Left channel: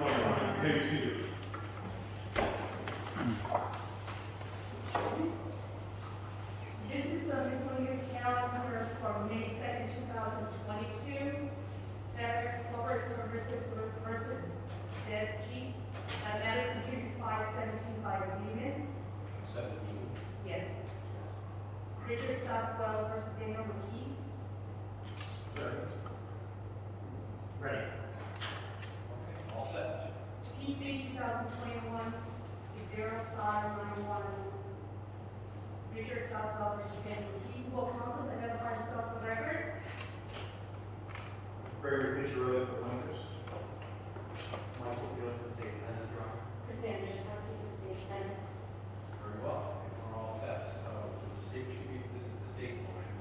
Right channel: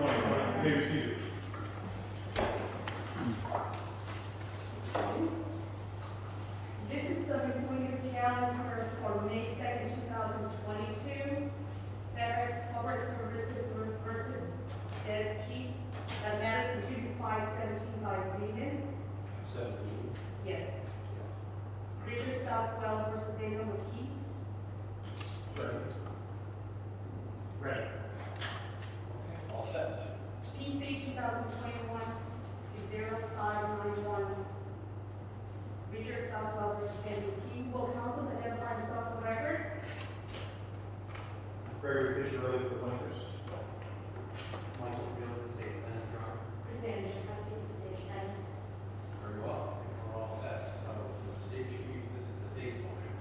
morning. Maybe see you. This is the miscellaneous calendar for May 2nd, 2022. FedEx Corporate Services versus Dead Keeps. Matters continued 517 by Lehman. 17. Yes. Richard Southwell versus Daniel McKee. Ready. Okay, all set. PC 2021-0591. Richard Southwell versus Daniel McKee. Will counsels identify himself for the record? Gregory Picciarelli for plaintiffs. Michael Field for the state defendants, Your Honor. Cassandra Chakowski for the state defendants. Very well. We're all set. So the state chief, this is the state's motion.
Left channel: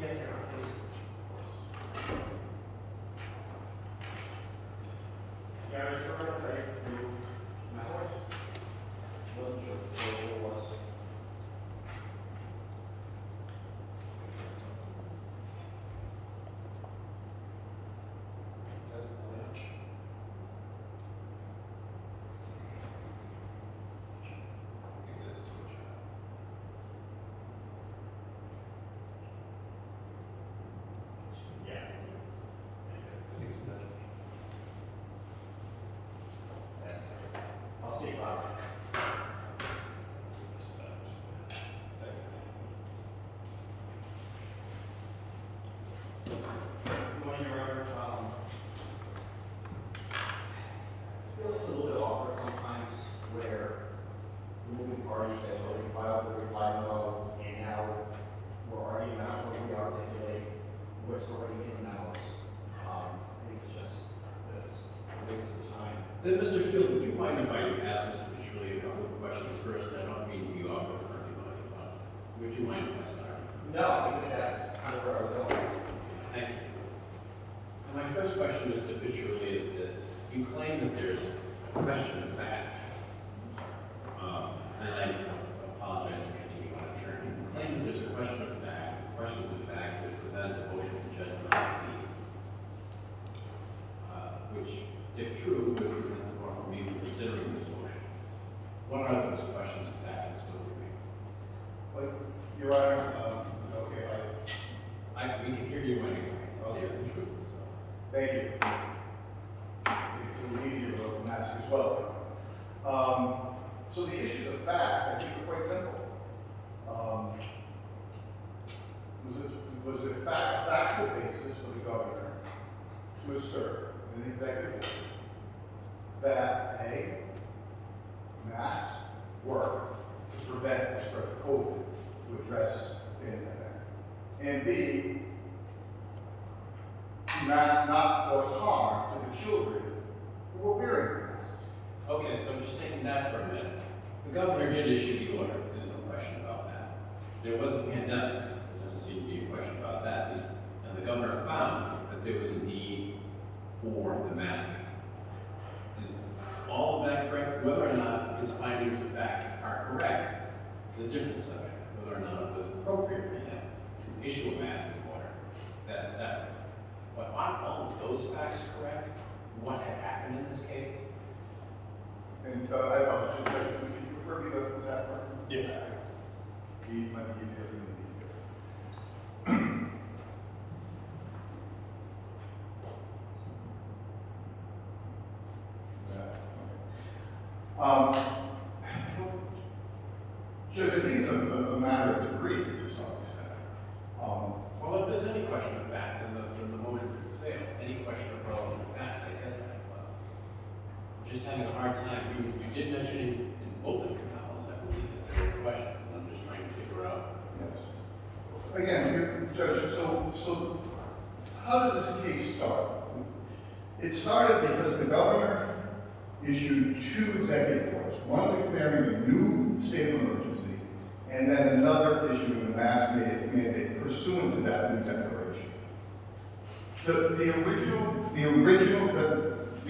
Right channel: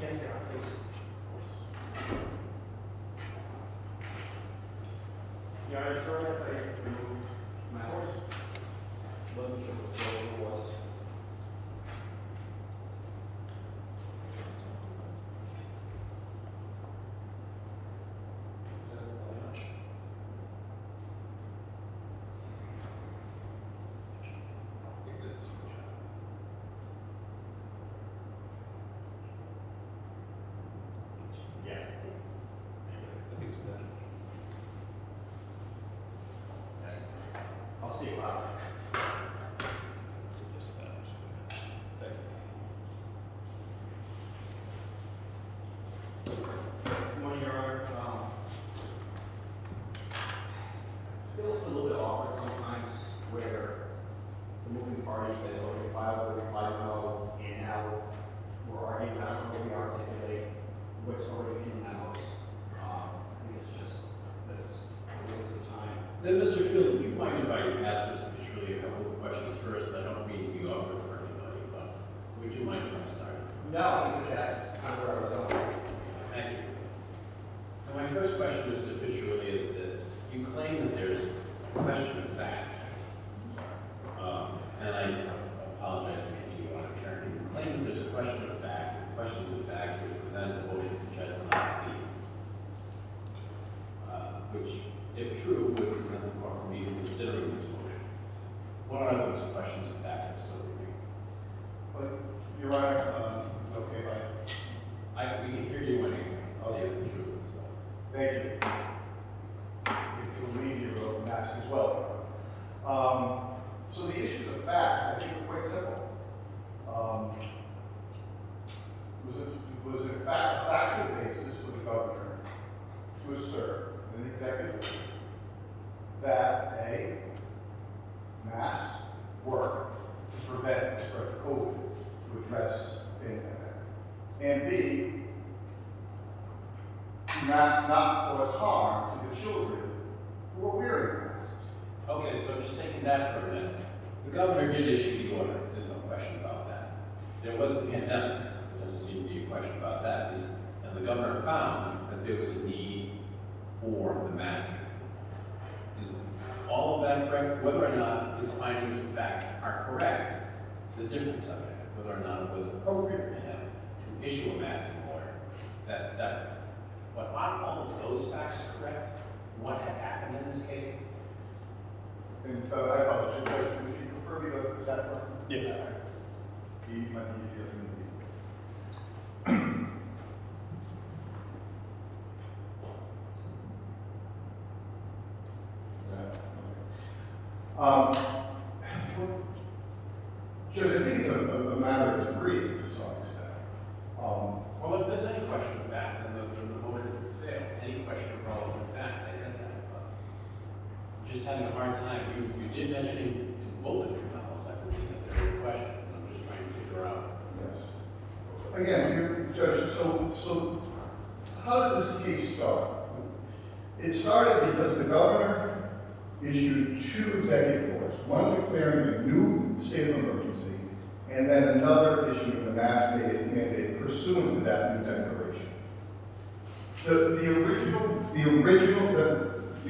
Yes, Your Honor, please. Yeah, I'm sure I remove my horse. Wasn't sure what it was. I think this is switch out. Yeah. I think it's done. I'll see you later. Thank you. Good morning, Your Honor. I feel it's a little bit awkward sometimes where the moving party has already filed the reply memo, and now we're arguing about how we articulate what's already in memos. I think it's just, that's a waste of time. Then, Mr. Field, would you mind if I ask Mr. Picciarelli a couple of questions first? I don't mean to be awkward for anybody, but would you mind if I started? No, I think that's kind of where I was going. Thank you. And my first question, Mr. Picciarelli, is this. You claim that there's a question of fact. And I apologize for continuing on a turn. You claim that there's a question of fact, questions of fact which prevent a motion for judgment on appeal. Which, if true, would prevent the court from even considering this motion. What are those questions of fact that still remain? But, Your Honor, okay, We can hear you anyway, to Okay. tell you the truth, so. thank you. It's a little easier to ask as well. So the issues of fact, I think are quite simple. Was it a factual basis for the governor to assert in an executive order that A, mass work to prevent the spread of COVID, to address the pandemic, and B, masks not cause harm to the children who are wearing masks. Okay, so just taking that for a minute, the governor did issue the order, there's no question about that. There was a pandemic, there doesn't seem to be a question about that, and the governor found that there was a need for the mask. Is all of that correct? Whether or not his findings of fact are correct is a different subject. Whether or not it was appropriate for him to issue a masking order, that's separate. But are all of those facts correct? What had happened in this case? And I apologize, Judge, would you refer me to that part? Yeah. It might be easier for me to be here. Judge, I think it's a matter of degree to some extent. Well, if there's any question of fact, then the motion would fail. Any question of relevant fact, I get that. But I'm just having a hard time. You did mention in both of your novels, I believe, that there were questions, and I'm just trying to figure out. Yes. Again, Judge, so how did this case start? It started because the governor issued two executive orders, one declaring a new state of emergency, and then another issuing a mask mandate pursuant to that new declaration. The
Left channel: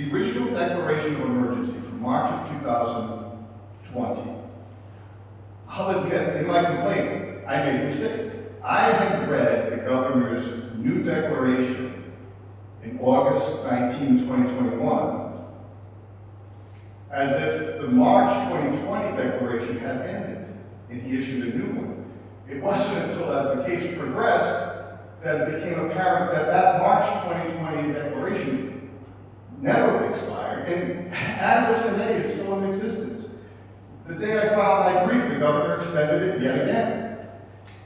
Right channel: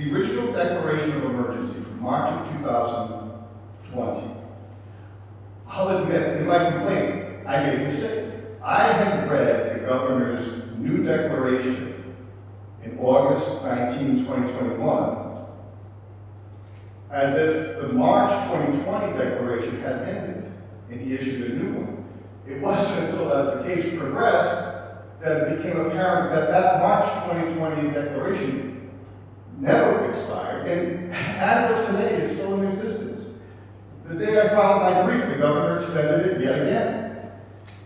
original declaration of emergency from March of 2020. I'll admit, in my complaint, I made a mistake. I had read the governor's new declaration in August 19, 2021, as if the March 2020 declaration had ended, and he issued a new one. It wasn't until, as the case progressed, that it became apparent that that March 2020 declaration never expired, and as of today is still in existence. The day I filed my brief, the governor extended it yet again.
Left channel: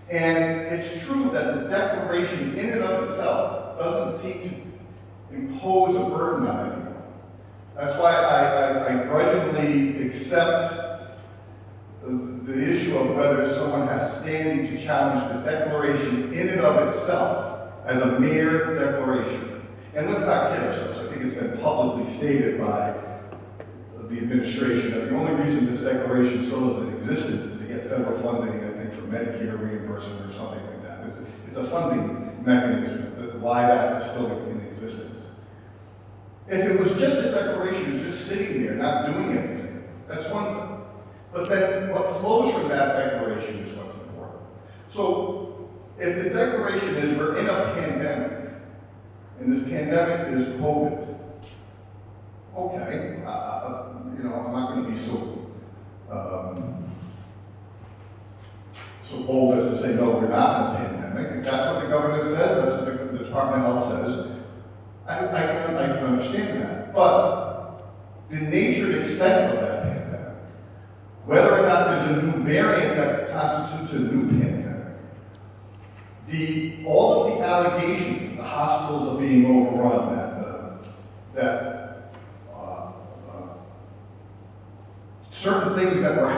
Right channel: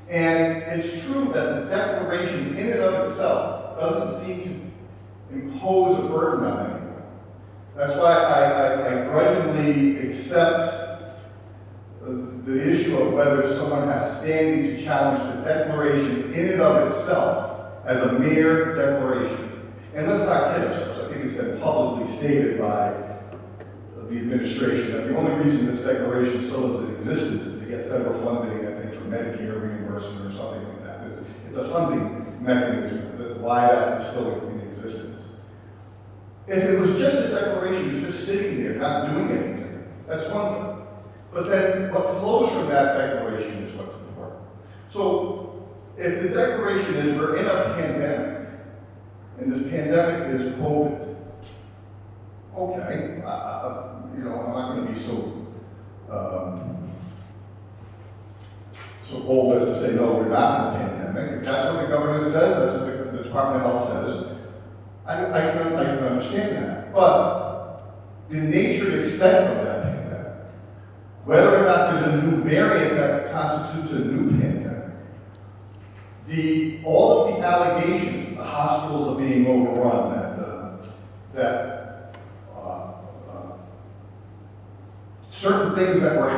And it's true that the declaration in and of itself doesn't seem to impose a burden on anyone. That's why I grudgingly accept the issue of whether someone has standing to challenge the declaration in and of itself as a mere declaration. And let's not kid ourselves. I think it's been publicly stated by the administration that the only reason this declaration still is in existence is to get federal funding, I think, for Medicare reimbursement or something like that. It's a funding mechanism, that why that is still in existence. If it was just a declaration, it's just sitting there, not doing anything, that's one thing. But then what flows from that declaration is what's important. So if the declaration is we're in a pandemic, and this pandemic is COVID, okay, I'm not going to be so bold as to say, no, we're not in a pandemic. If that's what the government says, that's what the Department of Health says, I can understand that. But the nature and extent of that pandemic, whether or not there's a new variant that constitutes a new pandemic, all of the allegations, the hospitals are being overrun, certain things that were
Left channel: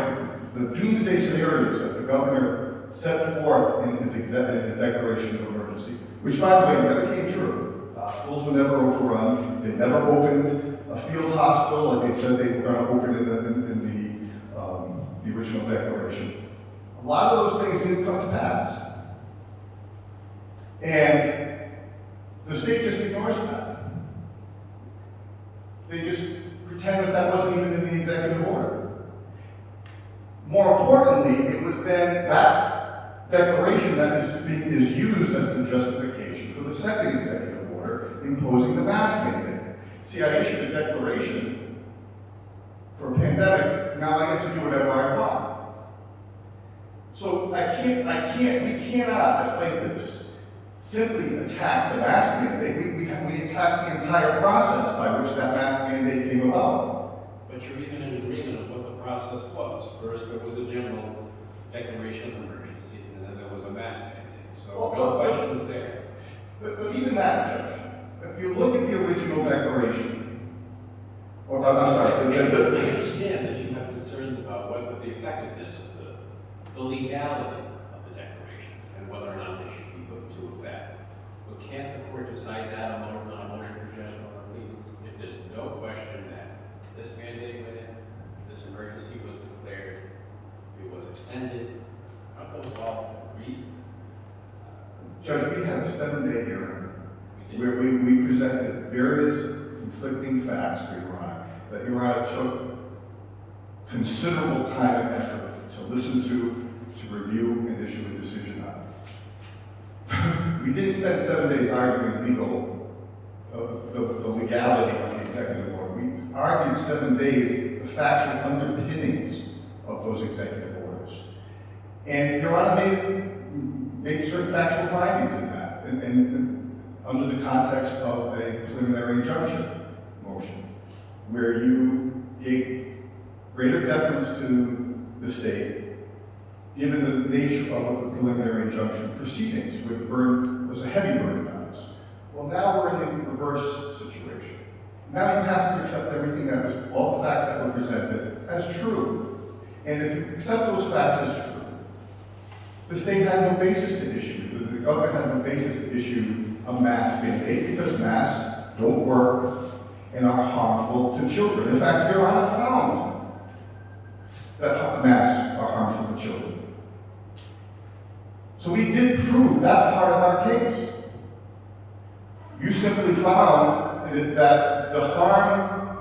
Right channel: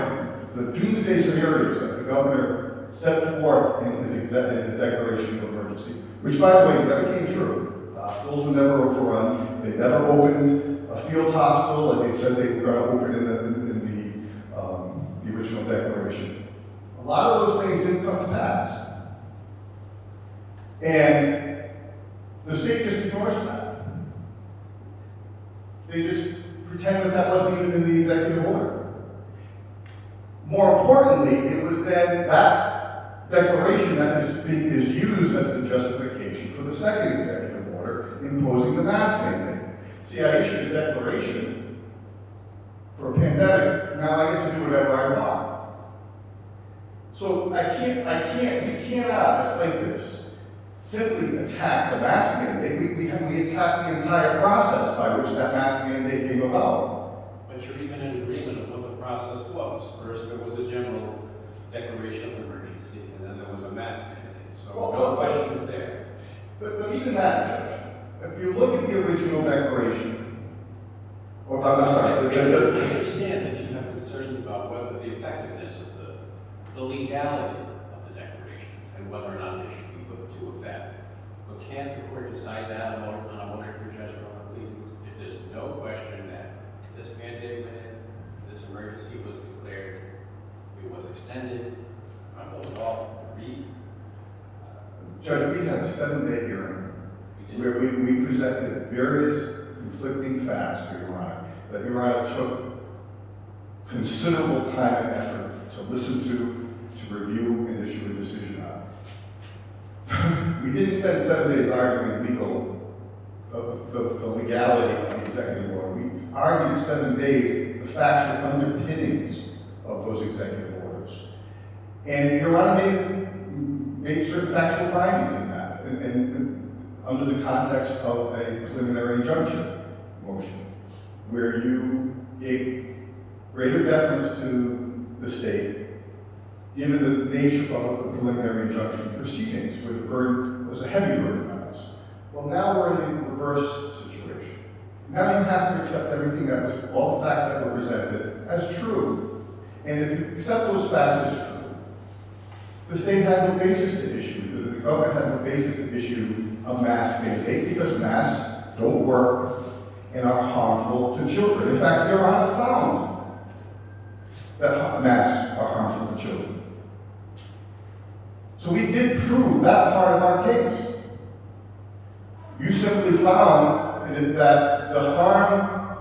the doomsday scenarios that the governor set forth in his declaration of emergency, which, by the way, never came true. Hospitals were never overrun. They never opened a field hospital like they said they were going to open in the original declaration. A lot of those things didn't come to pass. And the state just ignores that. They just pretend that wasn't even in the executive order. More importantly, it was then that declaration that is used as the justification for the second executive order imposing the mask mandate. See, I issued a declaration for a pandemic. Now I get to do whatever I want. So we cannot, as plaintiffs, simply attack the mask mandate. We attack the entire process by which that mask mandate came about. But you're even in agreement of what the process was. First, there was a general declaration of emergency, and then there was a mask mandate. So no questions there. But even that, Judge, if you look at the original declaration, or I'm sorry, I understand that you have concerns about whether the effectiveness of the legality of the declarations and whether or not they should be put into effect. But can't the court decide that on a motion for judgment on pleas? If there's no question that this mandate went in, this emergency was declared, it was extended, aren't those all agreed? Judge, we had a 7-day hearing where we presented various conflicting facts for Your Honor, that Your Honor took considerable time and effort to listen to review and issue a decision on. We didn't spend 7 days arguing the legality of the executive order. We argued 7 days the factual underpinnings of those executive orders. And Your Honor made certain factual findings in that, and under the context of a preliminary injunction motion, where you gave greater deference to the state, given the nature of the preliminary injunction proceedings, where the burden was a heavy burden on us. Well, now we're in the reverse situation. Now you have to accept everything that was, all the facts that were presented as true. And if you accept those facts as true, the state had no basis to issue, the government had no basis to issue a mask mandate, because masks don't work and are harmful to children. In fact, Your Honor found that masks are harmful to children. So we did prove that part of our case. You simply found that the harm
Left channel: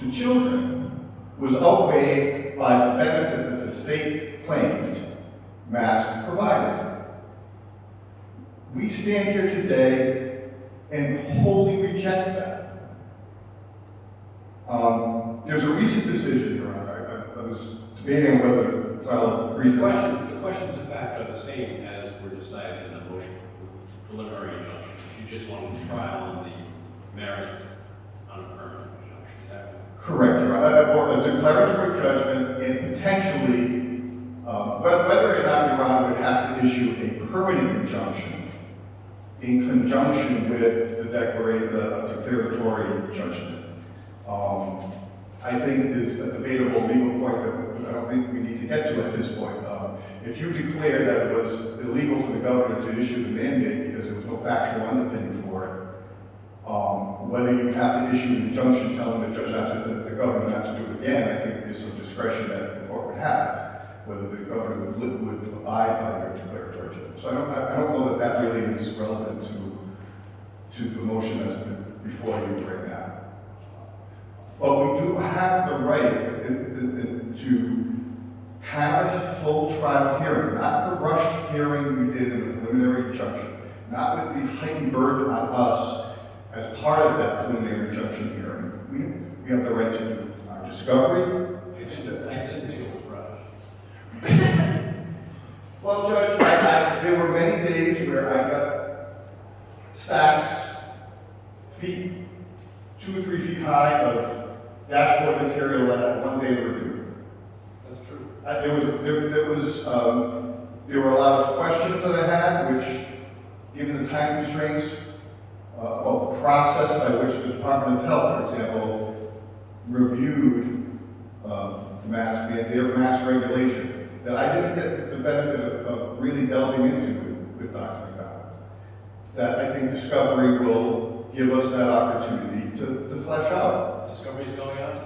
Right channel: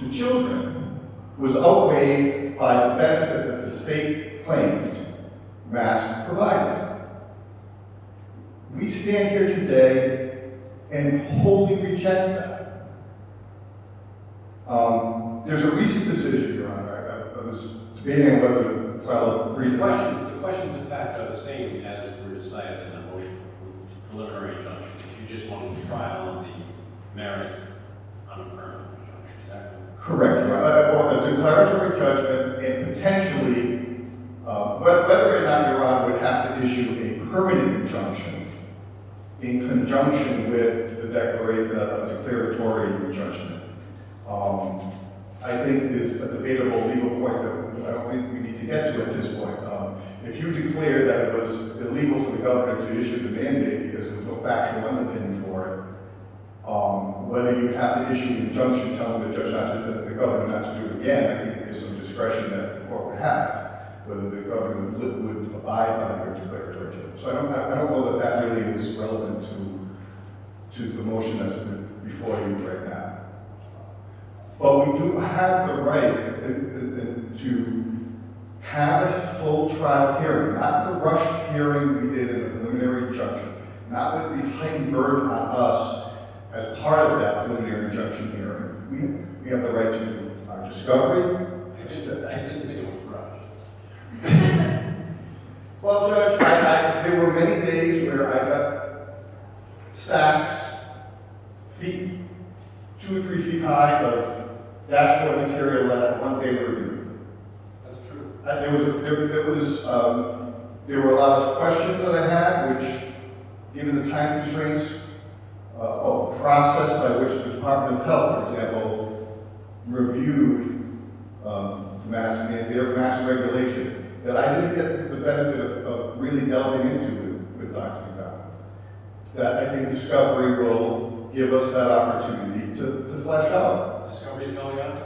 to children was outweighed by the benefit that the state claimed masks provided. We stand here today and wholly reject that. There's a recent decision, Your Honor, I was debating whether to file a brief. The questions of fact are the same as were decided in the motion for preliminary injunction. You just want to trial on the merits on a permanent injunction, is that right? Correct, Your Honor. Or a declaratory judgment and potentially, whether or not Your Honor would have to issue a permanent injunction in conjunction with the declaratory judgment. I think is a debatable legal point that I don't think we need to get to at this point. If you declare that it was illegal for the governor to issue the mandate because there was no factual underpinning for it, whether you have to issue an injunction telling the judge not to, the governor not to do it again, I think there's some discretion that the court would have, whether the governor would abide by their declaratory judgment. So I don't know that that really is relevant to the motion that's before you right now. But we do have the right to have a full trial hearing, not the rushed hearing we did in the preliminary injunction, not with the heightened burden on us as part of that preliminary injunction hearing. We have the right to our discovery. I didn't think it was rushed. Well, Judge, there were many days where I got stacks, 2 or 3 feet high of dashboard material that had one day review. That's true. There were a lot of questions that I had, which, given the time constraints, of the process by which the Department of Health, for example, reviewed their mask regulation, that I didn't get the benefit of really delving into with Dr. McDonald. That I think discovery will give us that opportunity to flesh out. Discovery's going on?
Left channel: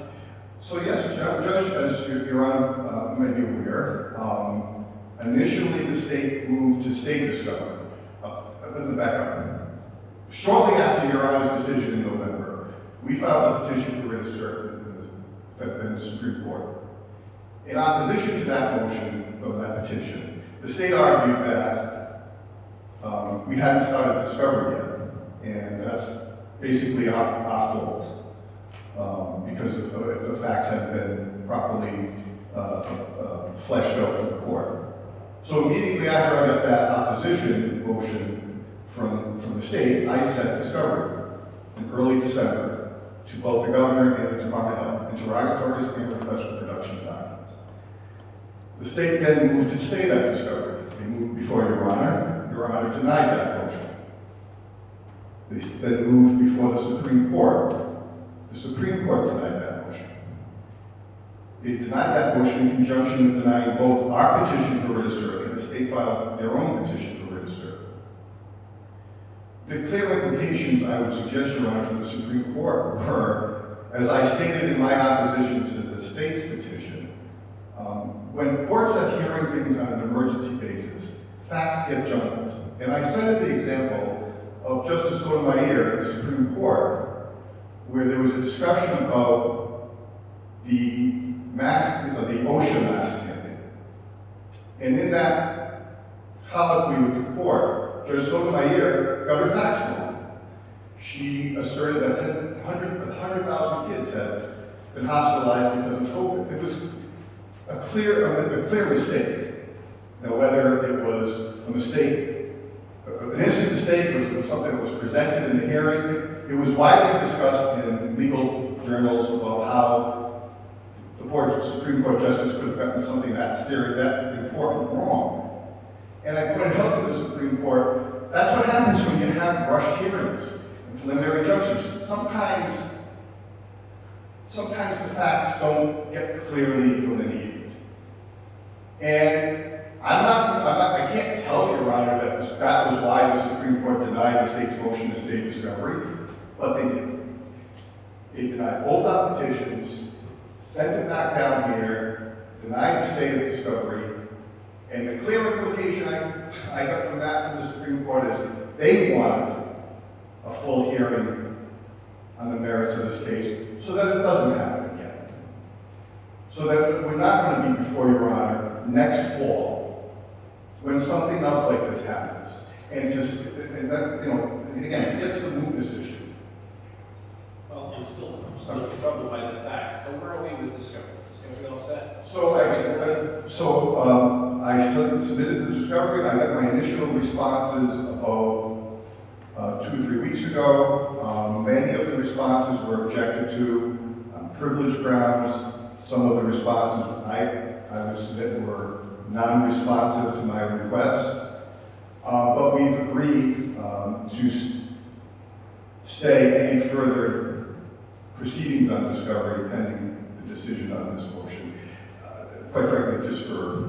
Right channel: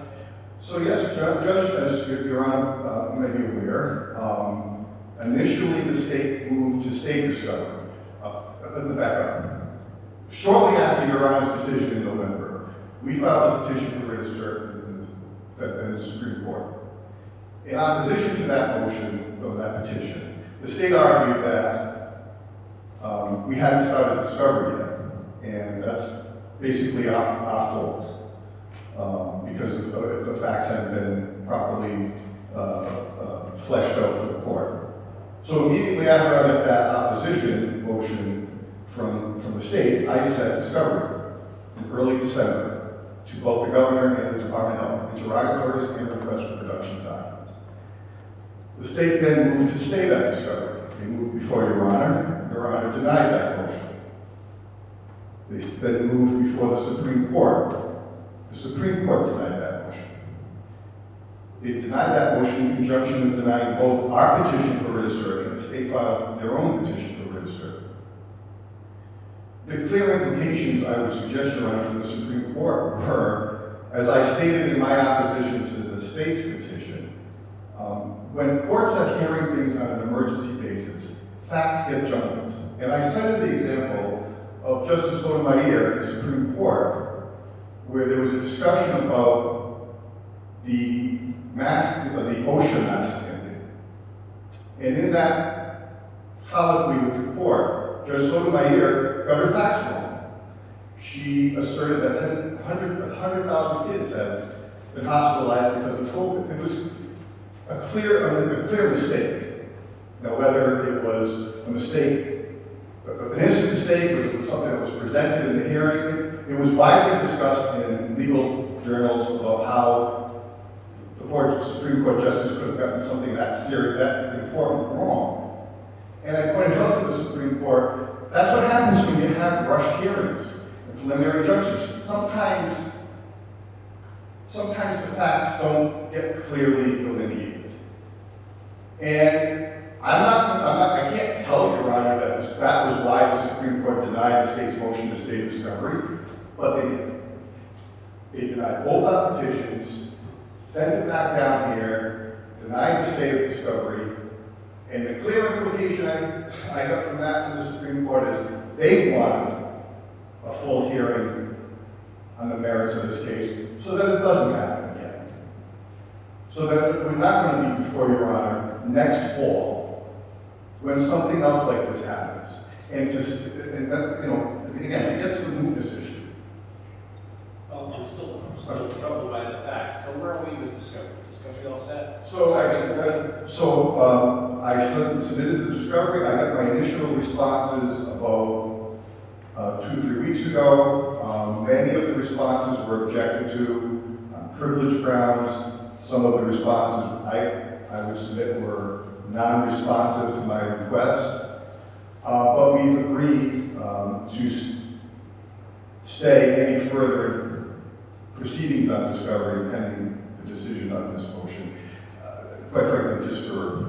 So yes, Judge, as Your Honor may be aware, initially the state moved to state discovery. Let me back up. Shortly after Your Honor's decision in November, we filed a petition for writ of cert in the Supreme Court. In opposition to that motion, or that petition, the state argued that we hadn't started discovery yet, and that's basically our fault. Because if the facts hadn't been properly fleshed out for the court. So immediately after I got that opposition motion from the state, I sent discovery in early December to both the governor and the Department of Health, interrogatories and requests for production of documents. The state then moved to stay that discovery. They moved before Your Honor. Your Honor denied that motion. They then moved before the Supreme Court. The Supreme Court denied that motion. It denied that motion in conjunction with denying both our petition for writ of cert and the state filed their own petition for writ of cert. The clear implications I would suggest, Your Honor, from the Supreme Court were, as I stated in my opposition to the state's petition, when courts are hearing things on an emergency basis, facts get jumbled. And I cited the example of Justice Sotomayor in the Supreme Court, where there was a discussion about the OSHA mask mandate. And in that colloquy with the court, Judge Sotomayor got her facts wrong. She asserted that 100,000 kids had been hospitalized because of COVID. It was a clear mistake. Now, whether it was a mistake, an innocent mistake, or it was something that was presented in the hearing, it was widely discussed in legal journals about how the Supreme Court justice could have gotten something that serious, that important wrong. And I pointed out to the Supreme Court, that's what happens when you have rushed hearings and preliminary injunctions. Sometimes the facts don't get clearly delineated. And I can't tell you, Your Honor, that was why the Supreme Court denied the state's motion to stay discovery, but they did. They denied both our petitions, sent it back down here, denied the stay of discovery, and the clear implication I got from that from the Supreme Court is they wanted a full hearing on the merits of this case so that it doesn't happen again. So that we're not going to be before Your Honor next fall when something else like this happens. And again, to get to the mootness issue. Well, I'm still troubled by the facts. So where are we with discovery? Discovery all set? I submitted the discovery. I got my initial responses about 2 or 3 weeks ago. Many of the responses were objected to on privilege grounds. Some of the responses I would submit were non-responsive to my request. But we've agreed to stay any further proceedings on discovery pending the decision on this motion. Quite frankly, just for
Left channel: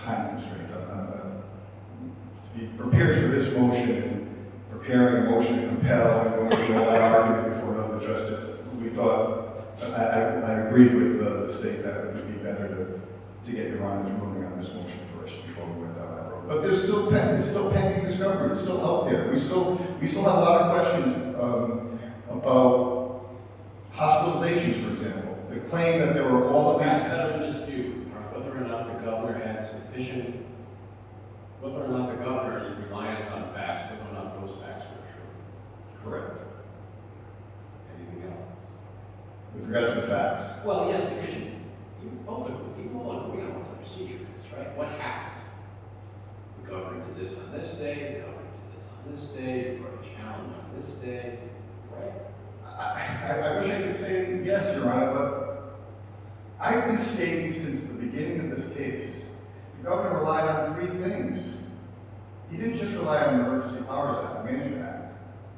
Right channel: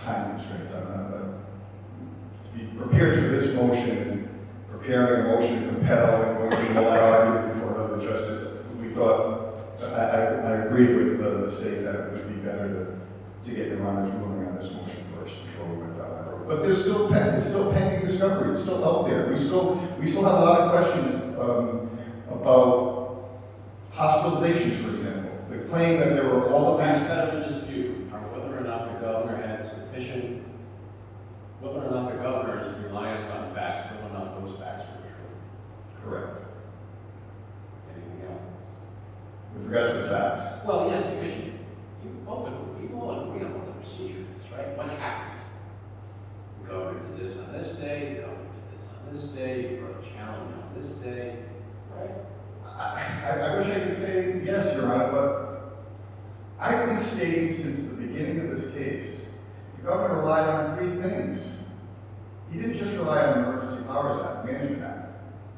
time constraints. I'm to be prepared for this motion and preparing a motion to compel and going through all that argument before another justice, we thought, I agreed with the state that it would be better to get your Honor's ruling on this motion first before we went down that road. But there's still it's still pending discovery. It's still out there. We still have a lot of questions about hospitalizations, for example. The claim that there were all The of facts these. that are in dispute are whether or not the governor had sufficient, whether or not the governor's reliance on facts, whether or not those facts are true. Correct. Anything else? With regard to the facts. Well, yes, because you all agree on what the procedure is, right? What happened? The governor did this on this day, the governor did this on this day, you wrote a challenge on this day, right? I wish I could say yes, Your Honor, but I've been stating since the beginning of this case, the governor relied on 3 things. He didn't just rely on the Emergency Powers Act, Management Act.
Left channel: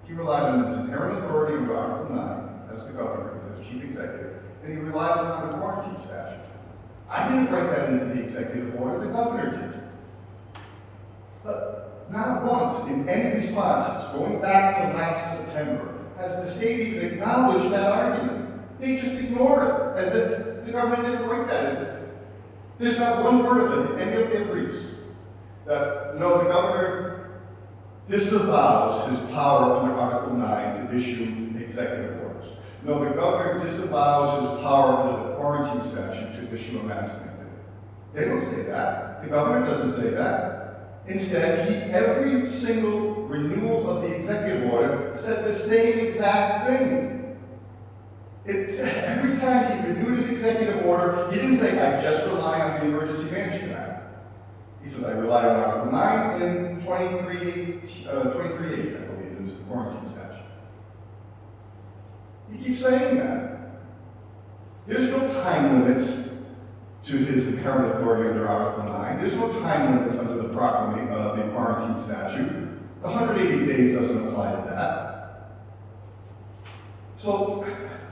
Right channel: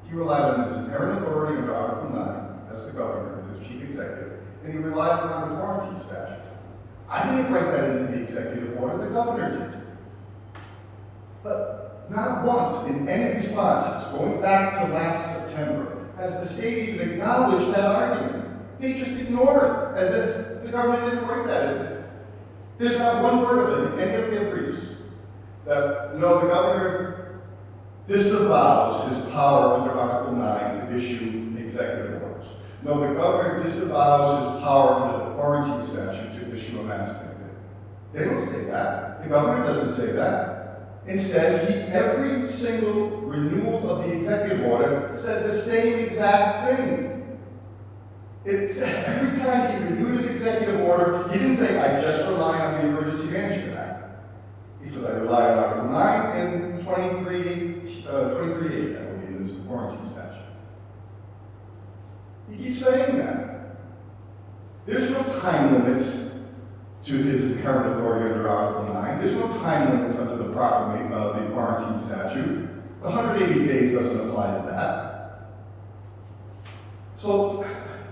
He relied on his inherent authority under Article 9 as the governor, as the chief executive, and he relied on the quarantine statute. I didn't write that into the executive order, the governor did. But not once in any responses, going back to last September, has the state even acknowledged that argument. They just ignore it, as if the government didn't write that in. There's not one word of it in any of their briefs that, no, the governor disavows his power under Article 9 to issue executive orders. No, the governor disavows his power under the quarantine statute to issue a mask mandate. They don't say that. The governor doesn't say that. Instead, every single renewal of the executive order said the same exact thing. Every time he renewed his executive order, he didn't say, I just rely on the Emergency Management Act. He says, I rely on Article 9 and 23.8, I believe, is the quarantine statute. He keeps saying that. There's no time limits to his inherent authority under Article 9. There's no time limits under the quarantine statute. The 180 days doesn't apply to that. So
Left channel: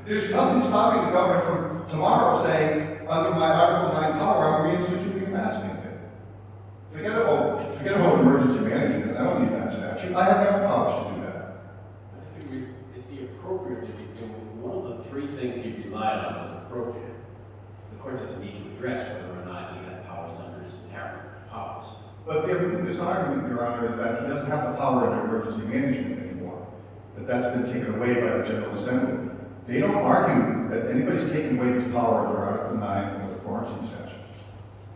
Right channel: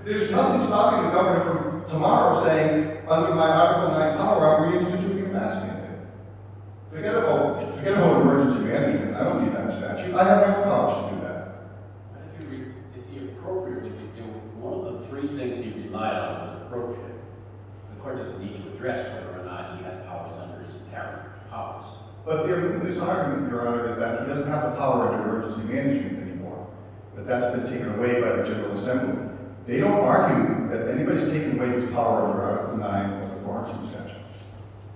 there's nothing stopping the governor from tomorrow saying, under my Article 9 power, I'm reinstituting a mask mandate. Forget about emergency management. I don't need that statute. I have my own powers to do that. If he appropriately, one of the 3 things he relied on was appropriate. The court doesn't need to address whether or not he had powers under his inherent powers. But this argument, Your Honor, is that he doesn't have the power under emergency management anymore. That that's been taken away by the General Assembly. They don't argue that anybody's taken away his power under Article 9 or the quarantine statute.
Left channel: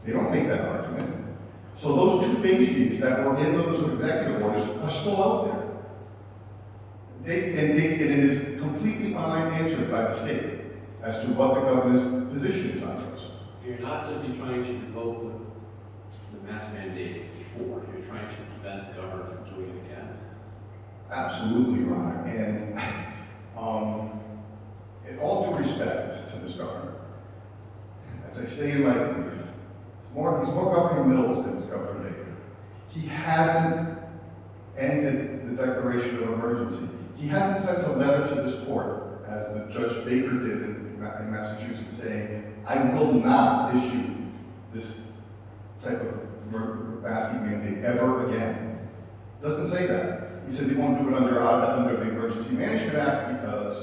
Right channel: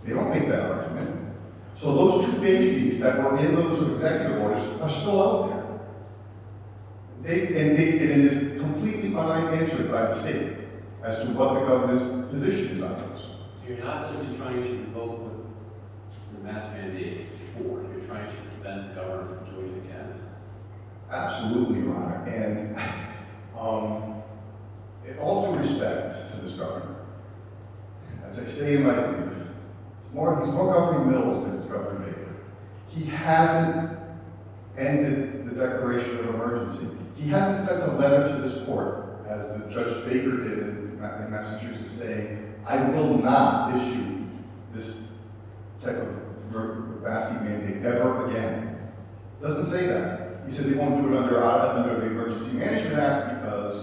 They don't make that argument. So those 2 bases that were in those executive orders are still out there. And it is completely unanswered by the state as to what the governor's position is on those. So you're not simply trying to revoke the mask mandate before, you're trying to prevent the governor from doing it again? Absolutely, Your Honor. And in all due respect to this governor, as I say in my brief, he's more Governor Mills than Governor Baker. He hasn't ended the declaration of emergency. He hasn't sent a letter to this court, as the Judge Baker did in Massachusetts, saying, I will not issue this type of masking mandate ever again. Doesn't say that. He says he won't do it under the Emergency Management Act because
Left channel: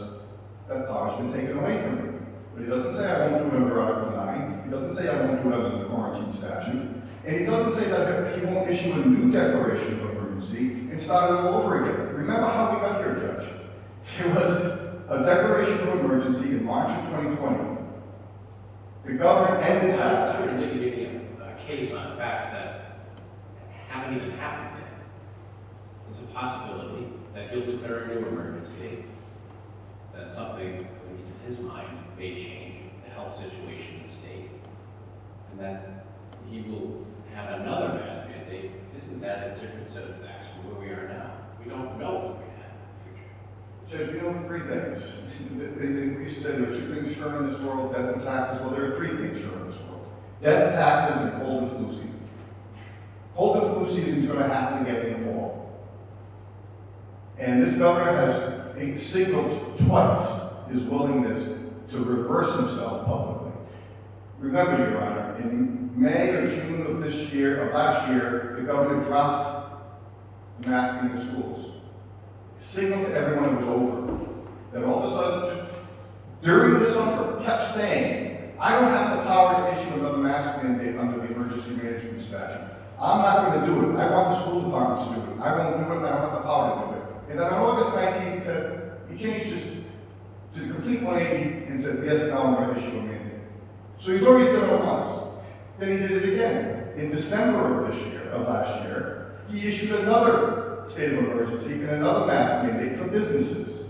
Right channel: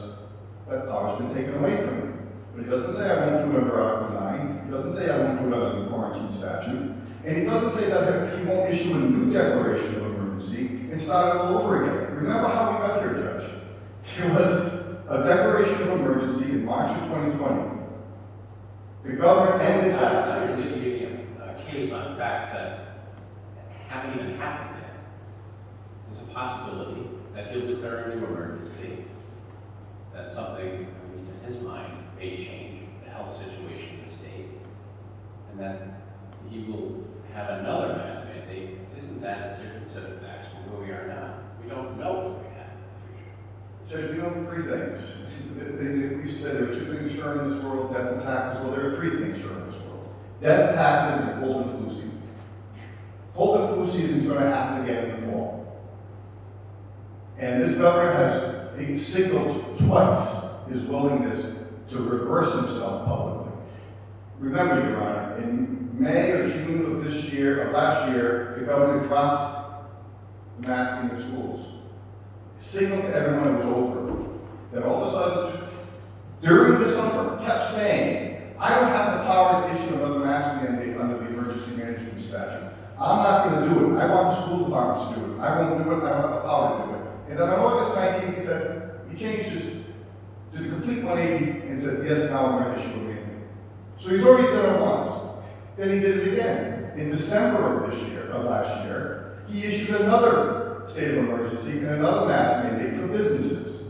that power's been taken away from him. But he doesn't say I won't do it under Article 9. He doesn't say I won't do it under the quarantine statute. And he doesn't say that he won't issue a new declaration of emergency and start it all over again. Remember how we got here, Judge? There was a declaration of emergency in March of 2020. The governor ended that. Now you're litigating a case on facts that haven't even happened yet. It's a possibility that he'll declare a new emergency, that something, at least in his mind, may change the health situation in the state, and that he will have another mask mandate, isn't that a different set of facts from where we are now? We don't know what's going to happen in the future. Judge, we know three things. We said there are two things sure in this world, death and taxes. Well, there are three things sure in this world. Death, taxes, and cold and flu season. Cold and flu season is going to happen again in the fall. And this governor has signaled twice his willingness to reverse himself publicly. Remember, Your Honor, in May or June of last year, the governor dropped the masking in schools. Signaled to everyone it was over. Then all of a sudden, during the summer, kept saying, I don't have the power to issue another mask mandate under the emergency management statute. I'm not going to do it. I want the school departments to do it. I want to do it. I don't have the power to do it. And then on August 19th, he said, he changed his, did a complete 180 and said, yes, now I'm going to issue a mandate. So he's already done it once. Then he did it again. In December of last year, he issued another state of emergency and another mask mandate for businesses.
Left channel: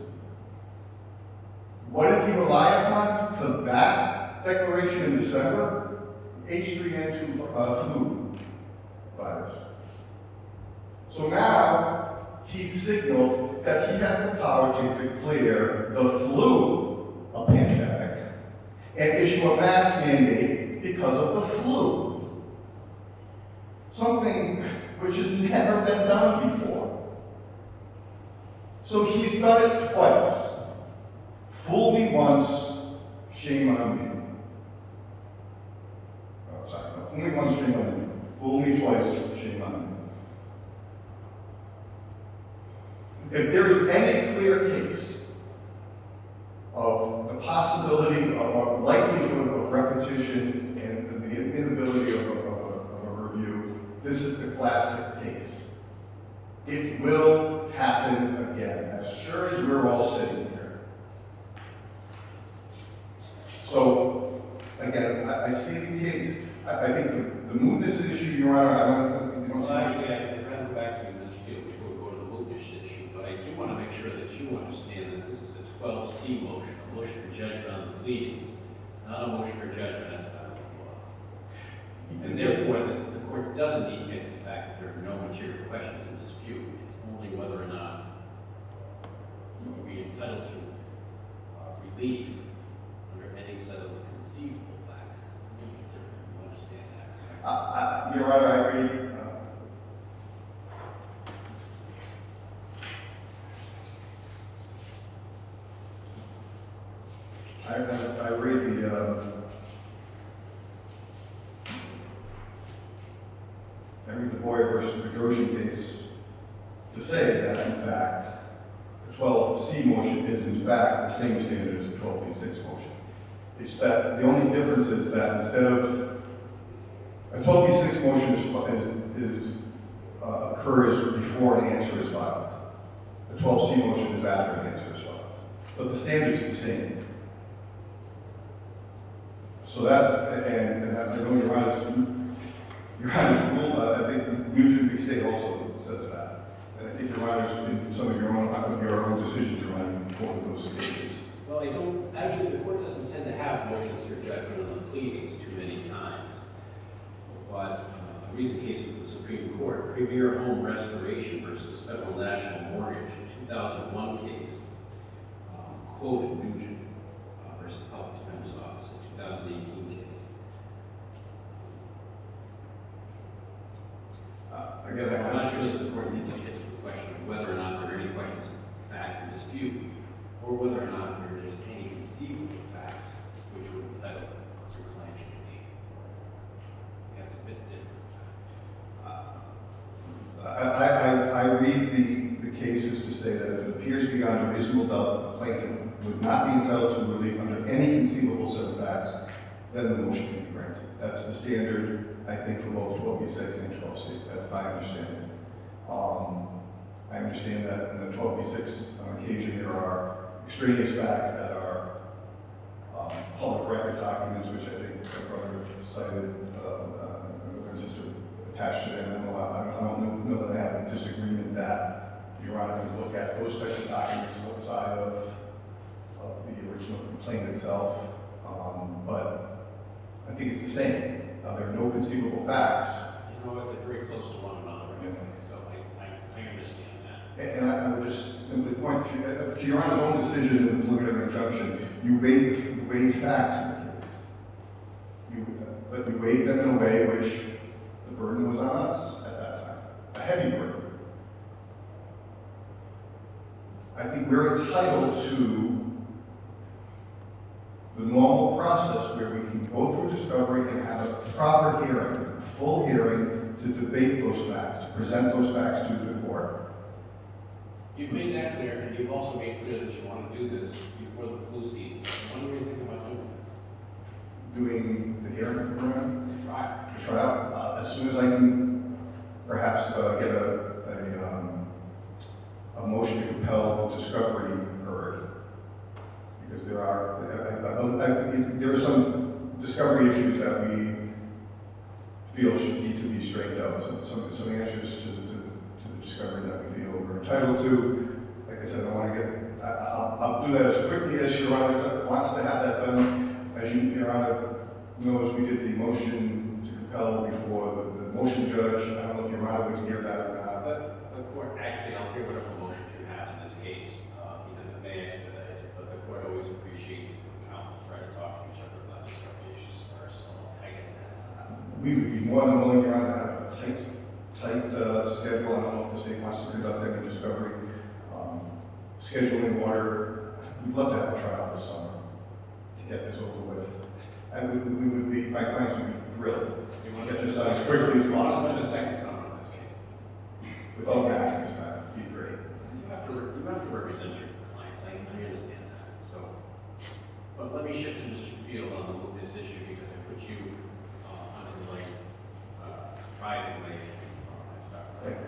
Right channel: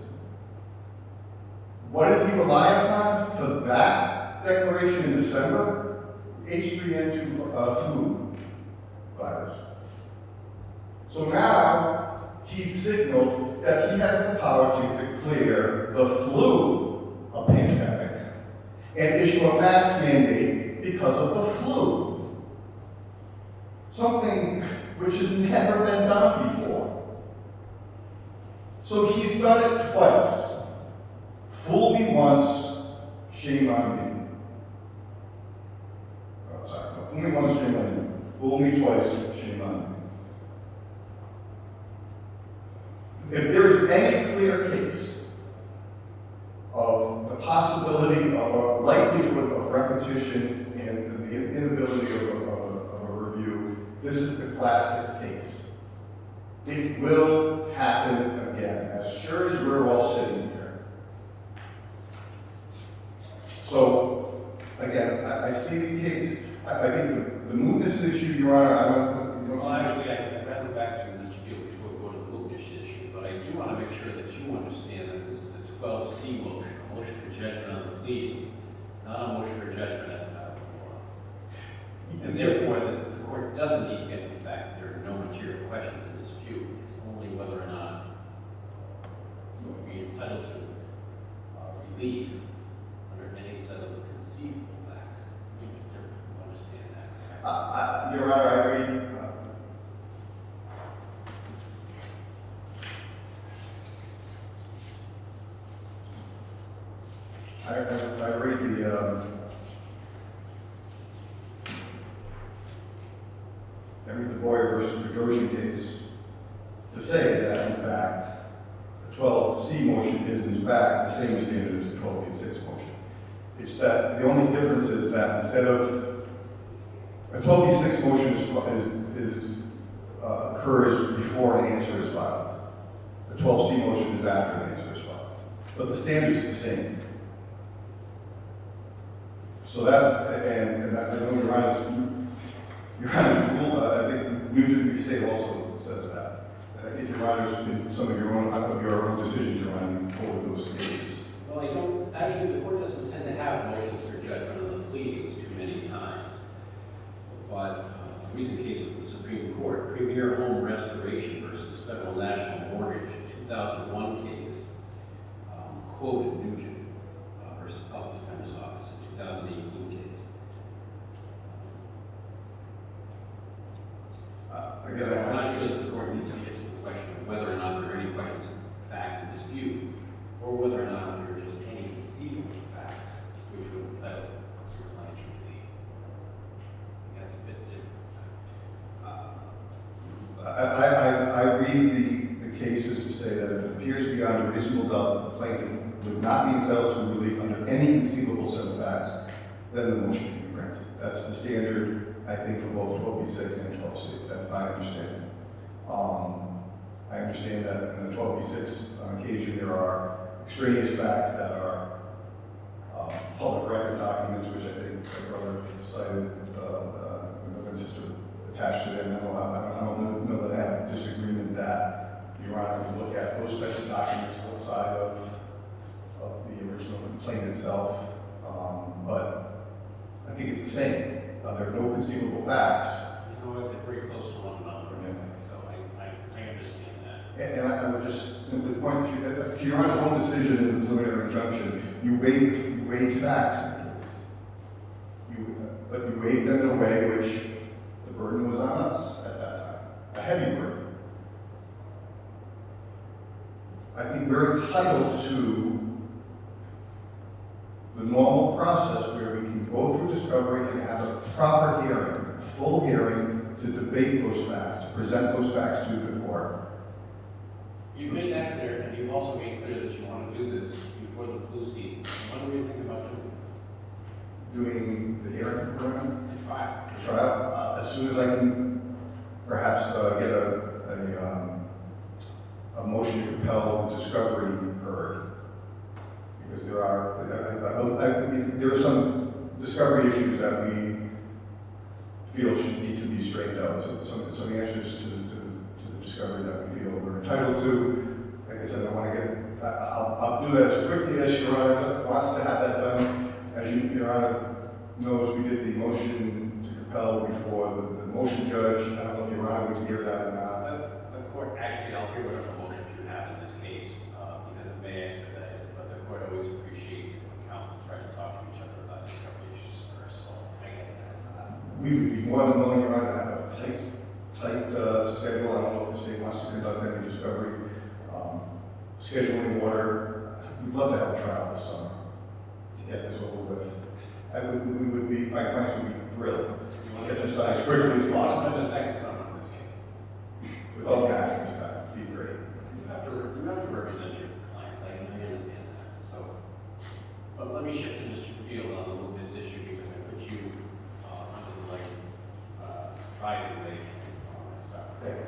What did he rely upon for that declaration in December? H3N2 flu virus. So now he signaled that he has the power to declare the flu a pandemic and issue a mask mandate because of the flu. Something which has never been done before. So he's done it twice. Fool me once, shame on me. Oh, sorry, no, fool me once, shame on me. Fool me twice, shame on me. If there is any clear case of the possibility of a likelihood of repetition and the inability of a review, this is the classic case. It will happen again, as sure as we're all sitting here. So, again, I see the case. I think the mootness issue, Your Honor, I don't Well, actually, I'd rather go back to Mr. Field before we go to the mootness issue, but I do want to make sure that you understand that this is a 12C motion, a motion for judgment on the pleadings, not a motion for judgment as a matter of law. And therefore, the court doesn't need to get to the fact that there are no material questions in dispute. It's only whether or not you would be entitled to relief under any set of conceivable facts. It's a little bit different. You understand that, correct? Your Honor, I agree. I read the Boyer versus Bedrosian case to say that, in fact, the 12C motion is, in fact, the same standard as the 12B6 motion. It's that the only difference is that instead of a 12B6 motion occurs before an answer is filed. The 12C motion is after an answer is filed. But the standard is the same. So that's, and I know Your Honor's rule, I think Nugent v. State also says that. And I think Your Honor's, in some of your own decisions, Your Honor, you quoted those cases. Well, you don't, actually, the court doesn't tend to have motions for judgment on the pleadings too many times. But a recent case of the Supreme Court, Premier Home Restoration versus Federal National Mortgage, 2001 case, quoted Nugent versus Public Defender's Office, a 2018 case. Again, I'm not sure that the court needs to get to the question of whether or not there are any questions of fact and dispute, or whether or not there are just any conceivable facts which would entitle your client to be. That's a bit different. I read the cases to say that if it appears beyond a reasonable doubt that the plaintiff would not be entitled to relief under any conceivable set of facts, then the motion can be granted. That's the standard, I think, for both 12B6 and 12C. That's how I understand it. I understand that in the 12B6, on occasion, there are extraneous facts that are public record documents, which I think my brother cited, references to attached to them. No, I don't know that I have a disagreement that Your Honor can look at those types of documents outside of the original complaint itself, but I think it's the same. There are no conceivable facts. You know what, they're very close to one another, anyway, so I understand that. And I would just simply point to Your Honor's own decision in the preliminary injunction. You weighed facts in the case. But you weighed them in a way which the burden was on us at that time, a heavy burden. I think we're entitled to the normal process where we can go through discovery and have a proper hearing, a full hearing to debate those facts, to present those facts to the court. You've made that clear, and you've also made clear that you want to do this before the flu season. When do you think about doing that? Doing the hearing, Try. trial, as soon as I can perhaps get a motion to compel the discovery heard. Because there are some discovery issues that we feel should need to be straightened out. Some answers to the discovery that we feel we're entitled to. Like I said, I want to get, I'll do that as quickly as Your Honor wants to have that done. As Your Honor knows, we did the motion to compel before the motion judge. I don't know if Your Honor would hear that or not. The court, actually, I'll hear whatever motions you have in this case, because it may expedite it, but the court always appreciates it when counsel try to talk to each other about these issues first, so I get that. We would be more than willing, Your Honor, to have a tight schedule. I don't know if the state wants to conduct any discovery. Scheduling order, we'd love to have a trial this summer to get this over with. My clients would be thrilled You to want get to this done as quickly as possible. the second summer in this case. Without masks this time, it'd be great. You have to represent your clients, I understand that, so. But let me shift to Mr. Field on this issue, because I put you, under the light, advisedly, on my stuff. Thank you.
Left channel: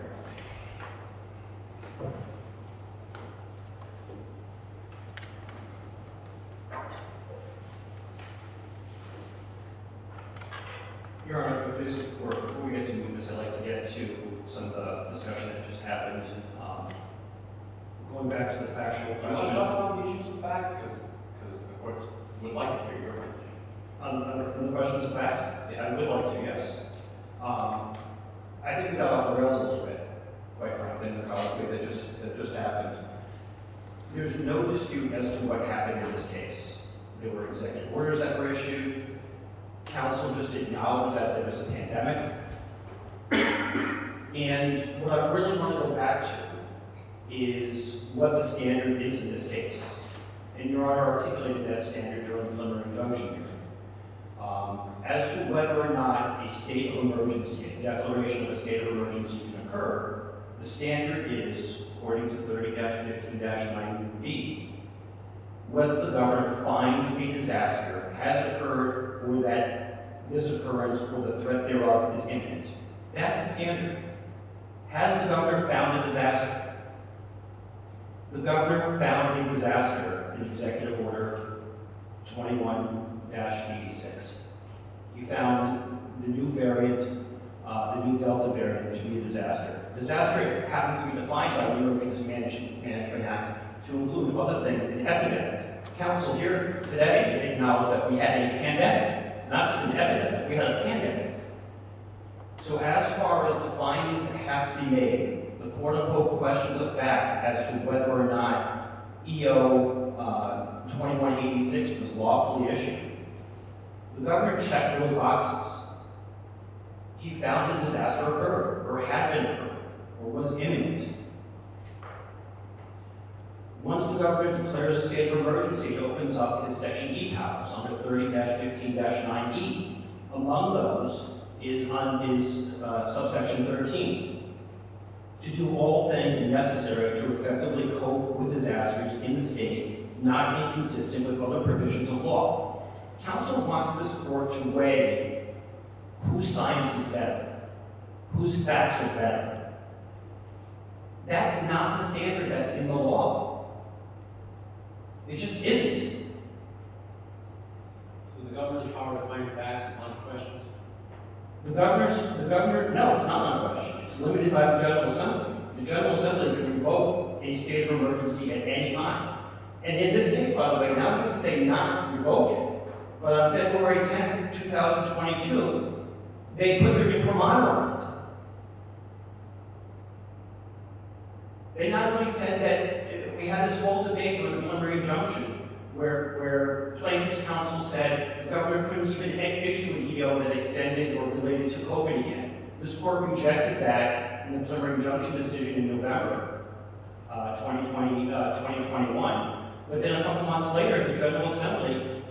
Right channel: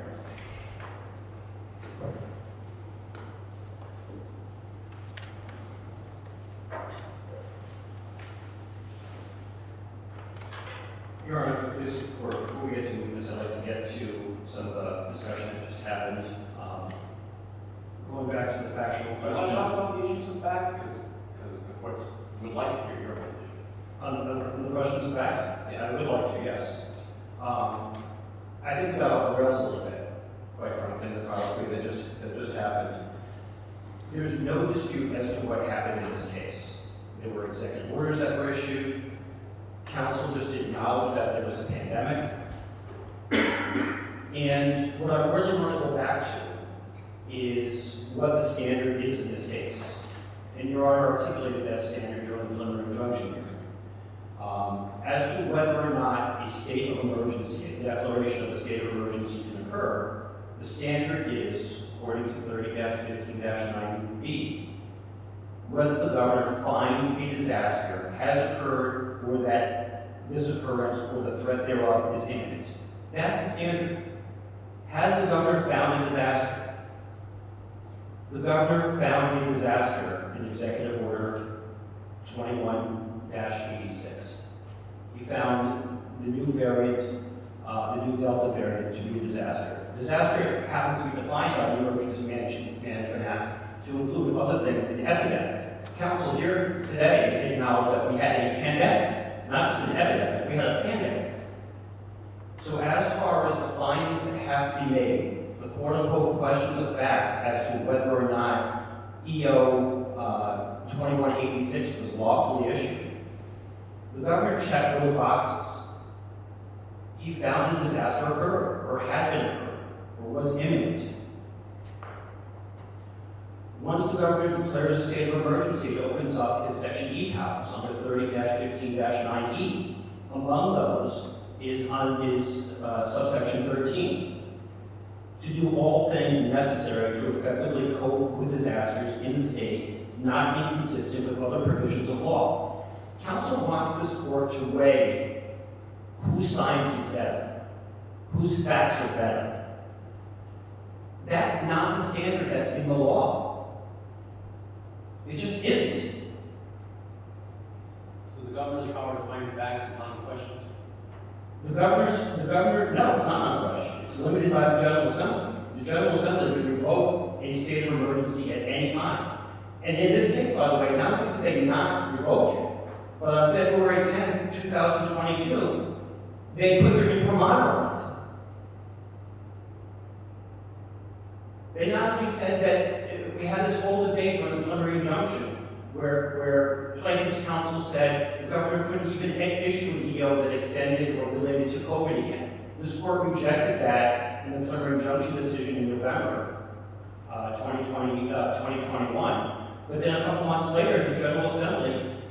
Your Honor, for this court, before we get to this, I'd like to get to some of the discussion that just happened. Going back to the factual Do you want to question. talk about the issues of fact, because the courts would like to hear your position. On the questions of fact, I would like to, yes. I think we got off the rails a little bit, quite frankly, in the colloquy that just happened. There's no dispute as to what happened in this case. There were executive orders that were issued. Council just acknowledged that there was a pandemic. And what I really want to go back to is what the standard is in this case. And Your Honor articulated that standard during the preliminary injunction here. As to whether or not a state of emergency, a declaration of a state of emergency can occur, the standard is, according to 30-15-9B, whether the governor finds a disaster has occurred or that this occurrence or the threat thereof is imminent. That's the standard. Has the governor found a disaster? The governor found a disaster in Executive Order 21-86. He found the new variant, the new Delta variant, to be a disaster. Disaster happens to be defined by the Emergency Management Act to include other things, an epidemic. Council here today acknowledged that we had a pandemic, not just an epidemic, we had a pandemic. So as far as the findings that have to be made, the quote-unquote questions of fact as to whether or not EO 2186 was lawfully issued, the governor checked those boxes. He found a disaster occurred, or had been occurred, or was imminent. Once the governor declares a state of emergency, it opens up his Section E powers under 30-15-9E. Among those is on his subsection 13, to do all things necessary to effectively cope with disasters in the state, not inconsistent with other provisions of law. Council wants this court to weigh whose science is better, whose facts are better. That's not the standard that's in the law. It just isn't. So the governor's power to find facts is unquestioned? The governor, no, it's not unquestioned. It's limited by the General Assembly. The General Assembly can revoke a state of emergency at any time. And in this case, by the way, not only did they not revoke it, but on February 10th, 2022, they put their imprimatur on it. They not only said that we had this whole debate on the preliminary injunction, where plaintiffs' counsel said the government couldn't even issue an EO that extended or related to COVID again. This court rejected that in the preliminary injunction decision in November 2021. But then a couple months later, the General Assembly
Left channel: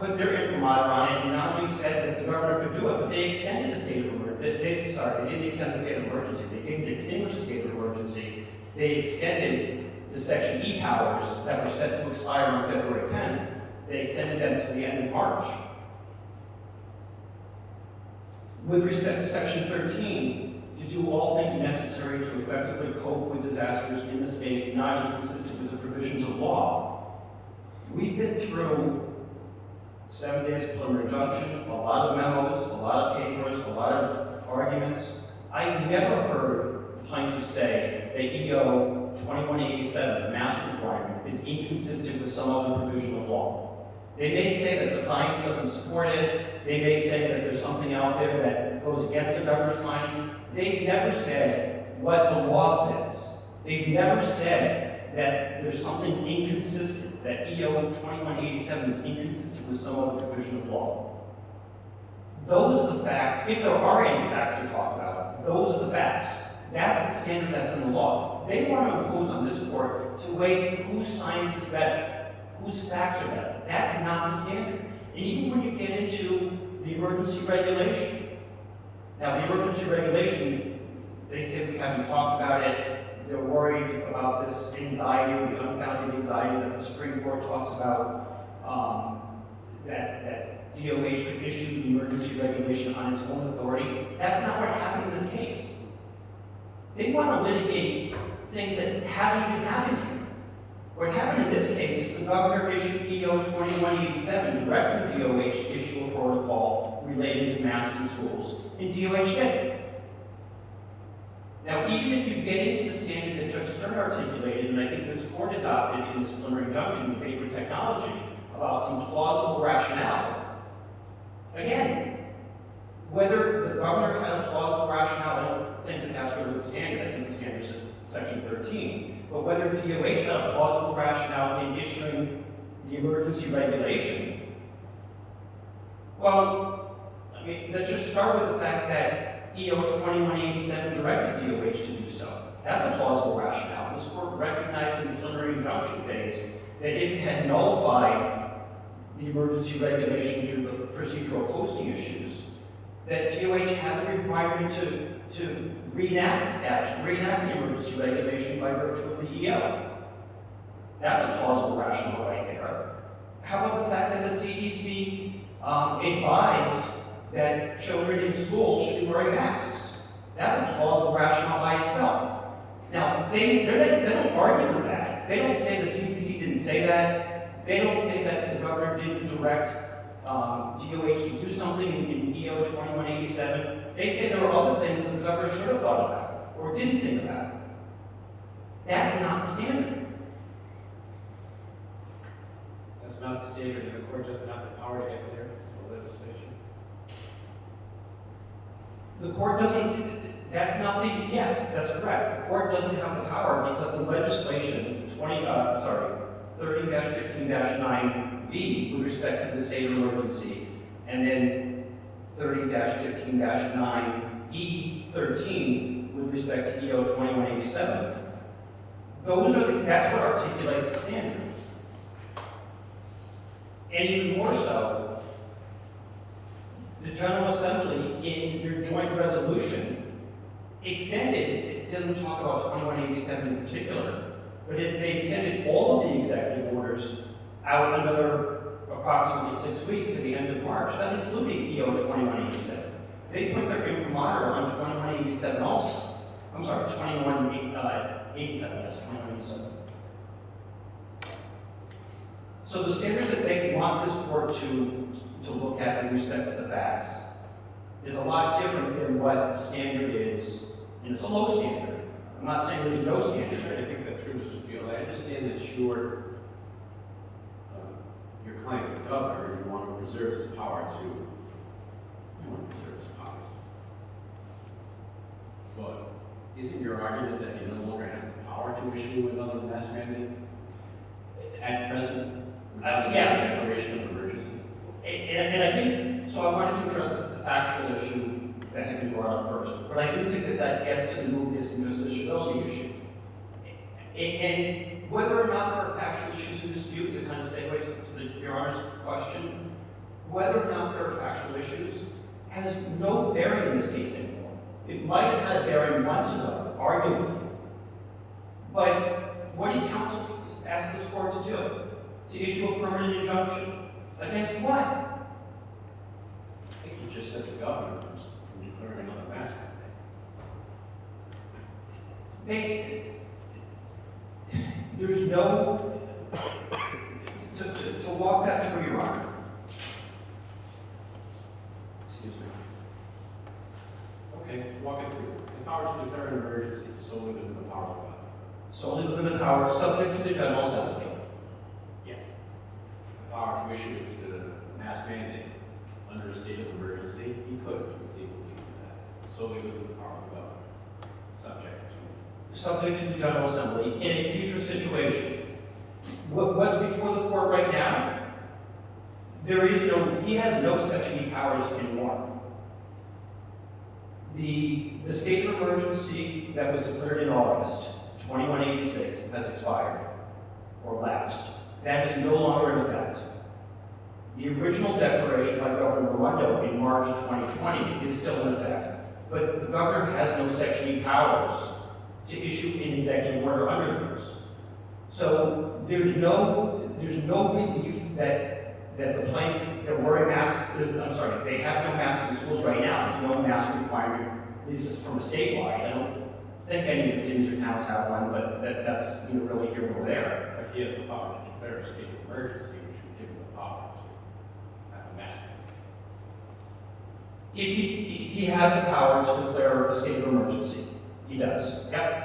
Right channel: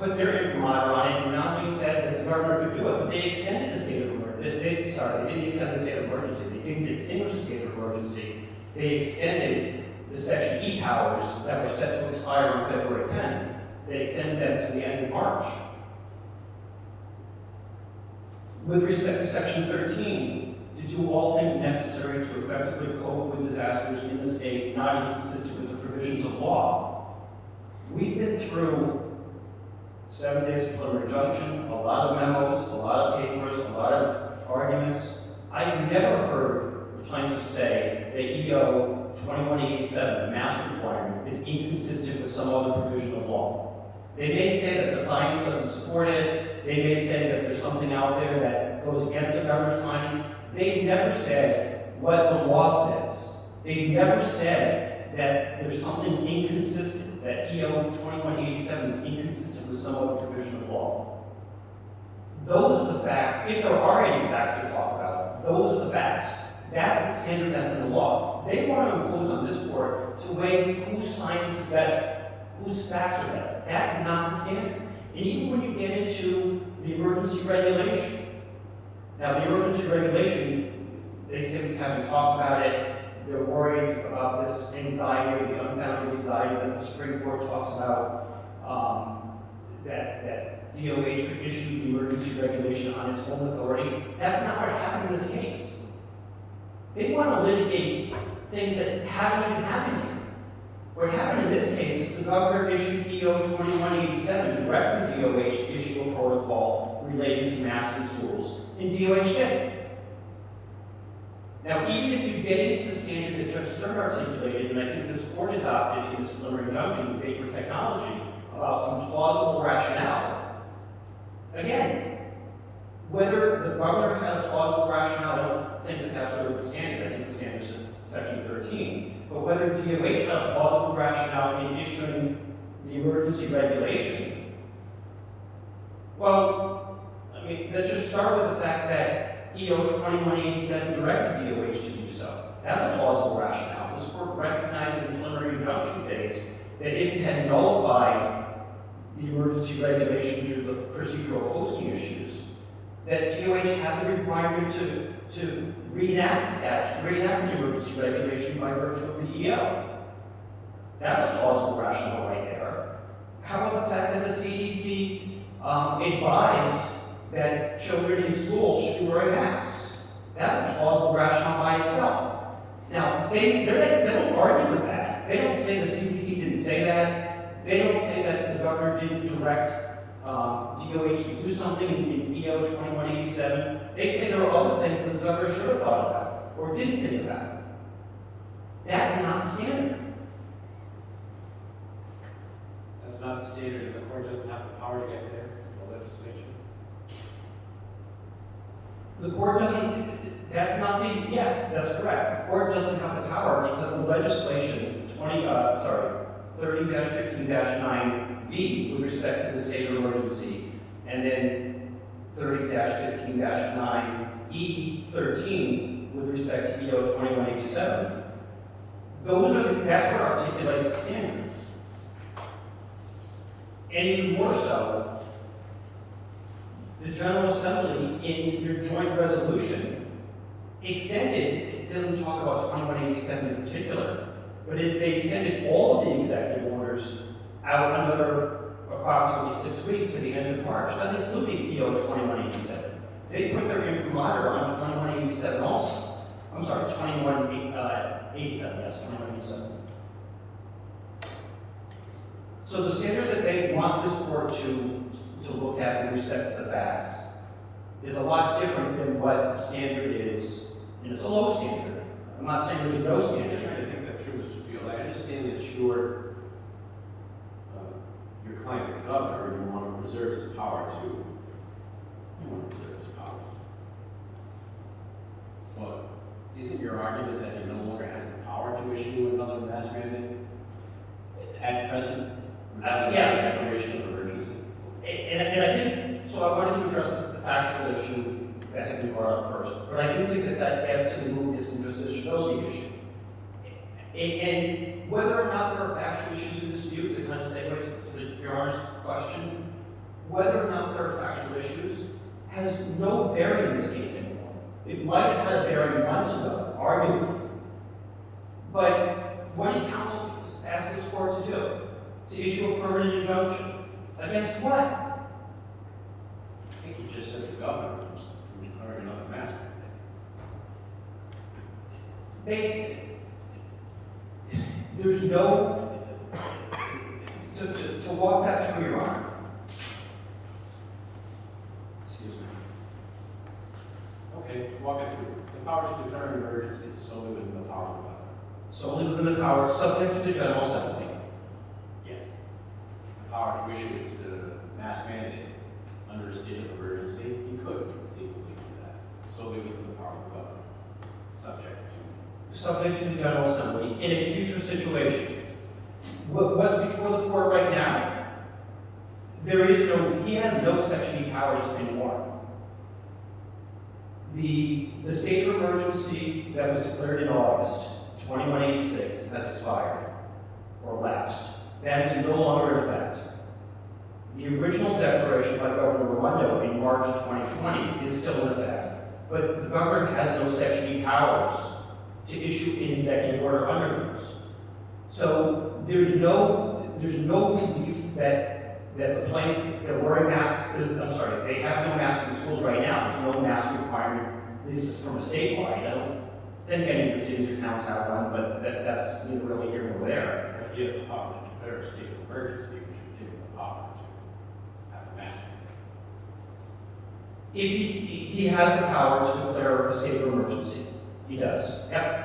put their imprimatur on it and not only said that the governor could do it, but they extended the state of emergency. They didn't extend the state of emergency. They didn't extinguish the state of emergency. They extended the Section E powers that were set to expire on February 10th. They extended them to the end of March. With respect to Section 13, to do all things necessary to effectively cope with disasters in the state not inconsistent with the provisions of law. We've been through 7 days of preliminary injunction, a lot of memos, a lot of papers, a lot of arguments. I never heard the plaintiffs say that EO 2187, the mask requirement, is inconsistent with some other provision of law. They may say that the science doesn't support it. They may say that there's something out there that goes against the governor's findings. They've never said what the law says. They've never said that there's something inconsistent, that EO 2187 is inconsistent with some other provision of law. Those are the facts. If there are any facts to talk about, those are the facts. That's the standard that's in the law. They want to impose on this court to weigh whose science is better, whose facts are better. That's not the standard. And even when you get into the emergency regulation, now the emergency regulation, they say we haven't talked about it. They're worried about this anxiety, or the unfounded anxiety that the Supreme Court talks about, that DOH could issue the emergency regulation on its own authority. That's not what happened in this case. They want to litigate things that haven't even happened yet. What happened in this case is the governor issued EO 2187, directing DOH to issue a protocol relating to masks in schools, and DOH did. Now, even if you get into the standard that Judge Stern articulated, and I think this court adopted in this preliminary injunction with vapor technology, about some plausible rationale, again, whether the governor had a plausible rationale, I don't think that that's really the standard. I think the standard is Section 13. But whether DOH had a plausible rationale in issuing the emergency regulation, well, I mean, let's just start with the fact that EO 2187 directed DOH to do so. That's a plausible rationale. This court recognized in the preliminary injunction phase that if it had nullified the emergency regulation due to procedural posting issues, that DOH had the requirement to reenact the statute, reenact the emergency regulation by virtue of the EO. That's a plausible rationale right there. How about the fact that the CDC advised that children in school should be wearing masks? That's a plausible rationale by itself. Now, they don't argue with that. They don't say the CDC didn't say that. They don't say that the governor didn't direct DOH to do something in EO 2187. They say there are other things that the governor should have thought about or didn't think about. That's not the standard. That's not the standard, and the court doesn't have the power to get there, it's the legislation. The court doesn't, that's not the, yes, that's correct. The court doesn't have the power because the legislation, 30-15-9B with respect to the state of emergency, and then 30-15-9E13 with respect to EO 2187. That's what articulates the standards. And even more so, the General Assembly in their joint resolution extended, it doesn't talk about 2187 in particular, but they extended all of the executive orders out another approximately 6 weeks to the end of March, that included EO 2187. They put their imprimatur on 2187 also. I'm sorry, 2187, yes, 2187. So the standard that they want this court to look at with respect to the facts is a lot different than what the standard is, and it's a low standard. I'm not saying there's no standard. I'm just trying to think that through, Mr. Field. I understand that you're reserves its power to, reserves its powers. But isn't your argument that it no longer has the power to issue another mask mandate at present? Without Yeah. a declaration of emergency? And I think, so I wanted to address the factual issue that had been brought up first, but I do think that that gets to the mootness and justiciability issue. And whether or not there are factual issues in dispute, to kind of segue to Your Honor's question, whether or not there are factual issues has no bearing in this case anymore. It might have had a bearing once in a while, arguably. But what did counsel ask this court to do? To issue a permanent injunction? Against what? I think you just said the governor from declaring another mask mandate. There's no, to walk that through, Your Honor. Excuse me. Okay, walk it through. The power to declare an emergency is solely within the power of the governor. Solely within the power, subject to the General Assembly. Yes. The power to issue the mask mandate under a state of emergency, he could conceivably do that, solely within the power of the governor, subject to. Subject to the General Assembly in a future situation. What's before the court right now? He has no Section E powers anymore. The state of emergency that was declared in August 2186 has expired or lapsed. That is no longer in effect. The original declaration by Governor Rhode in March 2020 is still in effect, but the governor has no Section E powers to issue an executive order under those. So there's no belief that they're wearing masks. They have no masks in schools right now. There's no mask requirement, at least it's from a statewide. I don't think any of the cities or towns have one, but that's neither really here nor there. But he has the power to declare a state of emergency, which would give him the power to have a mask mandate. If he has the power to declare a state of emergency, he does. Yep.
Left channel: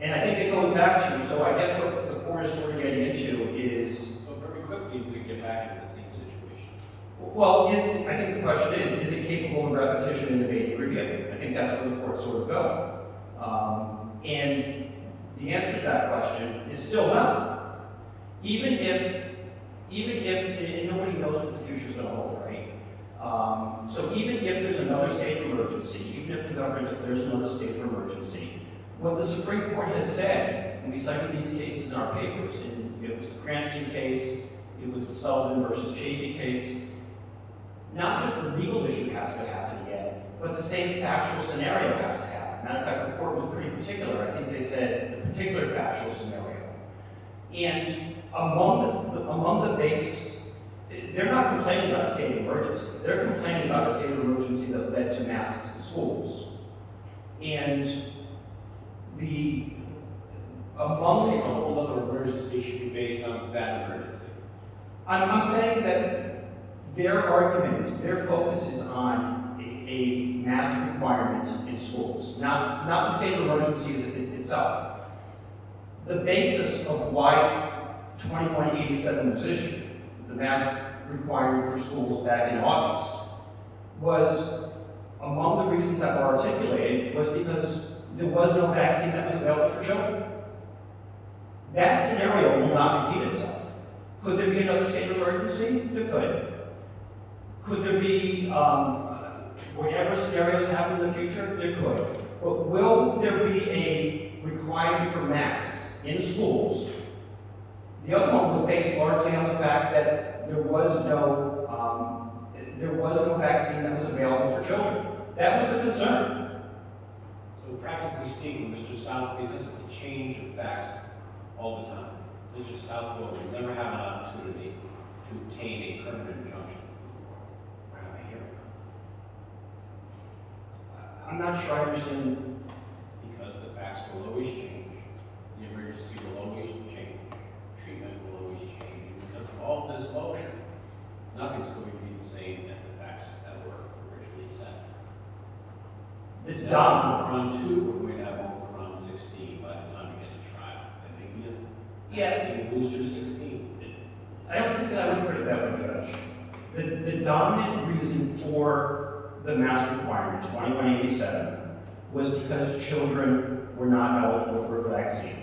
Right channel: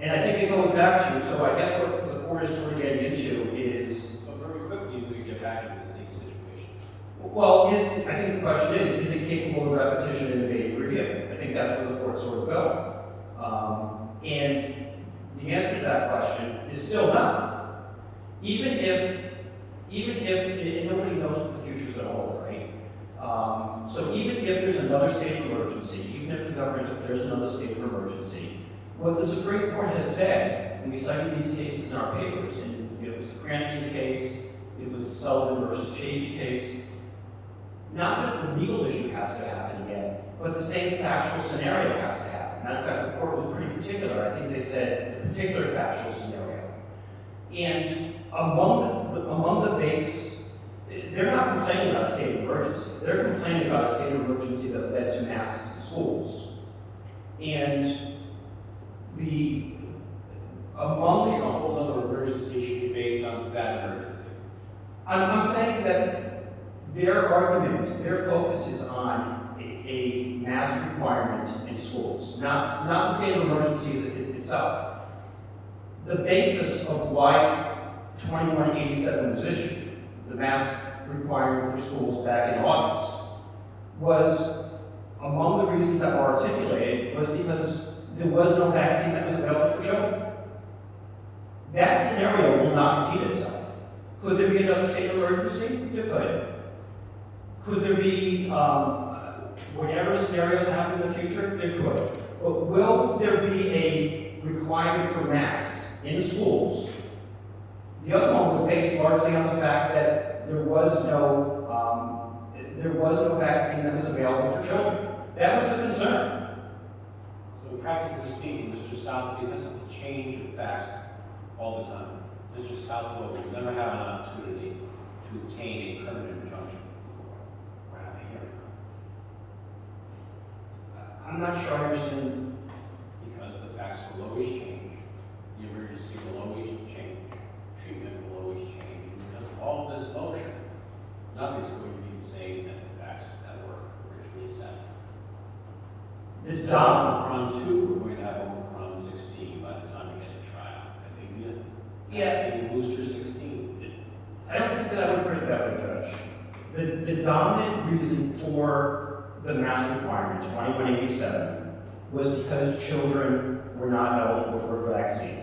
And I think it goes back to, so I guess what the court is sort of getting into is, So very quickly, we could get back into the same situation. well, I think the question is it capable of repetition and evading review? I think that's where the court sort of go. And the answer to that question is still no. Even if, and nobody knows what the future's gonna hold, right? So even if there's another state of emergency, even if the government declares another state of emergency, what the Supreme Court has said, and we cited these cases in our papers, and it was the Cranston case, it was the Sullivan versus Chafee case, not just the legal issue has to happen again, but the same factual scenario has to happen. Matter of fact, the court was pretty particular. I think they said the particular factual scenario. And among the basis, they're not complaining about a state of emergency. They're complaining about a state of emergency that led to masks in schools. And among the whole other emergency should be based on that emergency. I'm saying that their argument, their focus is on a mask requirement in schools, not the state of emergency itself. The basis of why 2187 was issued, the mask requirement for schools back in August, was among the reasons that were articulated was because there was no vaccine that was available for children. That scenario will not repeat itself. Could there be another state of emergency? There could. Could there be, whatever scenarios happen in the future? There could. But will there be a requirement for masks in schools? The other one was based largely on the fact that there was no vaccine that was available for children. That was the concern. So practically speaking, Mr. Southby doesn't change the facts all the time. Mr. Southby will never have an opportunity to obtain a permanent injunction or have a hearing. I'm not sure I understand. Because the facts will always change, the emergency will always change, treatment will always change. And because of all this motion, nothing's going to be the same as the facts that were originally set. This Omicron 2, we're going to have Omicron 16 by the time we get to trial. And maybe Yes. booster 16. I don't think that I would put it that way, Judge. The dominant reason for the mask requirement, 2187, was because children were not eligible for a vaccine.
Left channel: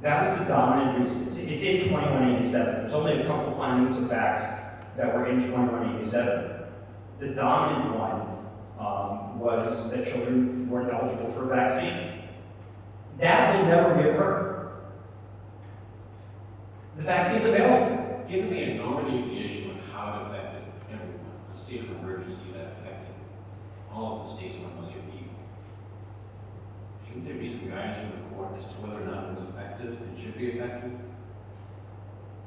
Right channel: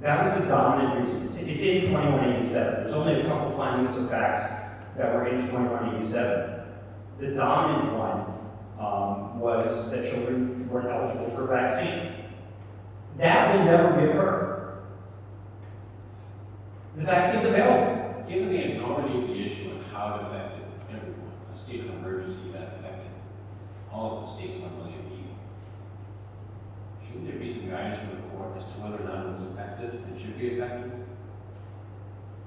That was the dominant reason. It's in 2187. There's only a couple findings of fact that were in 2187. The dominant one was that children weren't eligible for a vaccine. That will never reoccur. The vaccine's available. Given the enormity of the issue and how it affected everyone, the state of emergency that affected all of the state's 1 million people, shouldn't there be some guidance from the court as to whether or not it was effective and should be effective?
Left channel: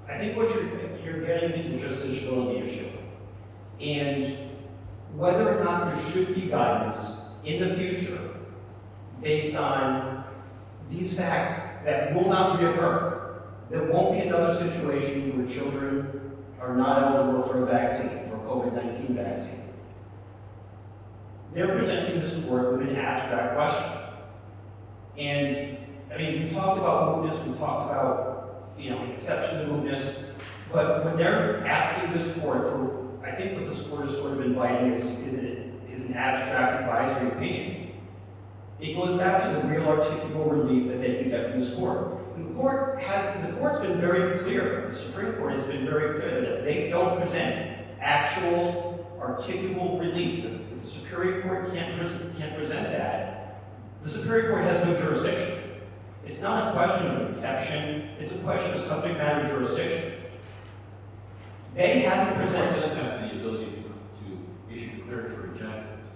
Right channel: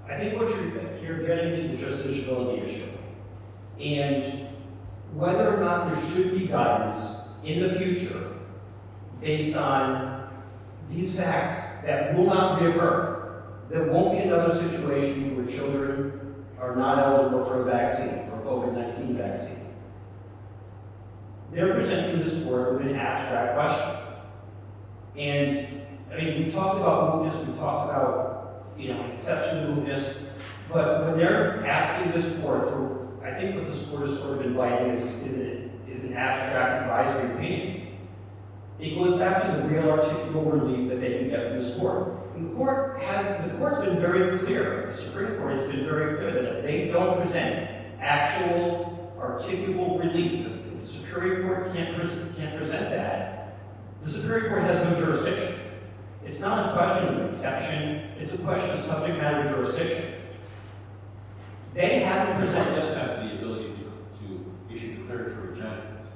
I think what you're getting to the justiciability issue. And whether or not there should be guidance in the future based on these facts that will not reoccur. There won't be another situation where children are not eligible for a vaccine, or a COVID-19 vaccine. They're presenting this board with an abstract question. And, I mean, we've talked about mootness, we've talked about, exception to mootness, but when they're asking this board for, I think what this board is sort of inviting is an abstract advisory opinion. It goes back to the real articulable relief that they can get from this court. The court's been very clear, the Supreme Court has been very clear that if they don't present actual articulable relief, if the Superior Court can't present that, the Superior Court has no jurisdiction. It's not a question of exception, it's a question of subject matter jurisdiction. They haven't The court presented. does have the ability to issue declaratory judgments,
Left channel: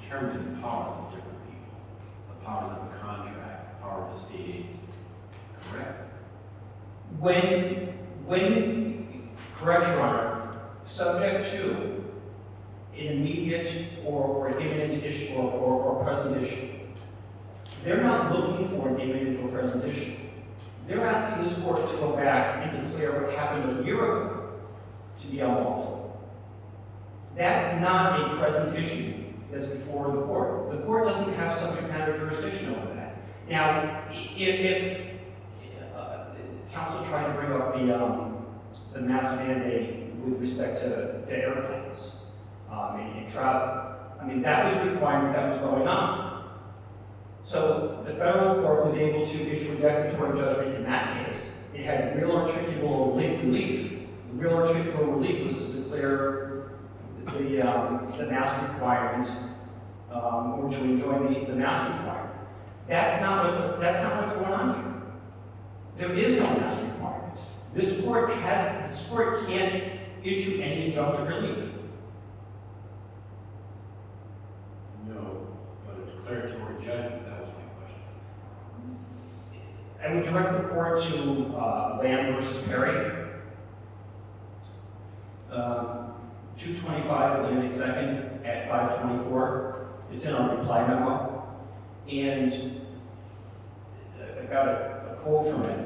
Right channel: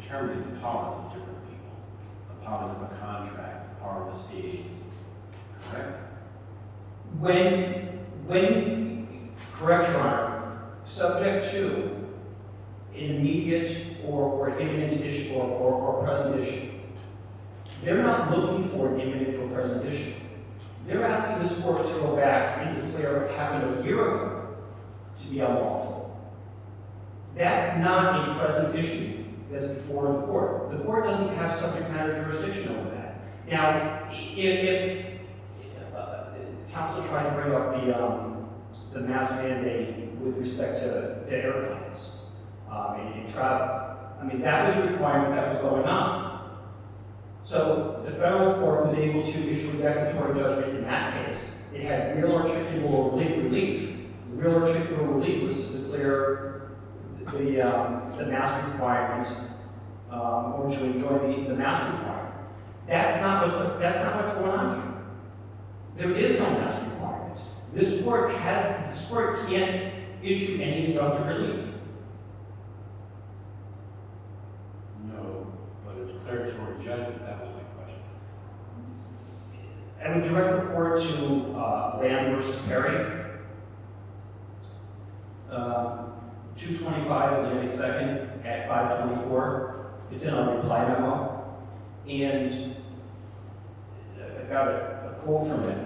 determine the powers of different people, the powers of a contract, the power of the state agency. Correct? Correct, Your Honor, subject to an immediate or imminent issue or present issue. They're not looking for an imminent or present issue. They're asking this court to go back and declare what happened a year ago to be unlawful. That's not a present issue that's before the court. The court doesn't have subject matter jurisdiction over that. Now, if counsel tried to bring up the mask mandate with respect to airplanes and travel. I mean, that was a requirement that was going on. So the federal court was able to issue a declaratory judgment in that case. It had real articulable relief. The real articulable relief was to declare the mask requirement or to enjoy the mask requirement. That's not what's going on here. There is no mask requirement. This court can't issue any injunctive relief. No, but a declaratory judgment, that was my question. I would direct the court to Lamb versus Perry. 225 Atlantic 2nd at 524. It's in our reply memo. And I got a quote from it.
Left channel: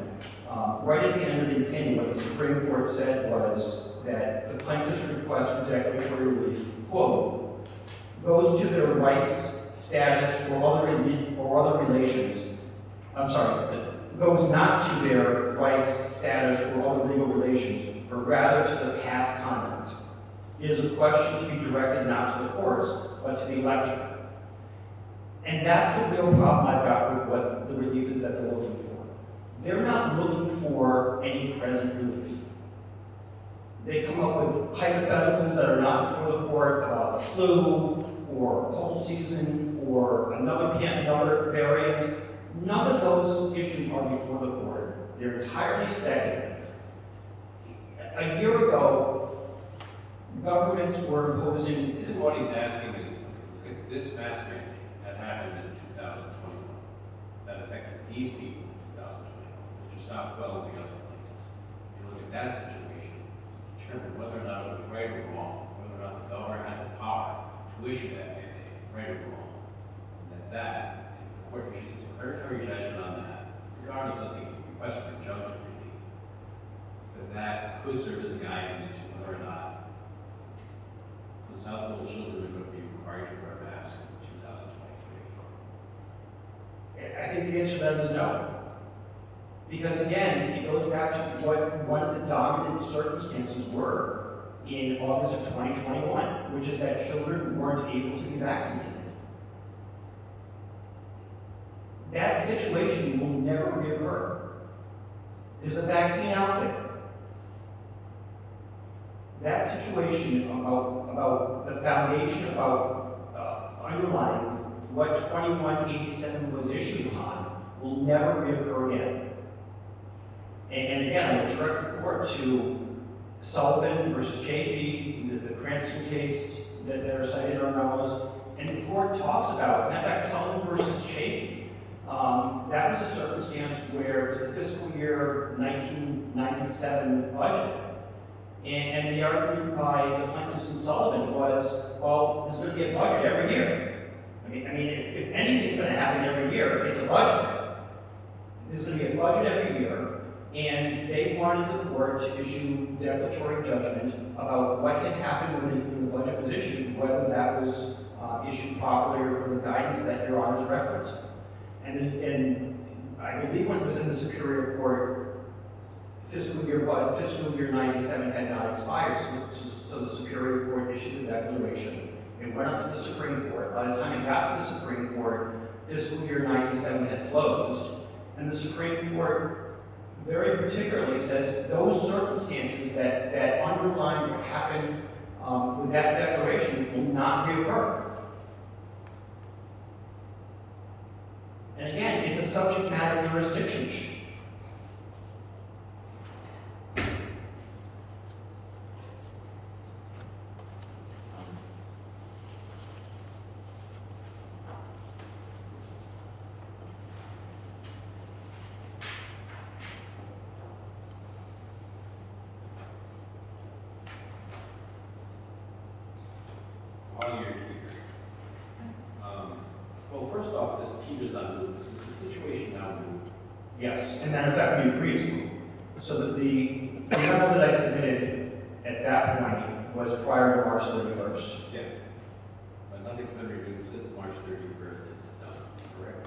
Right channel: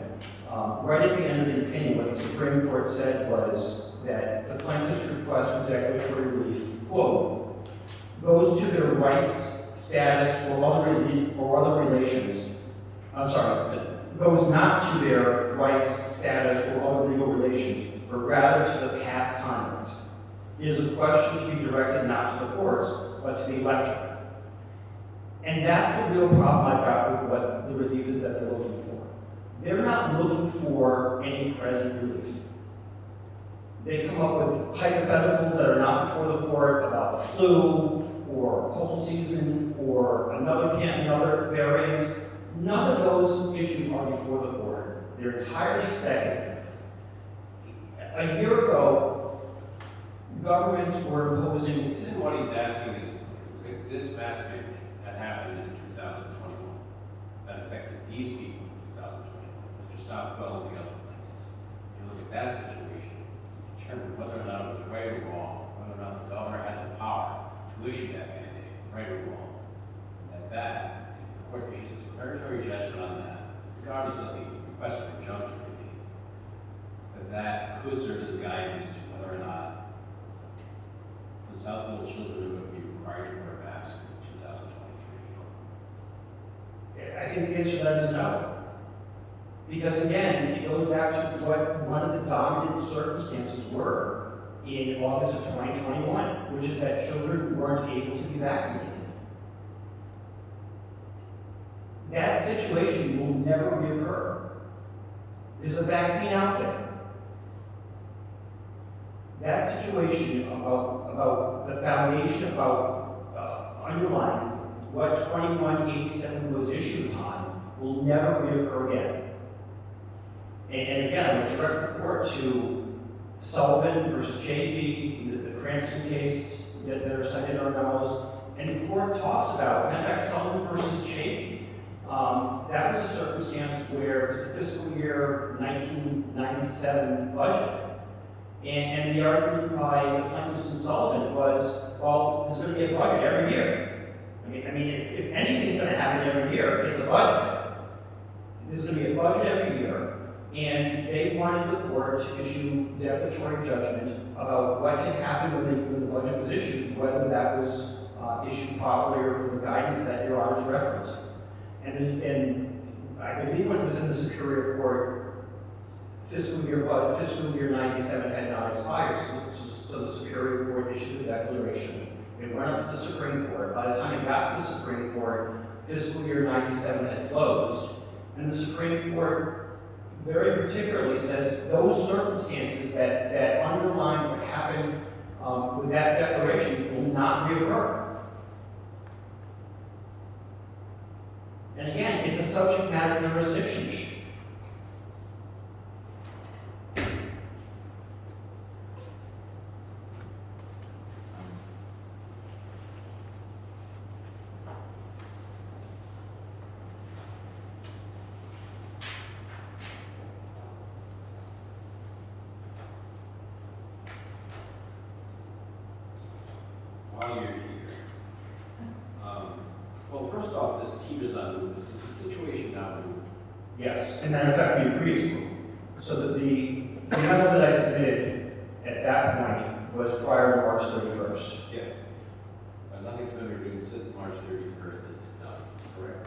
Right at the end of the opinion, what the Supreme Court said was that the plaintiff's request for declaratory relief, quote, goes to their rights, status, or other relations. I'm sorry, goes not to their rights, status, or other legal relations, but rather to the past conduct. It is a question to be directed not to the courts, but to the electorate. And that's the real problem I've got with what the relief is that they're looking for. They're not looking for any present relief. They come up with hypotheticals that are not before the court about the flu, or cold season, or another variant. None of those issues are before the court. They're entirely speculative. A year ago, governments were imposing. Isn't what he's asking is, this mask mandate that happened in 2021, that affected these people in 2021, Mr. Southwell and the other places. You look at that situation, determine whether or not it was right or wrong, whether or not the governor had the power to issue that mandate, right or wrong. And that, if the court issues a declaratory judgment on that, regardless of the request for injunctive relief, that could serve as guidance to whether or not the Southwell children would be required to wear masks in 2023. I think the answer to that is no. Because again, it goes back to what one of the dominant circumstances were in August of 2021, which is that children weren't able to be vaccinated. That situation will never reoccur. There's a vaccine out there. That situation about the foundation, about underlying what 2187 was issued upon will never reoccur again. And again, I would direct the court to Sullivan versus Chafee, the Cranston case that are cited in our memos, and the court talks about, in fact, Sullivan versus Chafee. That was a circumstance where it was the fiscal year 1997 budget. And the argument by the plaintiffs in Sullivan was, well, there's going to be a budget every year. I mean, if anything's going to happen every year, it's a budget. There's going to be a budget every year, and they wanted the court to issue declaratory judgment about what had happened when the budget was issued, whether that was issued properly or for the guidance that Your Honor's referenced. And I believe when it was in the Superior Court, fiscal year 97 had not expired, so the Superior Court issued a declaration. It went up to the Supreme Court. By the time it got to the Supreme Court, fiscal year 97 had closed, and the Supreme Court very particularly says those circumstances that underline what happened with that declaration will not reoccur. And again, it's a subject matter jurisdiction issue. While you're here, well, first off, this keepers on, this is a situation now. Yes, and matter of fact, we agreed. So that the memo that I submitted at that point was prior to March 31st. Yes. But nothing's been renewed since March 31st, it's done, correct?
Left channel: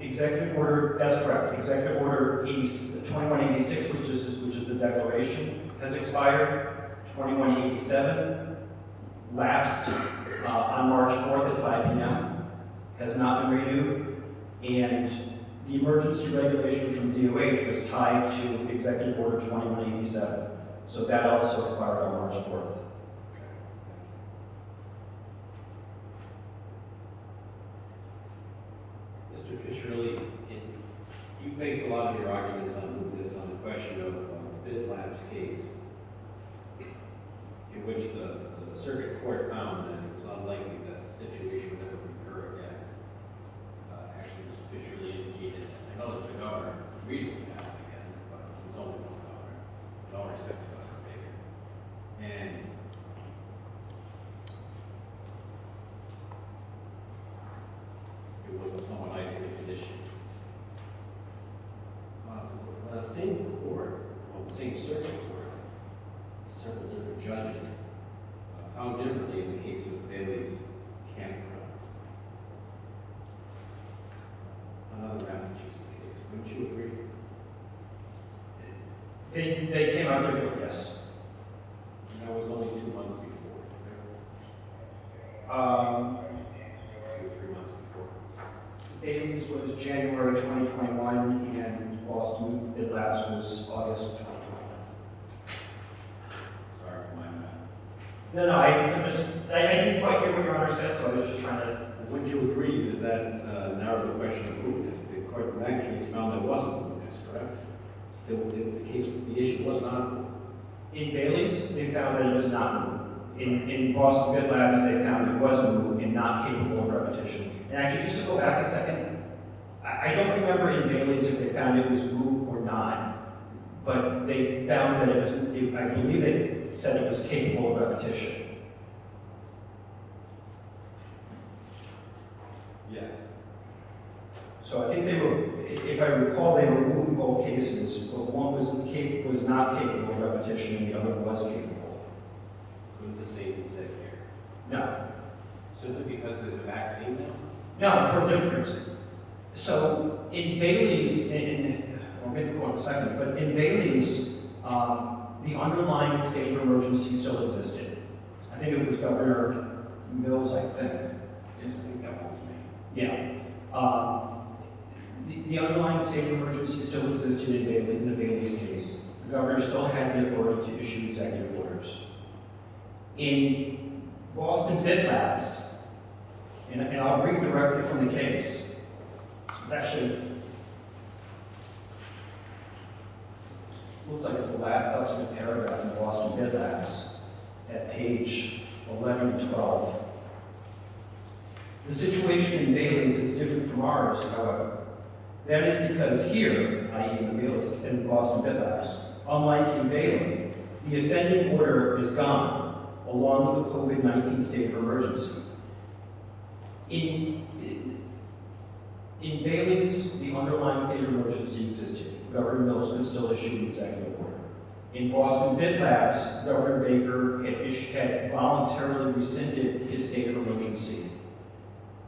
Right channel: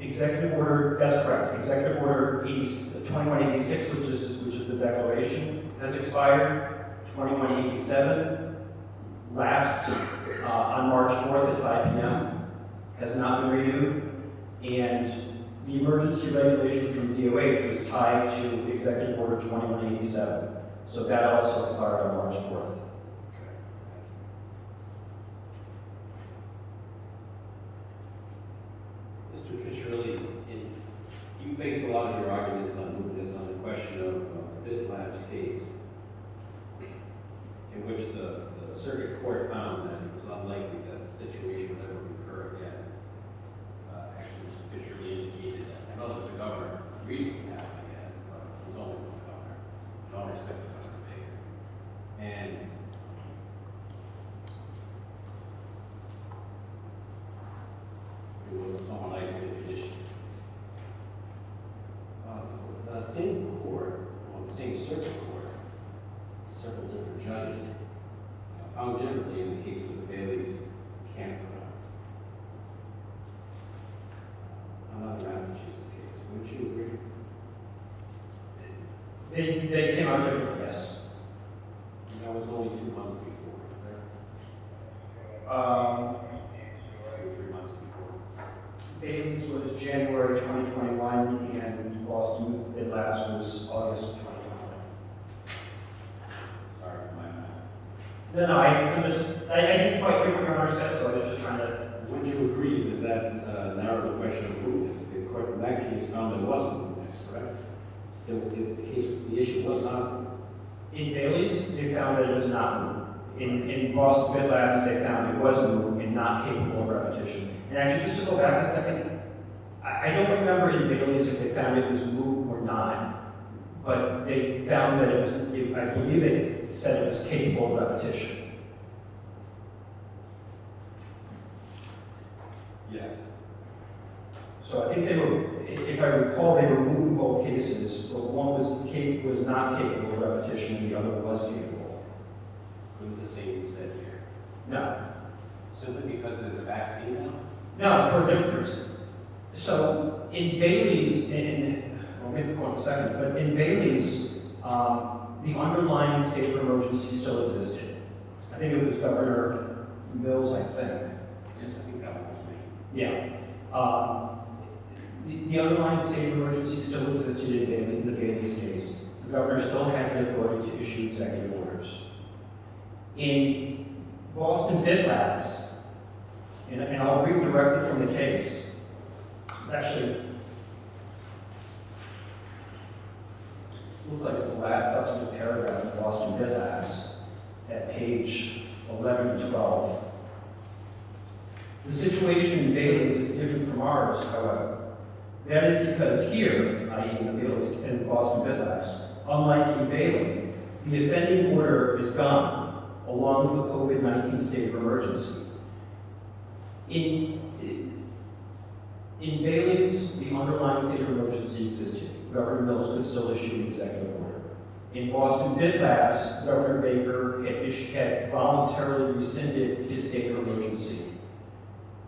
Executive order, that's correct. Executive order 2186, which is the declaration, has expired. 2187 lapsed on March 4th at 5 p.m. has not been renewed, and the emergency regulation from DOH was tied to Executive Order 2187. So that also expired on March 4th. Mr. Fisherly, you based a lot of your arguments on mootness on the question of the Bid Labs case, in which the circuit court found that it was unlikely that the situation would ever recur again. Actually, Mr. Fisherly indicated, I know that the governor agreed with that again, but he's only one governor. In all respect to Governor Baker. And it was a somewhat isolated issue. The same court, well, the same circuit court, several different judges, found differently in the case of Bailey's campground. Another Massachusetts case, wouldn't you agree? They came out different, yes. That was only 2 months before, right? 2 or 3 months before. Bailey's was January 2021, and Boston Bid Labs was August 2021. Sorry for my math. No, I didn't quite hear what Your Honor said, so I was just trying to. Would you agree that that narrowed the question of mootness? The court in that case found there wasn't mootness, correct? The issue was not. In Bailey's, they found that it was not moot. In Boston Bid Labs, they found it was moot and not capable of repetition. And actually, just to go back a second, I don't remember in Bailey's if they found it was moot or not, but they found that it was, I believe they said it was capable of repetition. Yes. So I think they were, if I recall, they were moot in both cases, but one was not capable of repetition and the other was capable. Couldn't the same be said here? No. Simply because there's a vaccine now? No, for a different reason. So in Bailey's, I'll read the floor in a second, but in Bailey's, the underlying state of emergency still existed. I think it was Governor Mills, I think. Yes, I think that was me. Yeah. The underlying state of emergency still existed in Bailey, in the Bailey's case. The governor still had the authority to issue executive orders. In Boston Bid Labs, and I'll read directly from the case. It's actually, looks like it's the last substantive paragraph in Boston Bid Labs at page 11 and 12. The situation in Bailey's is different from ours, however. That is because here, i.e. in Bailey's and Boston Bid Labs, unlike in Bailey, the offending order is gone, along with the COVID-19 state of emergency. In Bailey's, the underlying state of emergency existed. Governor Mills could still issue an executive order. In Boston Bid Labs, Governor Baker had voluntarily rescinded his state of emergency,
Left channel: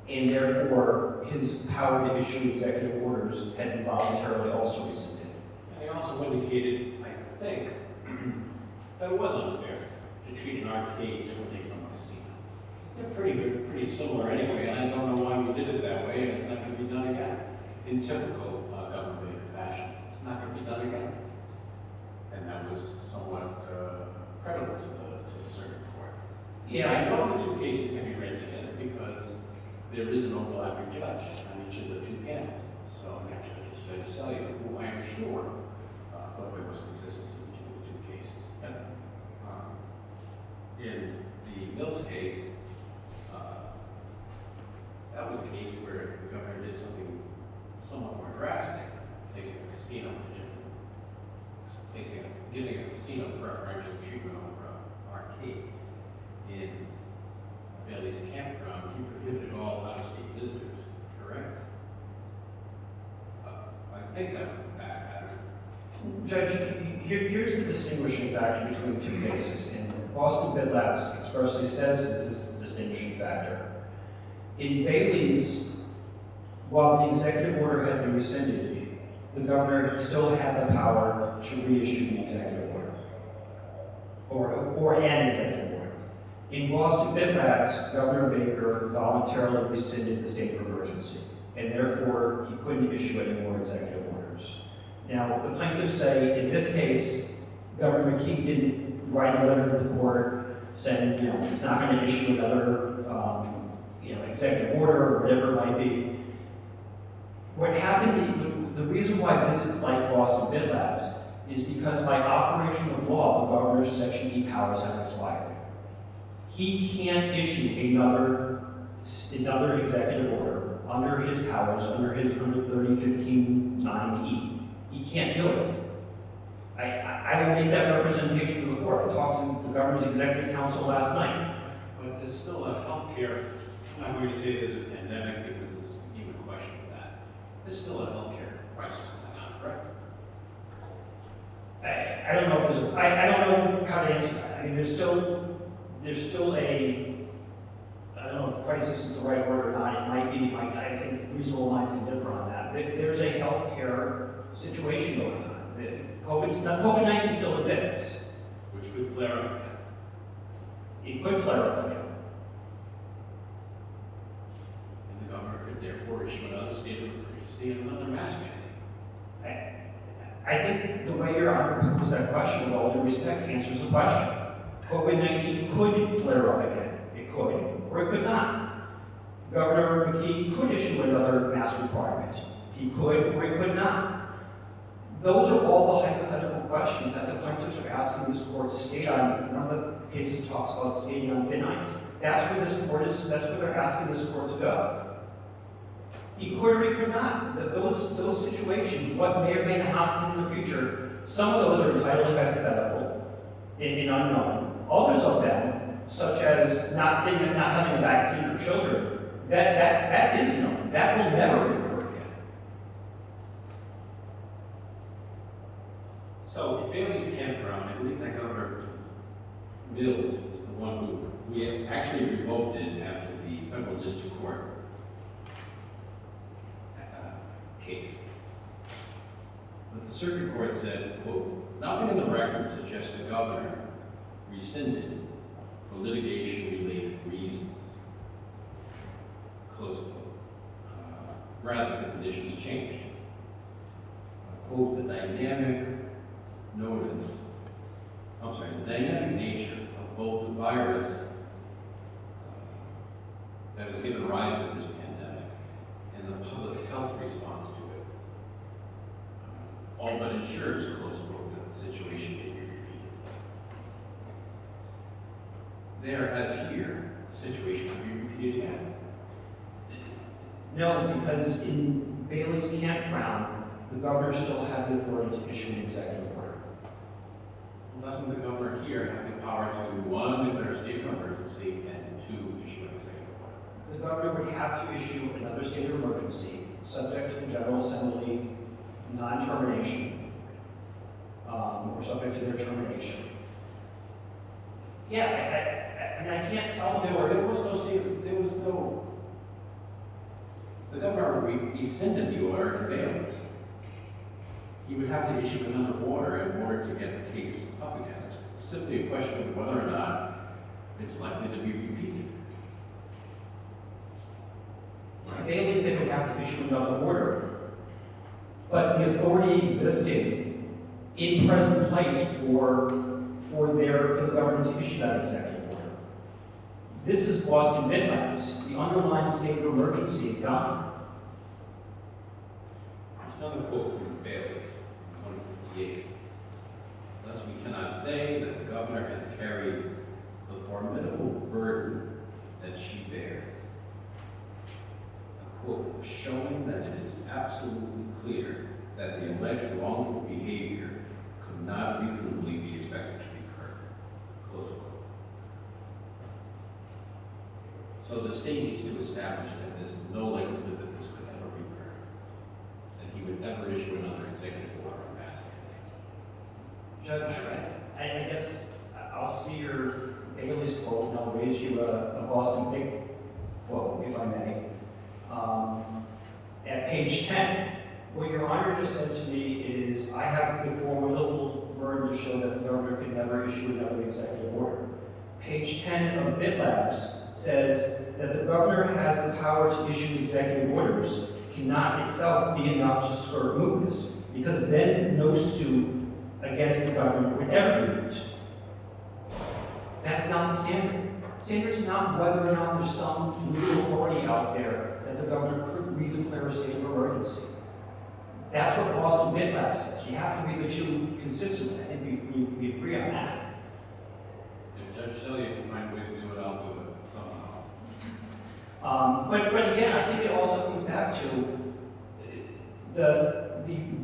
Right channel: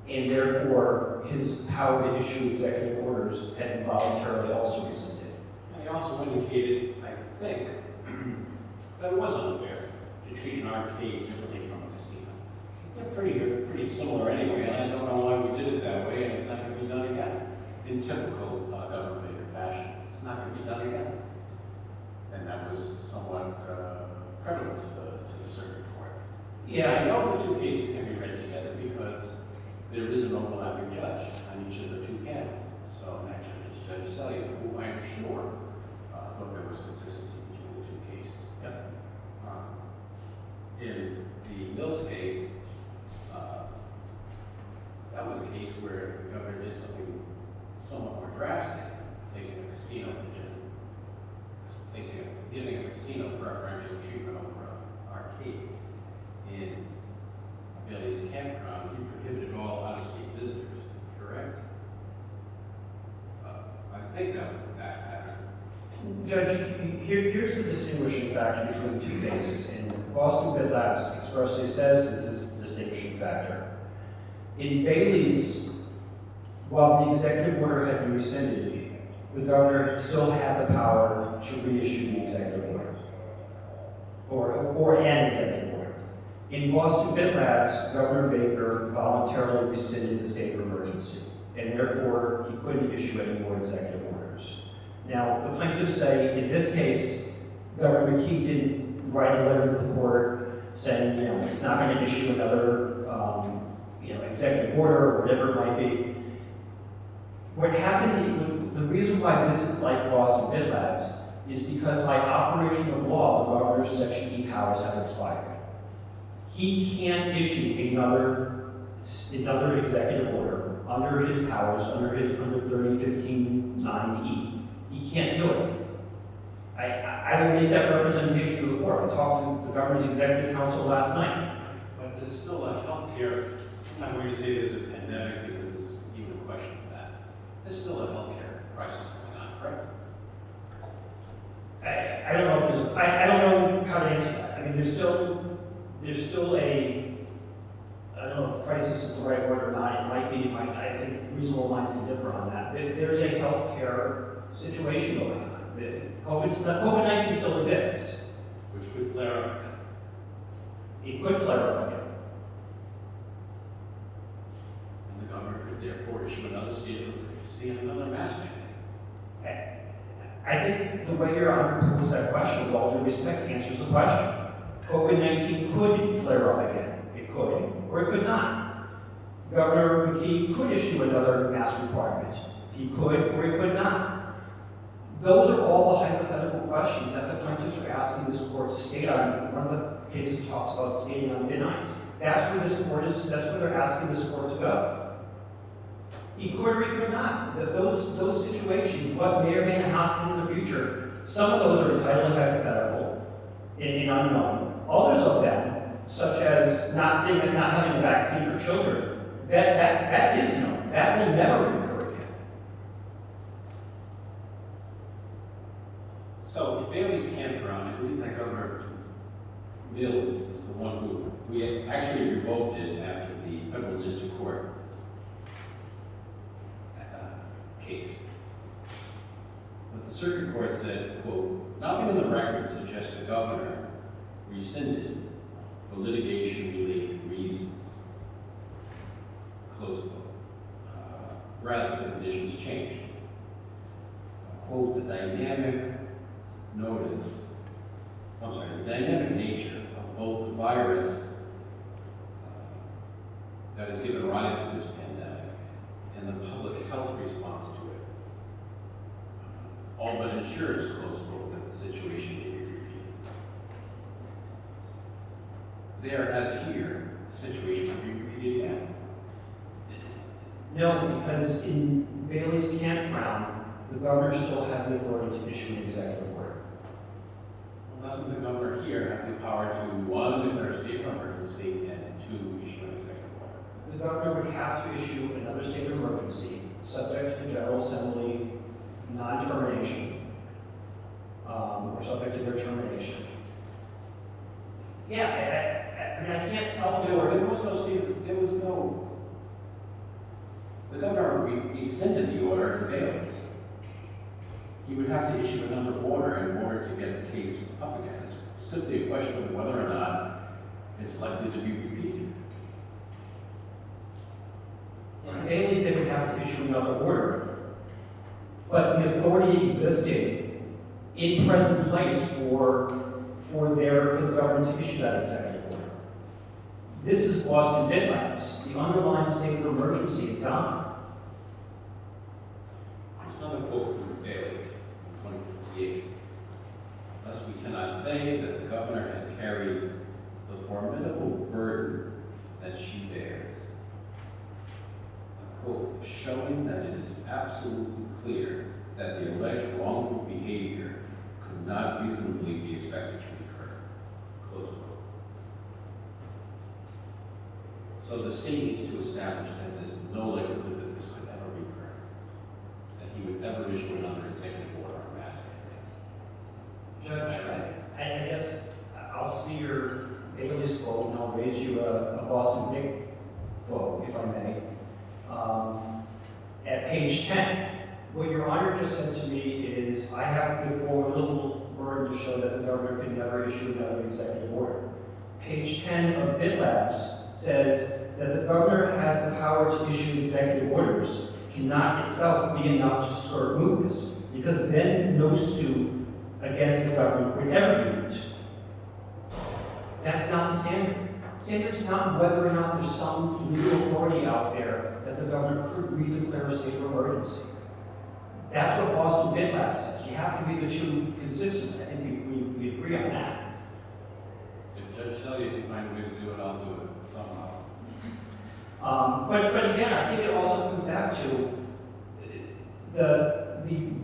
and therefore his power to issue executive orders had been voluntarily also rescinded. He also indicated, I think, that it was unfair to treat an arcade differently from a casino. They're pretty similar anyway, and I don't know why we did it that way, and it's not going to be done again. In typical government fashion, it's not going to be done again. And that was somewhat credible to the circuit court. Yeah. I know the two cases can be read together because there is an overlapping judge on each of the two panels. So that judge is Judge Selya, who I am sure thought there was consistency between the two cases. Yep. In the Mills case, that was a case where the governor did something somewhat more drastic, placing a casino in a different, giving a casino preferential treatment over an arcade. In Bailey's campground, he prohibited all out-of-state visitors, correct? I think that was the fact pattern. Judge, here's the distinguishing factor between the two cases. And Boston Bid Labs expressly says this is the distinguishing factor. In Bailey's, while the executive order had been rescinded, the governor still had the power to reissue the executive order, or an executive order. In Boston Bid Labs, Governor Baker voluntarily rescinded the state of emergency, and therefore he couldn't issue any more executive orders. Now, the plaintiffs say, in this case, Governor McKee didn't write a letter to the court saying, he's not going to issue another, executive order or whatever it might be. What happened, the reason why this is like Boston Bid Labs is because by operation of law, the governor's Section E powers have expired. He can't issue another executive order under his powers, under 3015-9E. He can't do it. I would make that representation to the court. I talked to the governor's executive council last night. But there's still a healthcare, I'm not going to say there's a pandemic because there's even a question of that. There's still a healthcare crisis going on, correct? I don't know if there's I don't know how to answer that. I mean, there's still a, I don't know if crisis is the right word or not. It might be, I think reasonable minds can differ on that. There's a healthcare situation going on. COVID-19 still exists. Which could flare up. It could flare up. And the governor could therefore issue another state of emergency and another mask mandate. I think the way your Honor posed that question, with all due respect, answers the question. COVID-19 could flare up again. It could, or it could not. Governor McKee could issue another mask requirement. He could, or he could not. Those are all the hypothetical questions that the plaintiffs are asking this court to state on. One of the cases talks about skating on thin ice. That's where this court is, that's where they're asking this court to go. He could or he could not. Those situations, what may or may not happen in the future, some of those are entirely hypothetical and unknown. Others of them, such as not having a vaccine for children, that is known. That will never occur again. So, in Bailey's campground, I believe that Governor Mills is the one who we actually revoked it after the federal district court case. But the circuit court said, quote, "Nothing in the record suggests the governor rescinded for litigation-related reasons," close quote. Rather, the conditions changed. Quote, "The dynamic nature of both the virus that has given rise to this pandemic and the public health response to it all but ensures," close quote, "that the situation may be repeated." There, as here, the situation can be repeated again. No, because in Bailey's campground, the governor still had the authority to issue an executive order. Well, doesn't the governor here have the power to, one, declare a state of emergency, and two, issue an executive order? The governor would have to issue another state of emergency, subject to the General Assembly non-termination, or subject to their termination. Yeah, I mean, I can't tell There was no, the governor rescinded the order in Bailey's. He would have to issue another order in order to get the case up again. It's simply a question of whether or not it's likely to be repeated. In Bailey's, they would have to issue another order. But the authority existed in present place for the government to issue that executive order. This is Boston Midlands. The underlying state of emergency is gone. There's another quote from Bailey's, 158. "Thus, we cannot say that the governor has carried the formidable burden that she bears. A quote, showing that it is absolutely clear that the alleged wrongful behavior could not reasonably be expected to recur." Close quote. So the state needs to establish that there's no likelihood that this could ever recur, that he would ever issue another executive order on mass mandate. Judge, I guess I'll see your Bailey's quote and I'll raise you a Boston Big quote, if I may. At page 10, what your honor just said to me is, I have before a little word to show that the governor could never issue another executive order. Page 10 of BitLabs says that the governor has the power to issue executive orders cannot itself be enough to skirt mootness, because then no suit against the government would ever be moot. That's not the standard. Standard's not whether or not there's some legal authority out there that the governor could redeclare a state of emergency. That's what Boston BitLabs says. You have to be the two consistent. I think we agree on that. If Judge Shelley can find a way to do it, I'll do it somehow. But again, I think it also comes back to the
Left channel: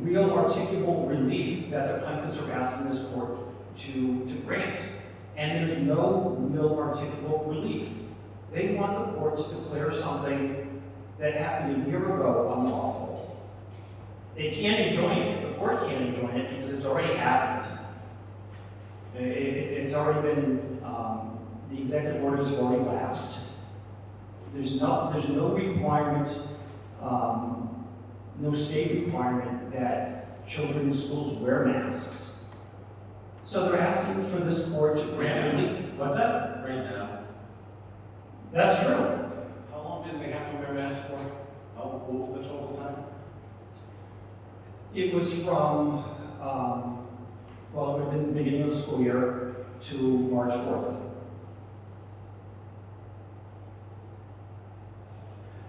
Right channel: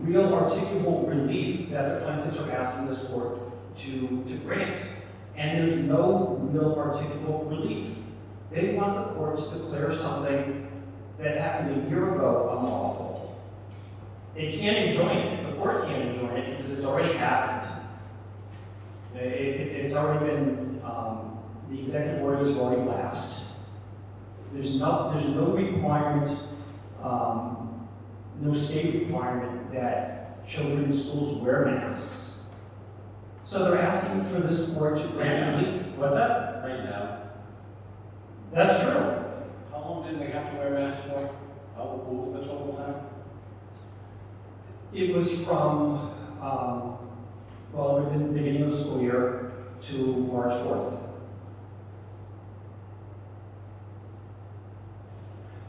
real articulable relief that the plaintiffs are asking this court to grant. And there's no real articulable relief. They want the court to declare something that happened a year ago unlawful. They can't enjoin it. The court can't enjoin it because it's already happened. It's already been, the executive orders have already lapsed. There's no requirement, no state requirement that children in schools wear masks. So they're asking for this court to grant relief. What's that? Right now. That's true. How long did they have to wear masks for? How old was the total time? It was from, well, it would have been the beginning of the school year to March 4th.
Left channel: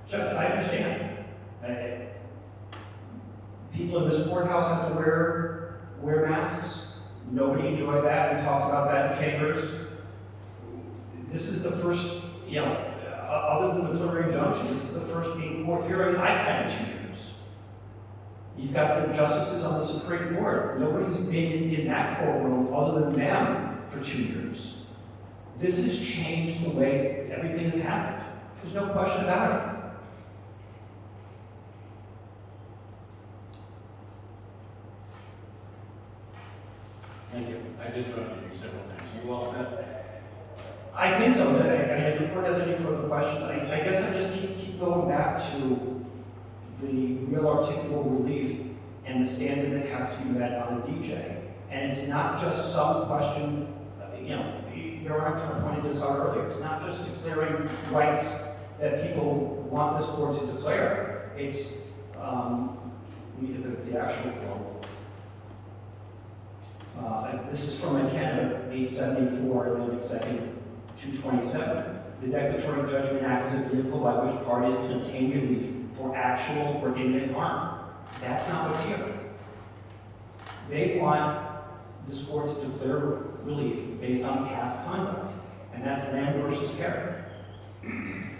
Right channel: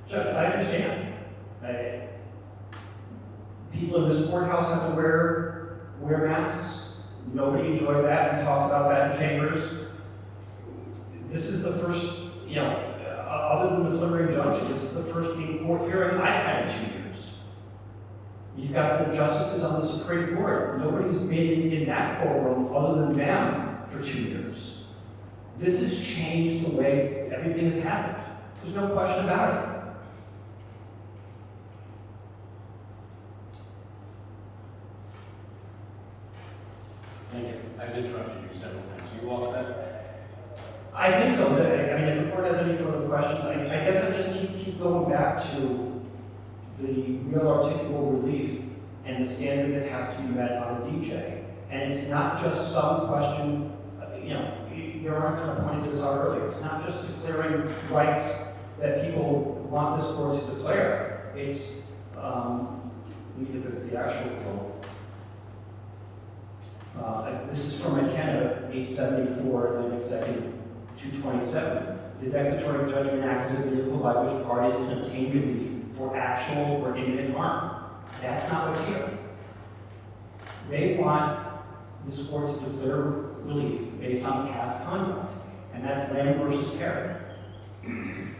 Judge, I understand. People in this courthouse have to wear masks. Nobody enjoyed that. We talked about that in chambers. This is the first, other than the preliminary injunction, this is the first being court hearing I've had in 2 years. You've got the justices on the Supreme Court. Nobody's been in that courtroom other than them for 2 years. This has changed the way everything has happened. There's no question about it. Thank you. I've interrupted you several times. You all set? I think so. I mean, if the court has any further questions, I guess I just keep going back to the real articulable relief and the standard that has to be met on the DJ. And it's not just some question, Your Honor kind of pointed this out earlier, it's not just declaring rights that people want this court to declare. It's, we have the actual quote. This is from McKenna, 874, and then second 227. The Declaratory Judgment Act is a vehicle by which parties can obtain relief for actual or imminent harm. That's not what's here. They want this court to declare relief based on past conduct, and that's Lamb versus Perry. And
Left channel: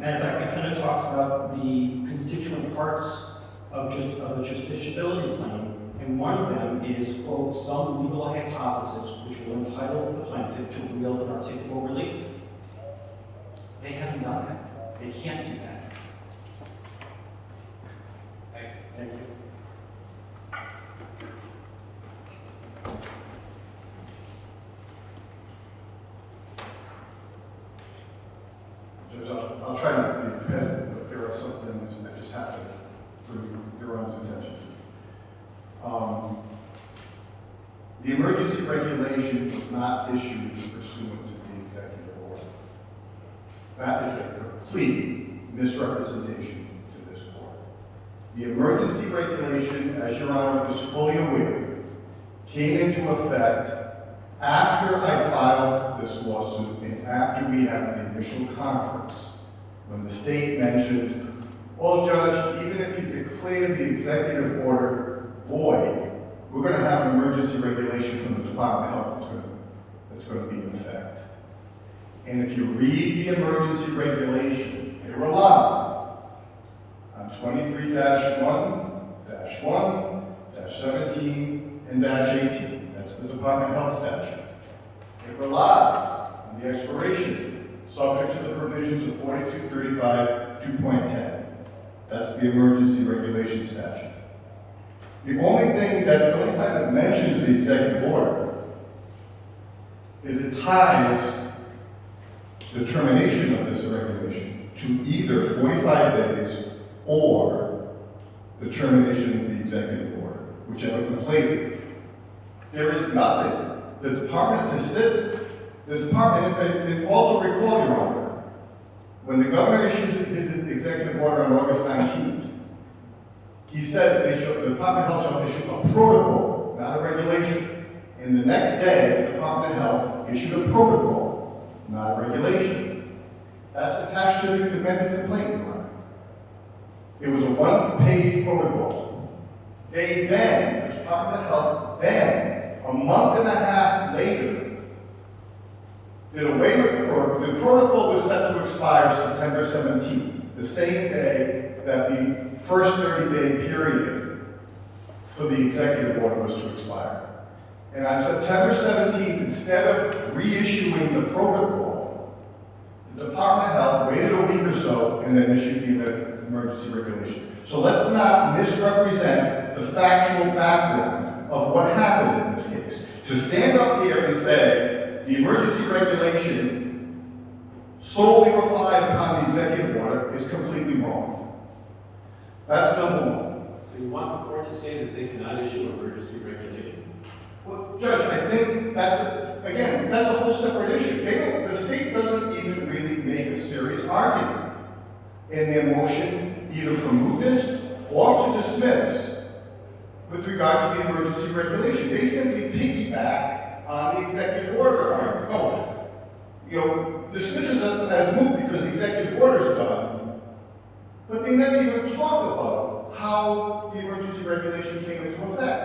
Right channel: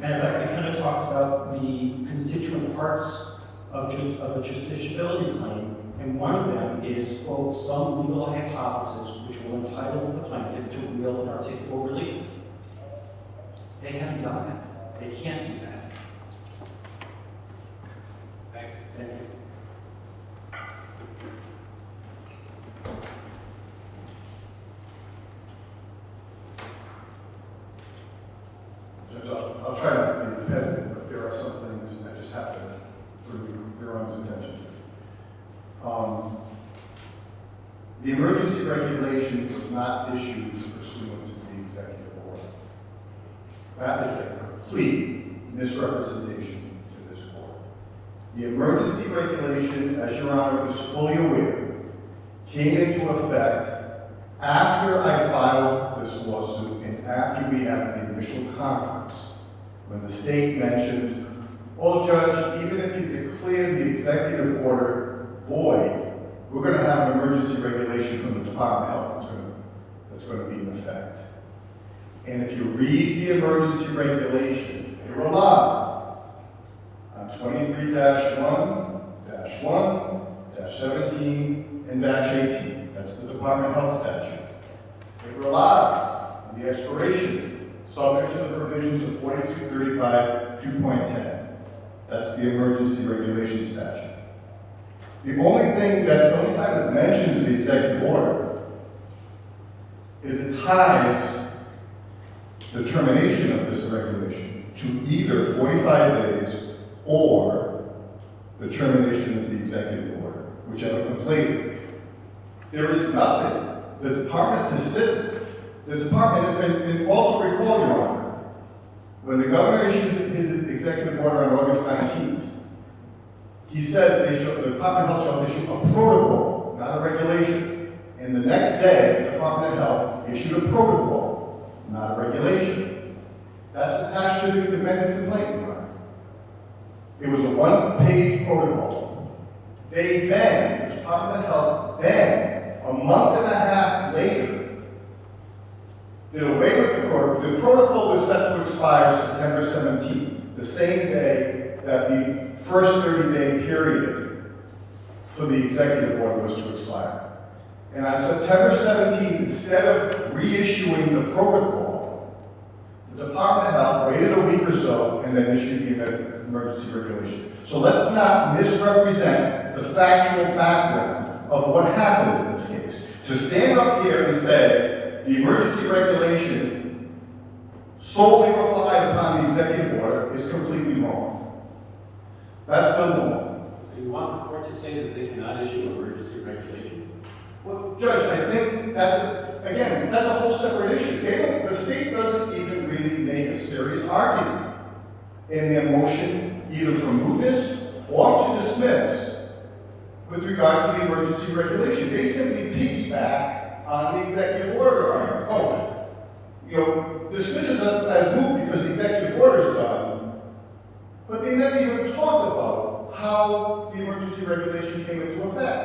in fact, McKenna talks about the constituent parts of a justiciability claim, and one of them is, quote, some legal hypothesis which will entitle the plaintiff to real and articulable relief. They haven't done that. They can't do that. Thank you. Judge, I'll try not to be repetitive, but there are some things I just have to bring your own attention to. The emergency regulation was not issued pursuant to the executive order. That is a complete misrepresentation to this court. The emergency regulation, as Your Honor is fully aware, came into effect after I filed this lawsuit and after we had the initial conference, when the state mentioned, well, Judge, even if you declare the executive order void, we're going to have an emergency regulation from the Department of Health that's going to be in effect. And if you read the emergency regulation, they rely on 23-1, -1, -17, and -18. That's the Department of Health statute. It relies on the expiration subject to the provisions of 4235 2.10. That's the emergency regulation statute. The only time it mentions the executive order is it ties the termination of this regulation to either 45 days or the termination of the executive order, whichever comes later. There is nothing. The department and also recall, Your Honor, when the governor issues his executive order on August 19th, he says the Department of Health shall issue a protocol, not a regulation. And the next day, the Department of Health issued a protocol, not a regulation. That's attached to the amended complaint, Your Honor. It was a one-page protocol. The Department of Health, a month and a half later, did away with the protocol. The protocol was set to expire September 17th, the same day that the first 30-day period for the executive order was to expire. And on September 17th, instead of reissuing the protocol, the Department of Health waited a week or so and then issued the emergency regulation. So let's not misrepresent the factual background of what happened in this case. To stand up here and say the emergency regulation solely relied upon the executive order is completely wrong. That's number one. So you want the court to say that they cannot issue emergency regulation? Well, Judge, I think that's a whole separate issue. The state doesn't even really make a serious argument in their motion, either for mootness or to dismiss with regard to the emergency regulation. They simply piggyback on the executive order argument. Dismisses it as moot because the executive order is done, but they never even talk about how the emergency regulation came into effect.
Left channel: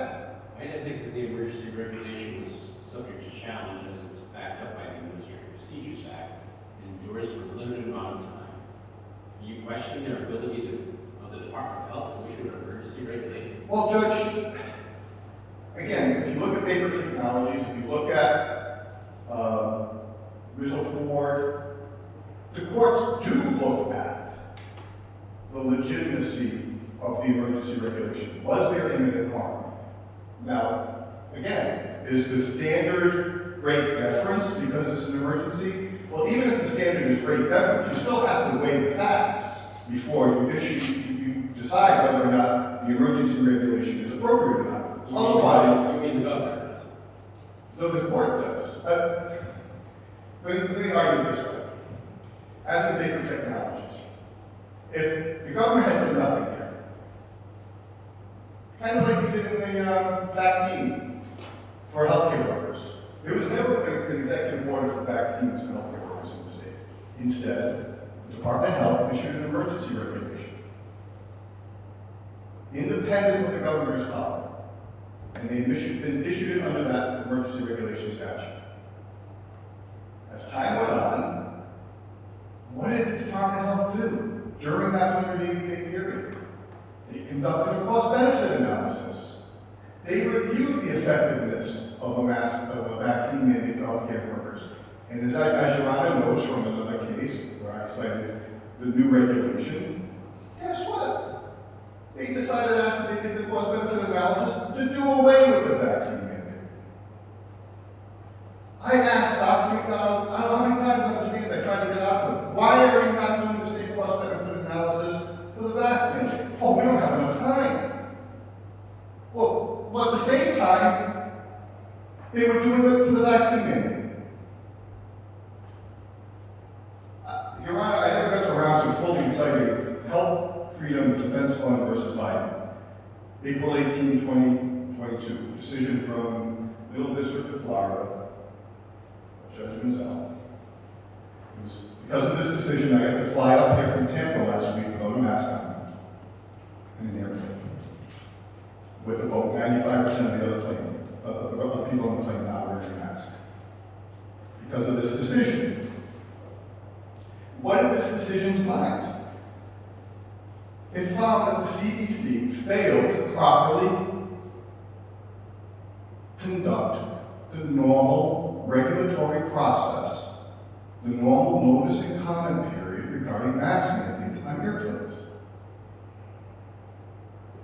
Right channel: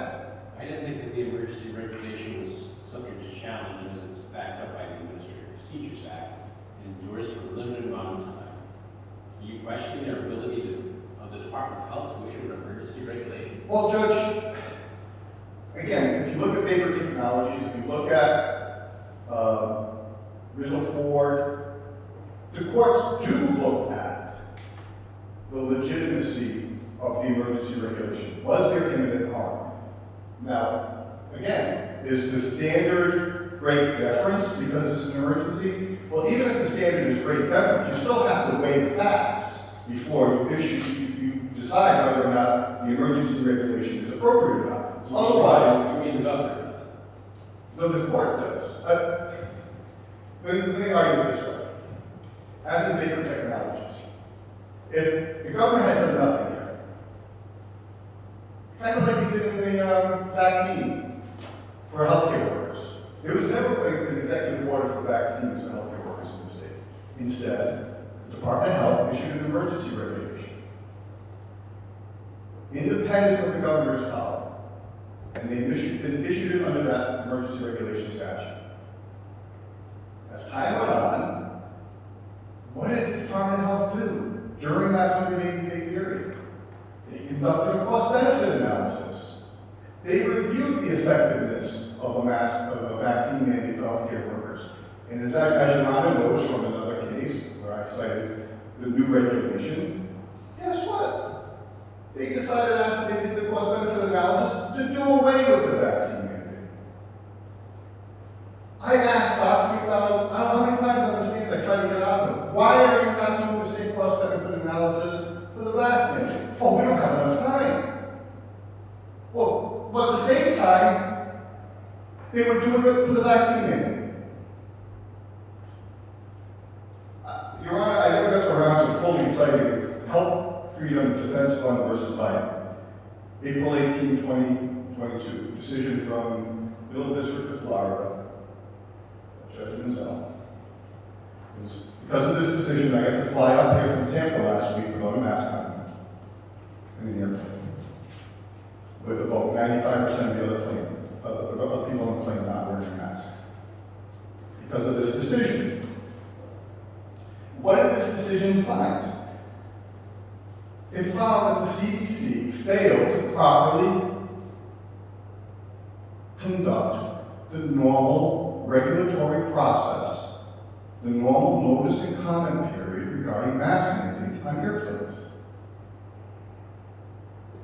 I didn't think that the emergency regulation was subject to challenge as it's backed up by the Administrative Procedures Act and endorsed for a limited amount of time. Do you question their ability of the Department of Health to issue an emergency regulation? Well, Judge, again, if you look at paper technologies, if you look at Rizzo Ford, the courts do look at the legitimacy of the emergency regulation. Was there imminent harm? Now, again, is the standard great deference because it's an emergency? Well, even if the standard is great deference, you still have to weigh the facts before you decide whether or not the emergency regulation is appropriate or not. Otherwise, You mean the governor does? no, the court does. Let me argue it this way. As in Baker Technologies, if the government had done nothing here, kind of like they did in the vaccine for healthcare workers, there was never an executive order for vaccines for healthcare workers in the state. Instead, the Department of Health issued an emergency regulation, independent of the governor's power, and they issued it under that emergency regulation statute. As time went on, what did the Department of Health do during that 180-day period? They conducted a cost-benefit analysis. They reviewed the effectiveness of a vaccine mandate for healthcare workers. And as Your Honor knows from another case where I cited the new regulation, guess what? They decided after they did the cost-benefit analysis to do away with the vaccine mandate. I asked Dr. McDonald, I don't know how many times on the stand I tried to get out of him, why are you not doing the same cost-benefit analysis for the vaccine mandate? Oh, we don't have enough time. Well, but at the same time, they were doing it for the vaccine mandate. Your Honor, I never got around to fully citing Health Freedom Defense Fund versus Biden. April 18, 2022, decision from Middle District of Florida, Judge Mazzella. Because of this decision, I got to fly up here from Tampa last week without a mask on in an airplane, with about 95% of the other people on the plane not wearing a mask. Because of this decision. What did this decision find? It found that the CDC failed to properly conduct the normal regulatory process, the normal notice and comment period regarding mask mandates on airplanes.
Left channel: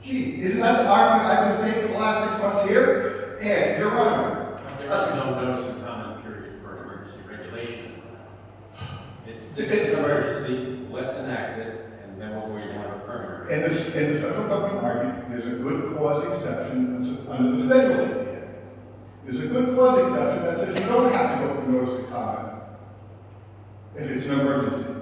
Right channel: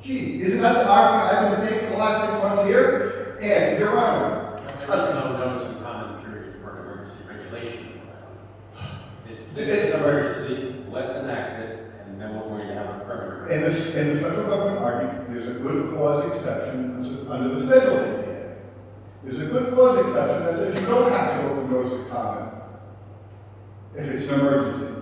Gee, isn't that the argument I've been saying for the last 6 months here? And, Your Honor, There is no notice and comment period for an emergency regulation. This is an emergency, let's enact it, and then we're going to have a permanent. and the federal government argued there's a good cause exception under the federal APA. There's a good cause exception that says you don't have to go through notice of comment if it's an emergency.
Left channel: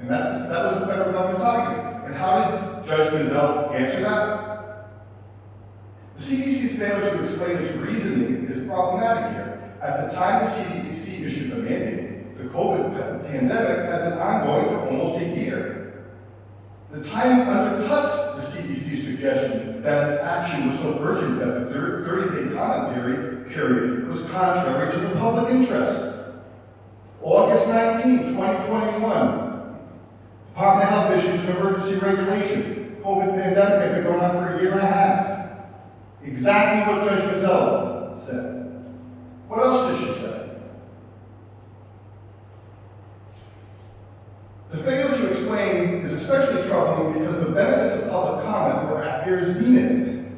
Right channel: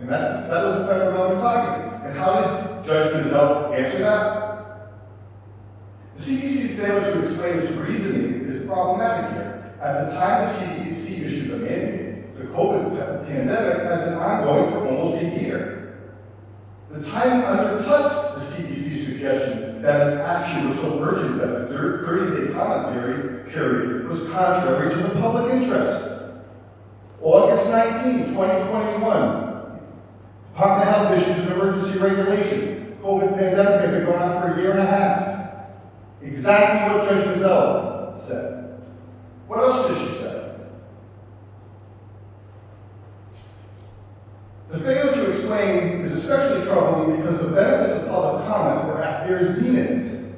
And that was the federal government's argument. And how did Judge Mazzella answer that? The CDC's failure to explain its reasoning is problematic here. At the time the CDC issued the mandate, the COVID pandemic had been ongoing for almost a year. The timing undercuts the CDC's suggestion that its action was so urgent that the 30-day comment period was contrary to the public interest. August 19, 2021, Department of Health issues an emergency regulation. COVID pandemic had been going on for a year and a half. Exactly what Judge Mazzella said. What else did she say? The failure to explain is especially troubling because the benefits of public comment were at their zenith.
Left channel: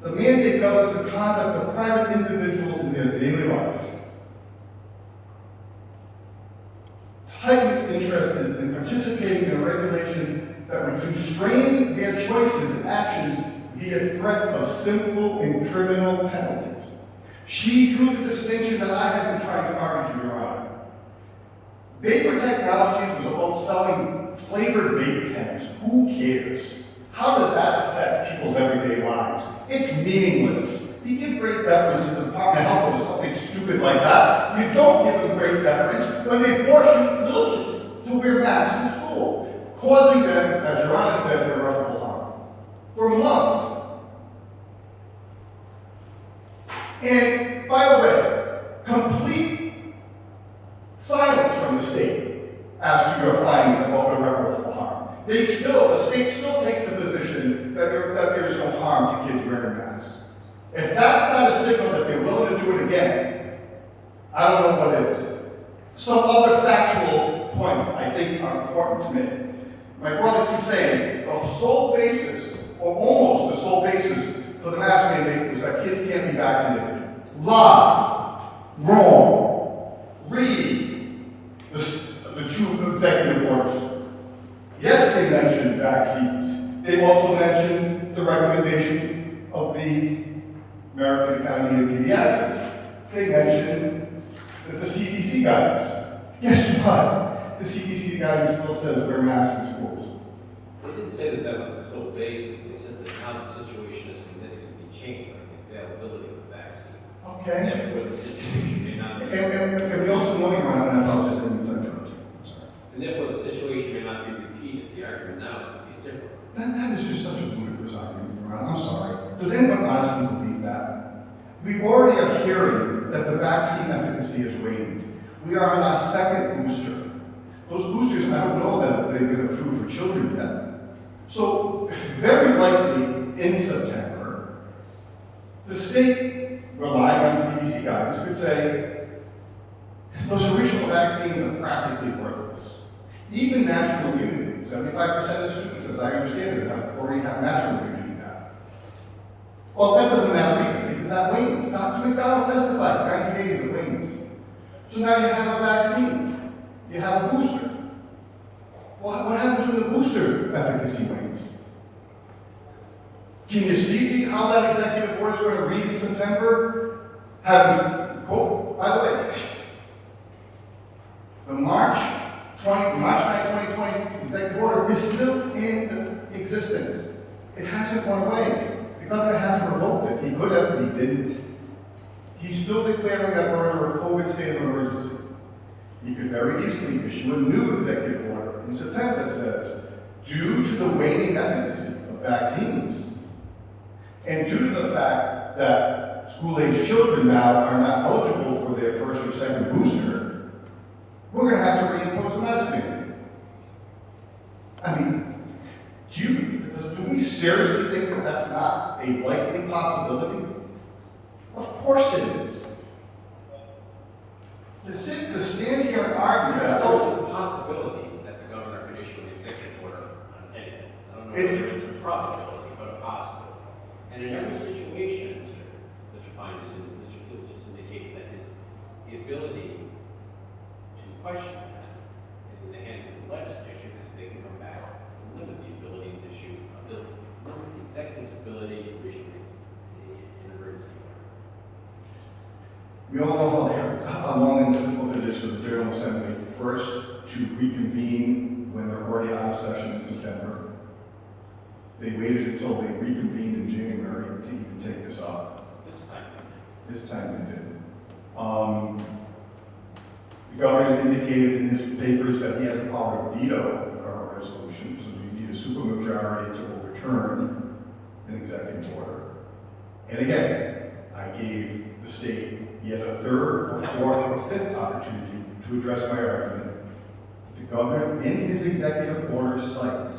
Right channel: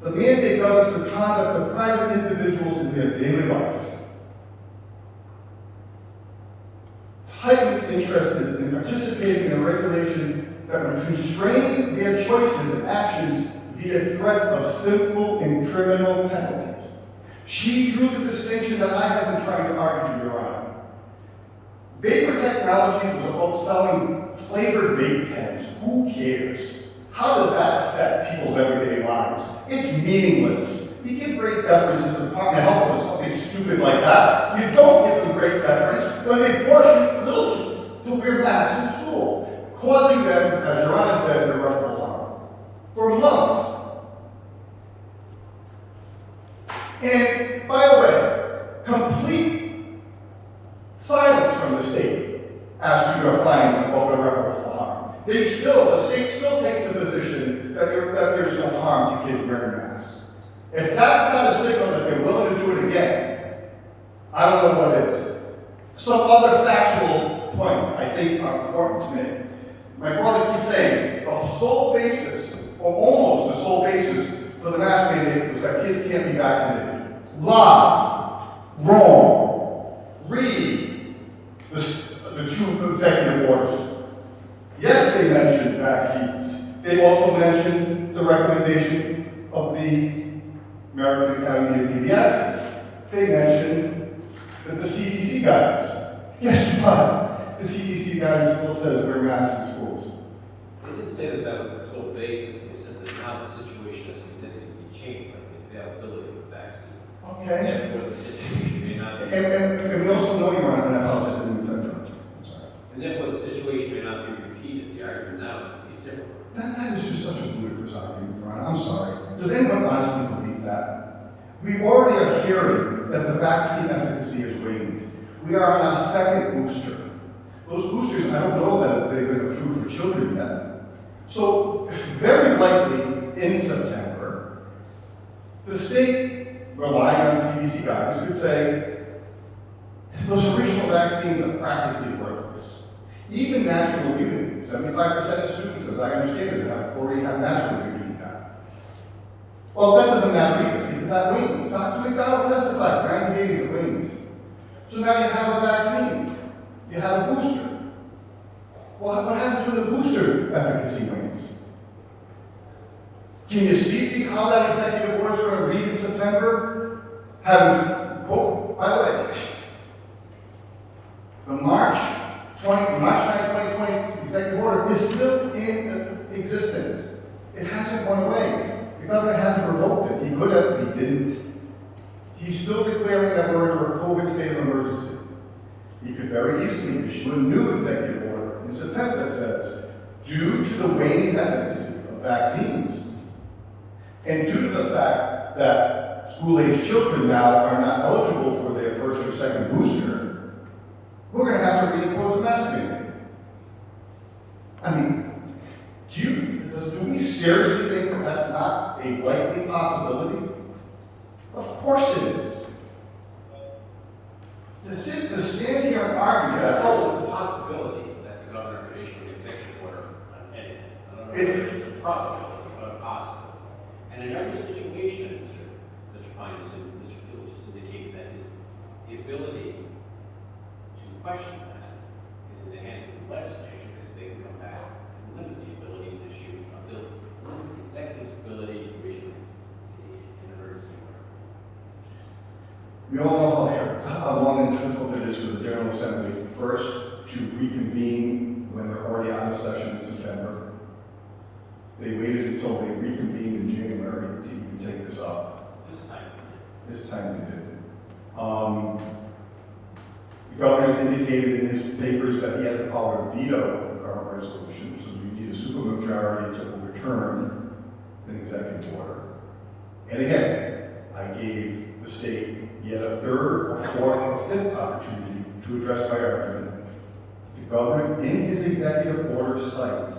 The mandate governs the conduct of private individuals in their daily life. Heightened interest in participating in a regulation that would constrain their choices and actions via threats of simple and criminal penalties. She drew the distinction that I have been trying to argue to Your Honor. Vapor Technologies was about selling flavored vape pens. Who cares? How does that affect people's everyday lives? It's meaningless. You give great deference to the Department of Health or something stupid like that. You don't give them great deference when they force little kids to wear masks in school, causing them, as Your Honor said, irreparable harm for months. And by the way, complete silence from the state as to your finding of irreparable harm. The state still takes the position that there's no harm to kids wearing masks. If that's not a signal that they're willing to do it again, I don't know what is. Some other factual points I think are important to me. My brother keeps saying the sole basis, or almost the sole basis, for the mask mandate was that kids can't be vaccinated. Lie. Wrong. Read the two executive orders. Yes, they mentioned vaccines. They also mentioned recommendation of the American Academy of Pediatrics. They mentioned that the CDC guidance. Guess what? The CDC guidance still says wear masks in schools. They didn't say that that was the sole basis, they said that now the situation has significantly changed, like the availability of the vaccine. Okay. Therefore, the situation may not be. And we also know, Your Honor, and I apologize, I didn't mean to interrupt you. I'm sorry. And therefore, the situation may not be repeated, the argument now is going to be different. That is just such a ludicrous argument, Your Honor. I'm sorry. Does anyone honestly believe that? We already are hearing that the vaccine efficacy is waning. We are on our second booster. Those boosters, I don't know that they've been approved for children yet. So, very likely in September, the state, relying on CDC guidance, could say, those original vaccines are practically worthless. Even natural immunity, 75% of students, as I understand it, already have natural immunity now. Well, that doesn't matter either, because that wanes. Dr. McDonald testified, 90 days it wanes. So now you have a vaccine, you have a booster. Well, what happens when the booster efficacy wanes? Can you see how that executive order is going to read in September? Quote, by the way, the March 9, 2020 executive order is still in existence. It hasn't gone away. The governor hasn't revoked it. He could have, but he didn't. He's still declaring that we're under a COVID state of emergency. He could very easily issue a new executive order in September that says, due to the waning efficacy of vaccines, and due to the fact that school-age children now are not eligible for their first or second booster, we're going to have to reimpose a mask mandate. I mean, do we seriously think that that's not a likely possibility? Of course it is. To stand here and argue that, There's a possibility that the governor could issue an executive order on anything. I don't know whether it's a probability, but a possibility. And in every situation, Mr. Fine is indicating that the ability to question that is in the hands of the legislature, because they can come back and limit the ability to issue limit the executive's ability to issue an emergency order. we all know how long and difficult it is for the General Assembly first to reconvene when they're already out of session in September. They waited until they reconvened in January to even take this up. This time they didn't. The governor indicated in his papers that he has the power to veto the current resolution, so you need a supermajority to overturn an executive order. And again, I gave the state yet a third or fourth or fifth opportunity to address my argument. The governor, in his executive order, cites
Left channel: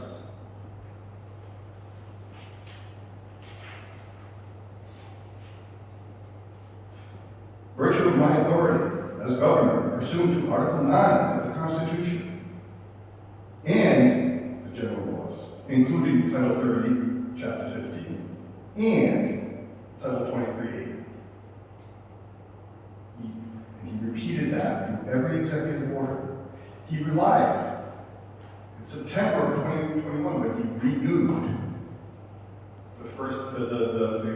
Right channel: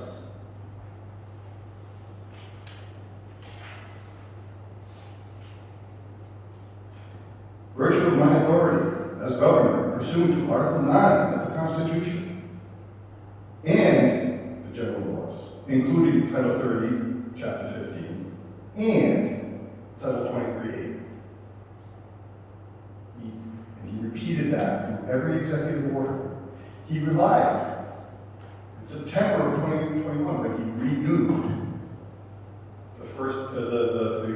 virtue of my authority as governor pursuant to Article 9 of the Constitution and the general laws, including Title 30, Chapter 15, and Title 23A. He repeated that in every executive order. He relied in September of 2021 when he renewed the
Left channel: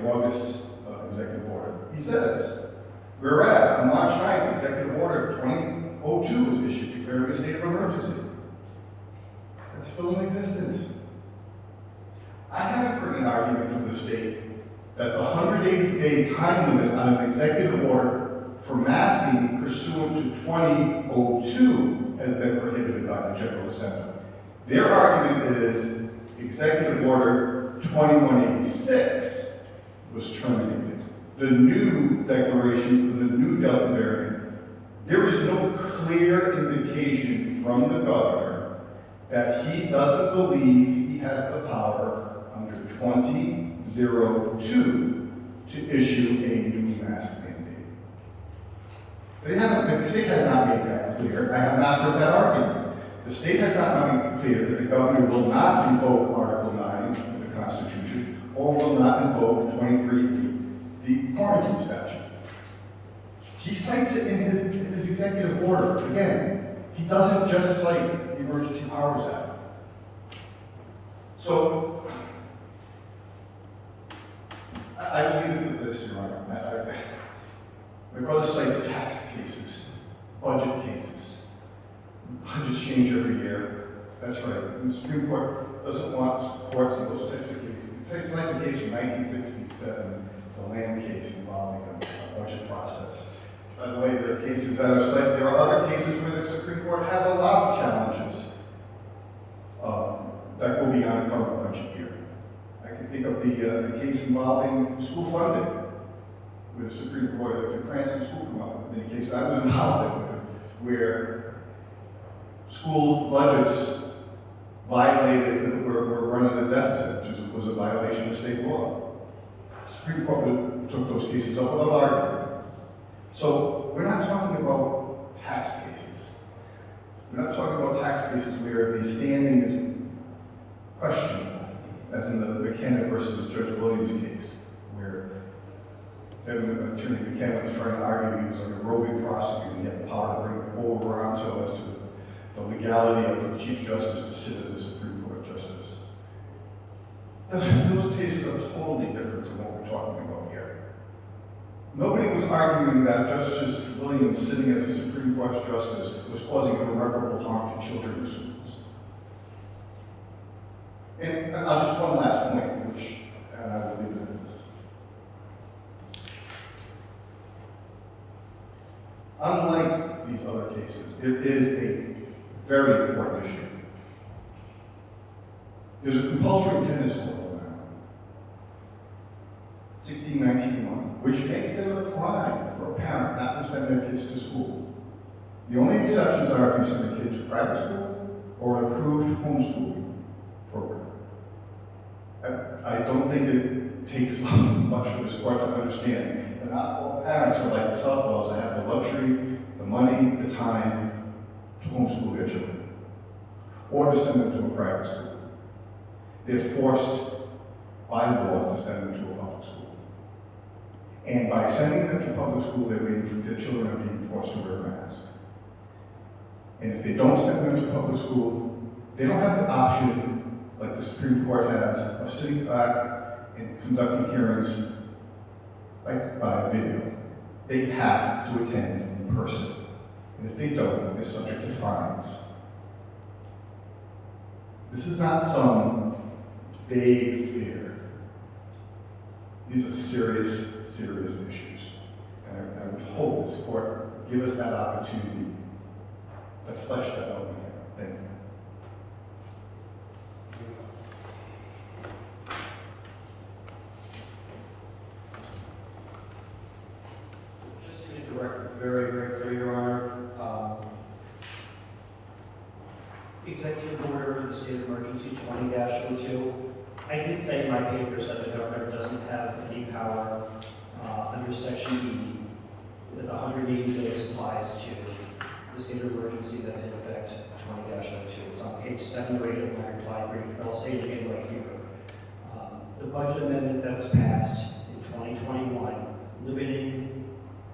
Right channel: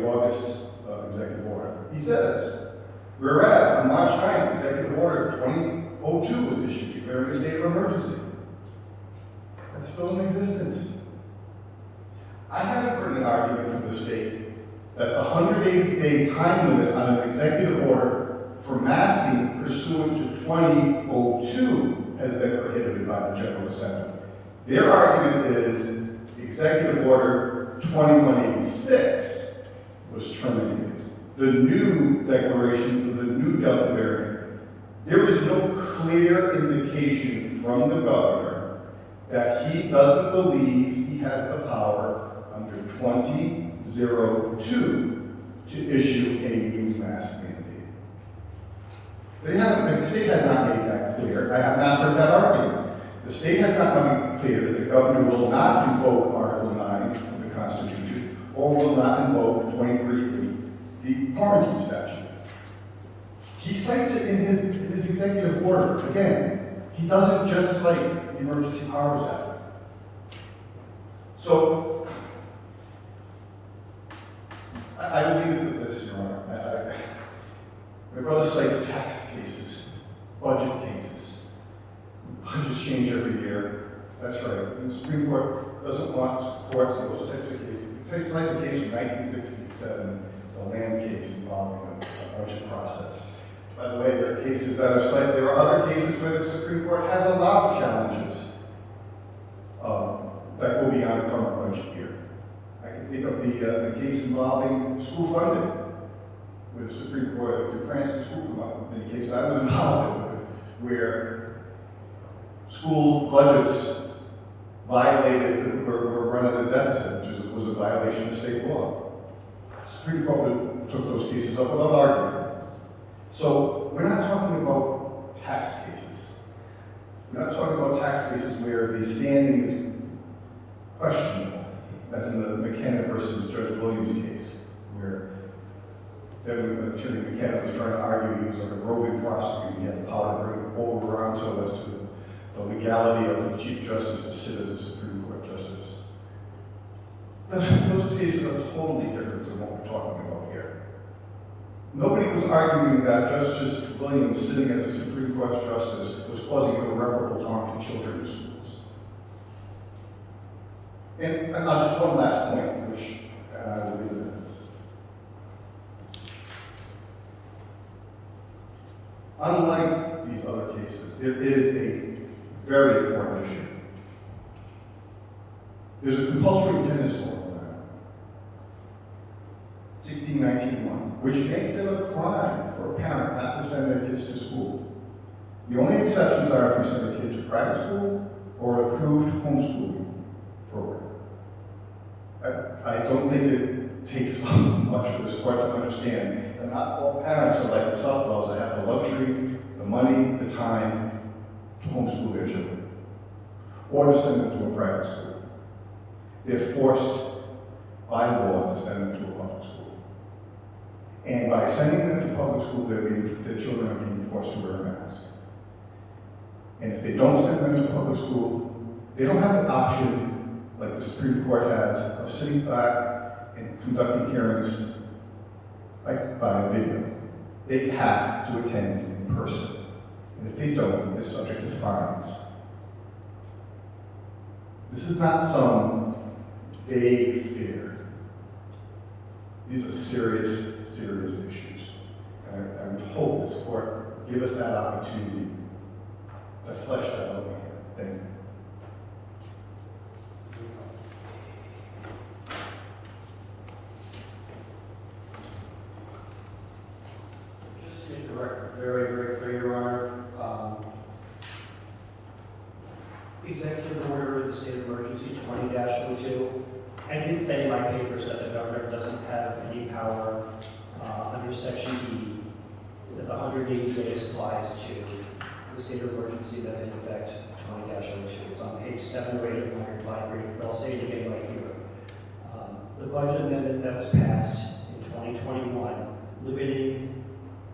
August executive order. He says, whereas on March 9th, Executive Order 2002 was issued declaring a state of emergency. It's still in existence. I haven't heard an argument from the state that the 180-day time limit on an executive order for masking pursuant to 2002 has been prohibited by the General Assembly. Their argument is Executive Order 2186 was terminated. The new declaration for the new Delta variant, there is no clear indication from the governor that he doesn't believe he has the power under 2002 to issue a new mask mandate. The state has not made that clear. I have not heard that argument. The state has not made clear that the governor will not invoke Article 9 of the Constitution or will not invoke 23E, the quarantine statute. He cites it in his executive order. Again, he doesn't just cite the Emergency Powers Act. So, I will leave it with this, Your Honor. My brother cites tax cases, budget cases. Budgets change every year. That's right. The Supreme Court doesn't want courts in those types of cases. It cites a case from 1967, the land case involving a budget process. By the way, there are cases that are cited. There are other cases where the Supreme Court has allowed challenges that go beyond the current budget year. I can think of the case involving school funding, where the Supreme Court, the Cranston School Fund, in the case I was involved with, where school budgets violated, were running a deficit, which was a violation of state law. The Supreme Court took those cases up without argument. So we're not talking about tax cases. We're not talking about tax cases where the standing is questionable, as in the McKenna versus Judge Williams case, where Attorney McKenna was trying to argue he was like a roving prosecutor. He had the power to bring it over onto us to the legality of the Chief Justice to sit as a Supreme Court Justice. Those cases are totally different than what we're talking about here. Nobody was arguing that Justice Williams, sitting as a Supreme Court Justice, was causing irreparable harm to children in schools. And I'll just one last point, which I will leave it at this. Unlike these other cases, it is a very important issue. There's a compulsory attendance law in Rhode, 1691, which makes it a crime for a parent not to send their kids to school. The only exceptions are if you send a kid to private school or an approved homeschooling program. I don't think it takes much for this court to understand that not all parents are like the Southwells that have the luxury, the money, the time to homeschool their children or to send them to a private school. They're forced by law to send them to a public school. And by sending them to public school, their children are being forced to wear a mask. And if they don't send them to public school, they don't have the option, like the Supreme Court has, of sitting back and conducting hearings like by a video. They have to attend in person. And if they don't, they're subject to fines. This is not some vague fear. These are serious, serious issues. And I would hope this court would give us that opportunity to flesh that out here. Thank you. Just to make the record very, very clear, Your Honor, Executive Order, the State of Emergency 20-02, I did say in my papers that the governor doesn't have any power under Section E, that the 180 days applies to the state of emergency that's in effect 20-02. It's on page 7 or 8 of my reply brief, but I'll say it again right here. The budget amendment that was passed in 2021, limiting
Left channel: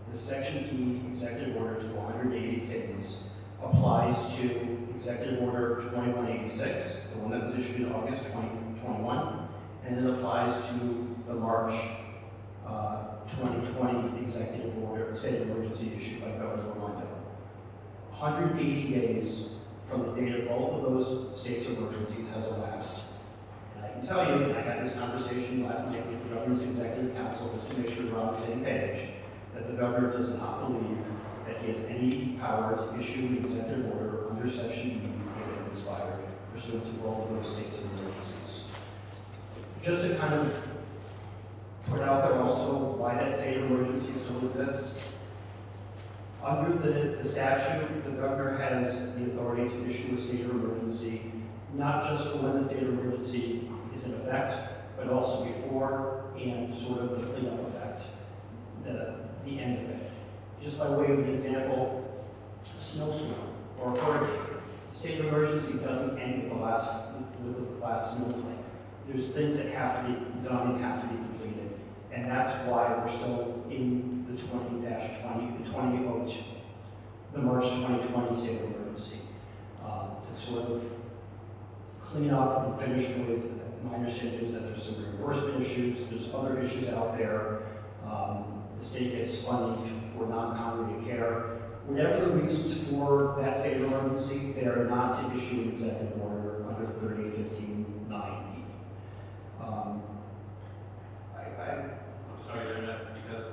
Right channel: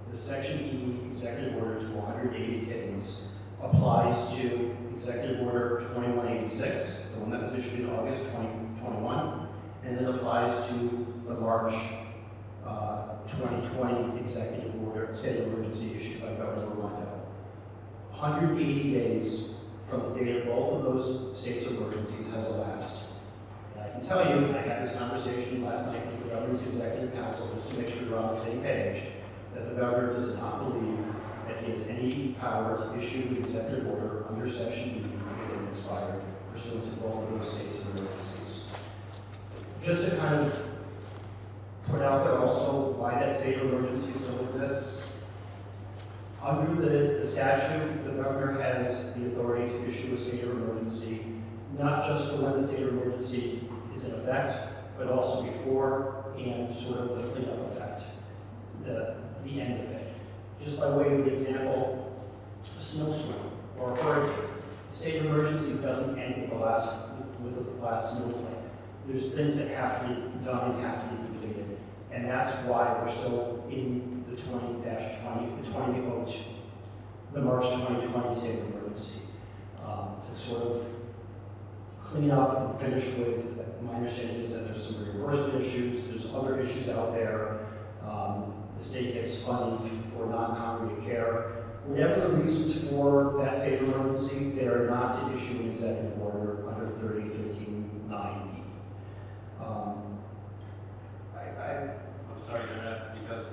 the Section E executive order to 180 days, applies to Executive Order 2186, the one that was issued in August 2021, and it applies to the March 2020 executive order, state of emergency issued by Governor Rhode. 180 days from the date of both of those states of emergencies has elapsed. And I can tell you, and I had this conversation last night with the governor's executive council, just to make sure we're on the same page, that the governor does not believe that he has any power to issue an executive order under Section E if it expired pursuant to both of those states of emergencies. Just to kind of point out there also why that state of emergency still exists. Under the statute, the governor has the authority to issue a state of emergency, not just for when the state of emergency is in effect, but also before and sort of the cleanup effect, the end of it. Just by way of example, a snowstorm or a hurricane. The state of emergency doesn't end with the last snowflake. There's things that have to be done and have to be completed. And that's why we're still in the 20-20, the March 2020 state of emergency, to sort of clean up and finish with my understanding is that there's some reimbursement issues, there's other issues out there. The state gets funding for non-congregate care. Whatever the reasons for that state of emergency, they are not to issue an executive order under 3015-9E. I'm sorry, you're not, because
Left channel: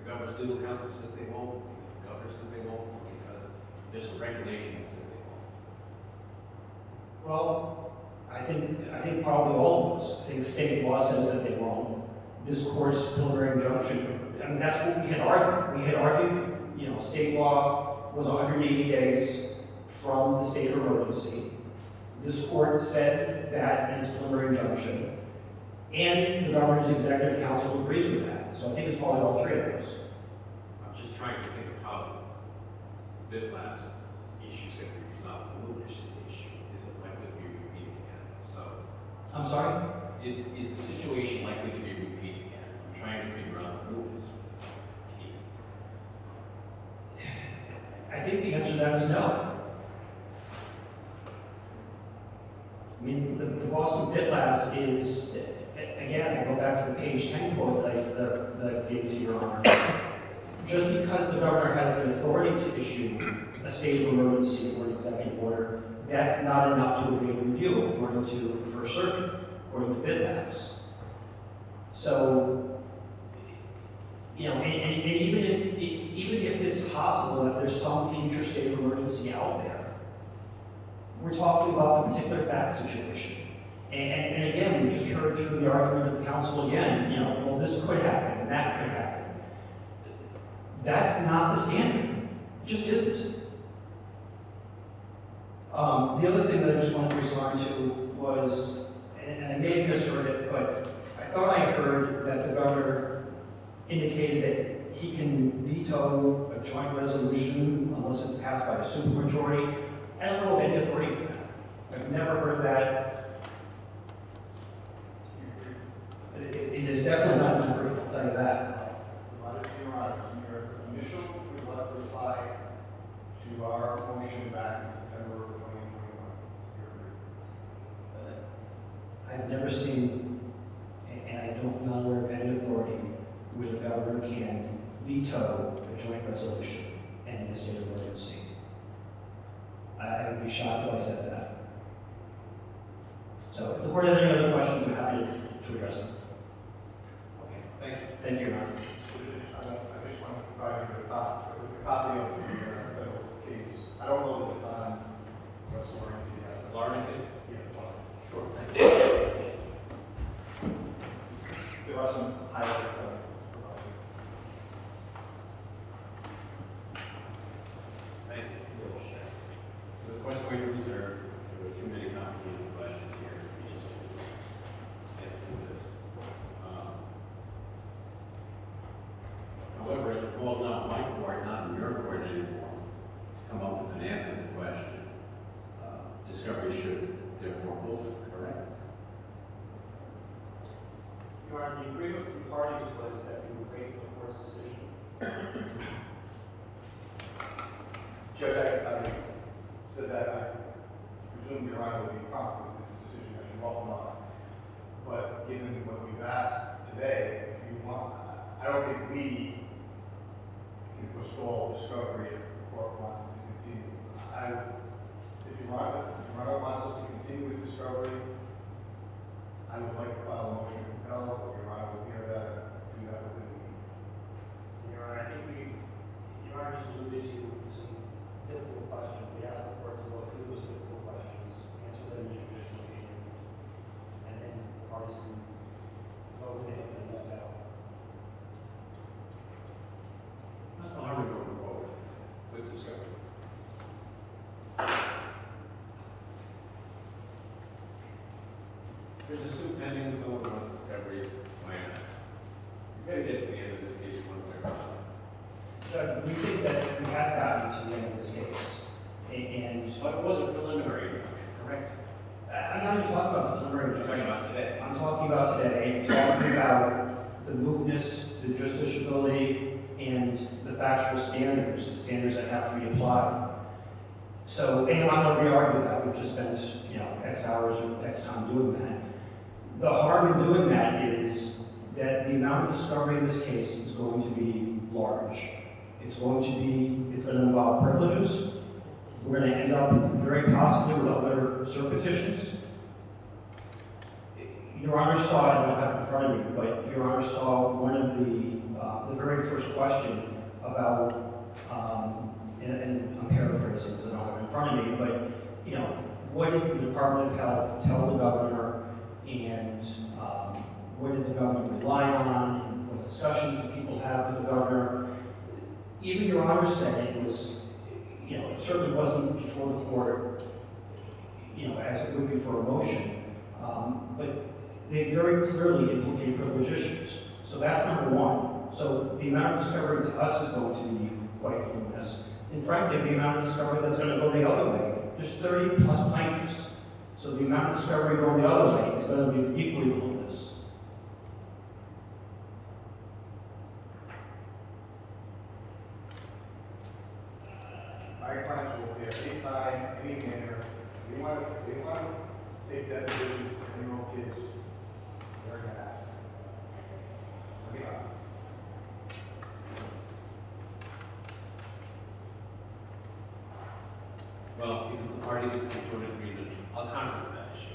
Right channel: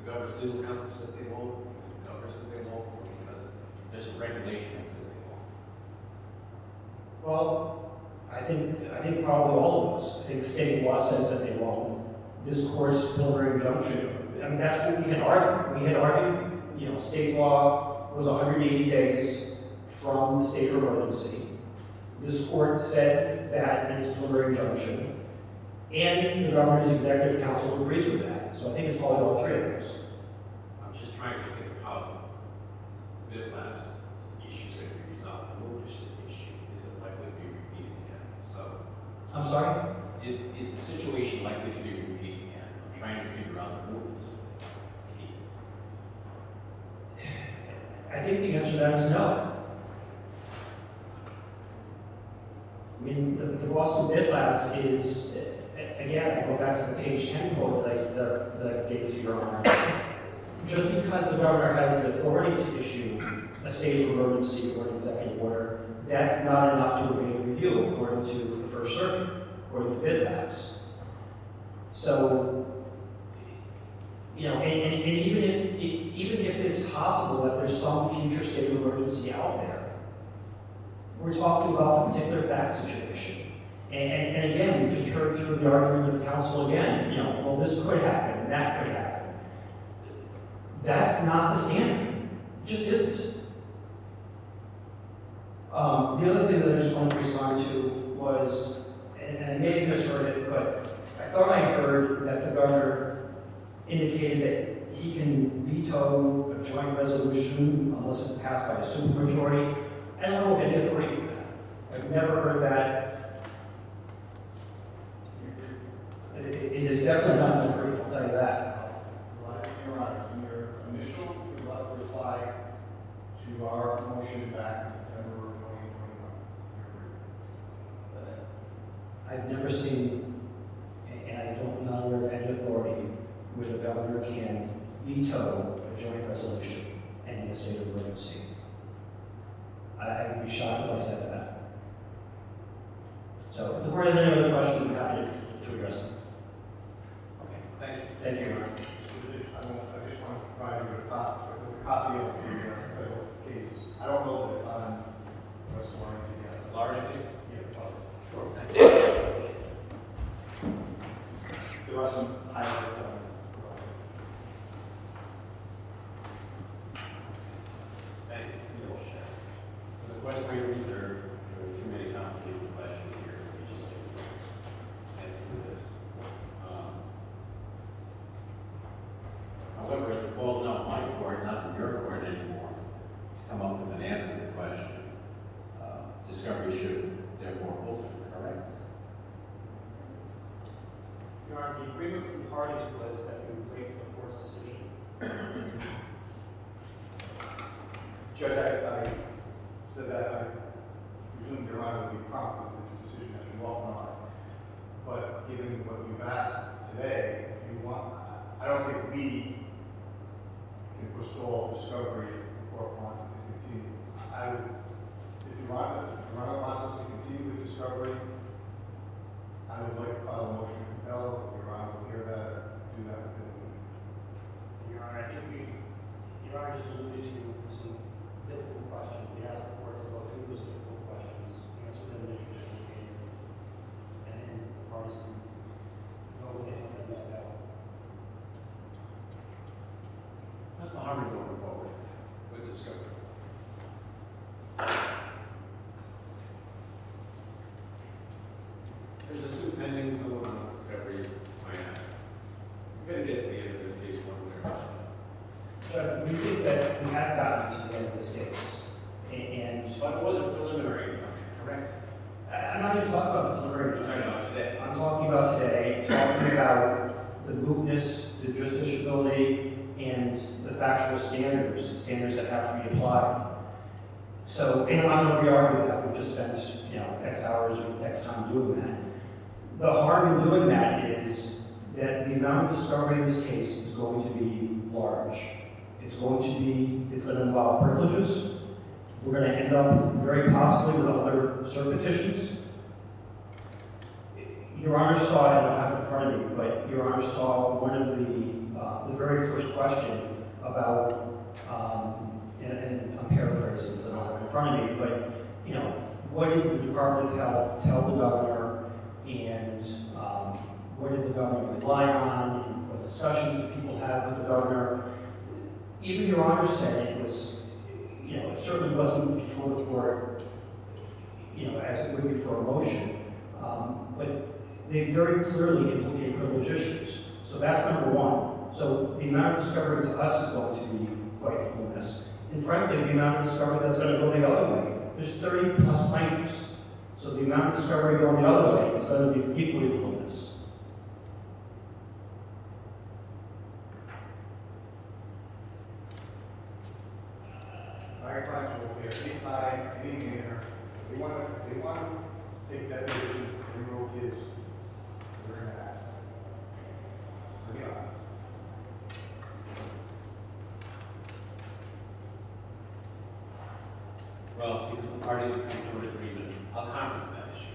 the governor's legal counsel says they won't, because the governor says they won't, or because there's a regulation that says they won't. Well, I think probably all of those. I think state law says that they won't. This court's preliminary injunction, I mean, that's what we had argued. We had argued, you know, state law was 180 days from the state of emergency. This court said that in its preliminary injunction, and the governor's executive council agrees with that. So I think it's probably all three of those. I'm just trying to think of how the bid labs issue's gonna be resolved. The mootness issue isn't likely to be repeated again, so. I'm sorry? Is the situation likely to be repeated again? I'm trying to figure out the mootness cases. I think the answer to that is no. I mean, the Boston Bid Labs is, again, I go back to the page 10 quote that I gave to your honor. Just because the governor has the authority to issue a state of emergency or an executive order, that's not enough to evade review according to the First Circuit, according to Bid Labs. So, you know, and even if it's possible that there's some future state of emergency out there, we're talking about the particular fact situation. And again, we just heard through the argument of counsel again, you know, well, this could happen, and that could happen. That's not the standard. It just isn't. The other thing that I just wanted to respond to was, and I may have misheard it, but I thought I heard that the governor indicated that he can veto a joint resolution unless it's passed by a supermajority. I don't know if any agree with that. I've never heard that. It is definitely not an agree, I'll tell you that. Your Honor, in your initial reply to our motion back in September of 2021. I've never seen, and I don't know of any authority where the governor can veto a joint resolution in a state of emergency. I would be shocked if I said that. So if the board has any other questions, I'm happy to address them. Okay, thank you. Thank you, Your Honor. I just want to provide you with a copy of the federal case. I don't know that it's on West Warrington yet. Florida, please? Yeah, but Sure, thank you. there are some highlights on it. Thank you. The question we reserved, there were too many complicated questions here, so we just get through this. However, as it falls now in my court, not in your court anymore, to come up with an answer to the question, discovery should therefore open, correct? Your Honor, the agreement from the parties was that we would wait for the court's decision. Judge, I said that I presume Your Honor would be prompt with this decision, as you often are. But given what you've asked today, if you want, I don't think we can forestall discovery if the court wants it to continue. If Your Honor wants us to continue with discovery, I would like to file a motion to compel. If Your Honor will hear that, do that within the week. Your Honor, I think Your Honor just alluded to some difficult questions. We asked the court to go through those difficult questions, answer them in a traditional way, and then the parties can vote with it and let it out. That's not how we're going forward with discovery. There's a suit pending, someone wants discovery, so we gotta get to the end of this case one way or another. Judge, we think that we have gotten to the end of this case, and But it was a preliminary injunction, correct? I'm not even talking about the preliminary We're talking injunction. about today. I'm talking about today, I'm talking about the mootness, the justiciability, and the factual standards, the standards that have to be applied. So, and I'm not gonna re-argue that, we've just spent, you know, X hours or X time doing that. The harm in doing that is that the amount of discovery in this case is going to be large. It's going to involve privileges. We're going to end up very possibly with other cert petitions. Your Honor saw, and I don't have it in front of me, but Your Honor saw one of the very first question about, and I'm paraphrasing because I don't have it in front of me, but, you know, what did the Department of Health tell the governor, and what did the governor rely on, and what discussions did people have with the governor? Even Your Honor said it was, you know, it certainly wasn't before the court, you know, as it would be for a motion, but they very clearly implicate privilege issues. So that's number one. So the amount of discovery to us is going to be quite voluminous. And frankly, the amount of discovery that's going to go the other way, there's 30 plus plaintiffs. So the amount of discovery going the other way is going to be equally voluminous. Our clients will pay any time, any manner, if they want to take that position, enroll kids, they're gonna ask. I mean, Well, because the parties have come to an agreement, I'll conference that issue.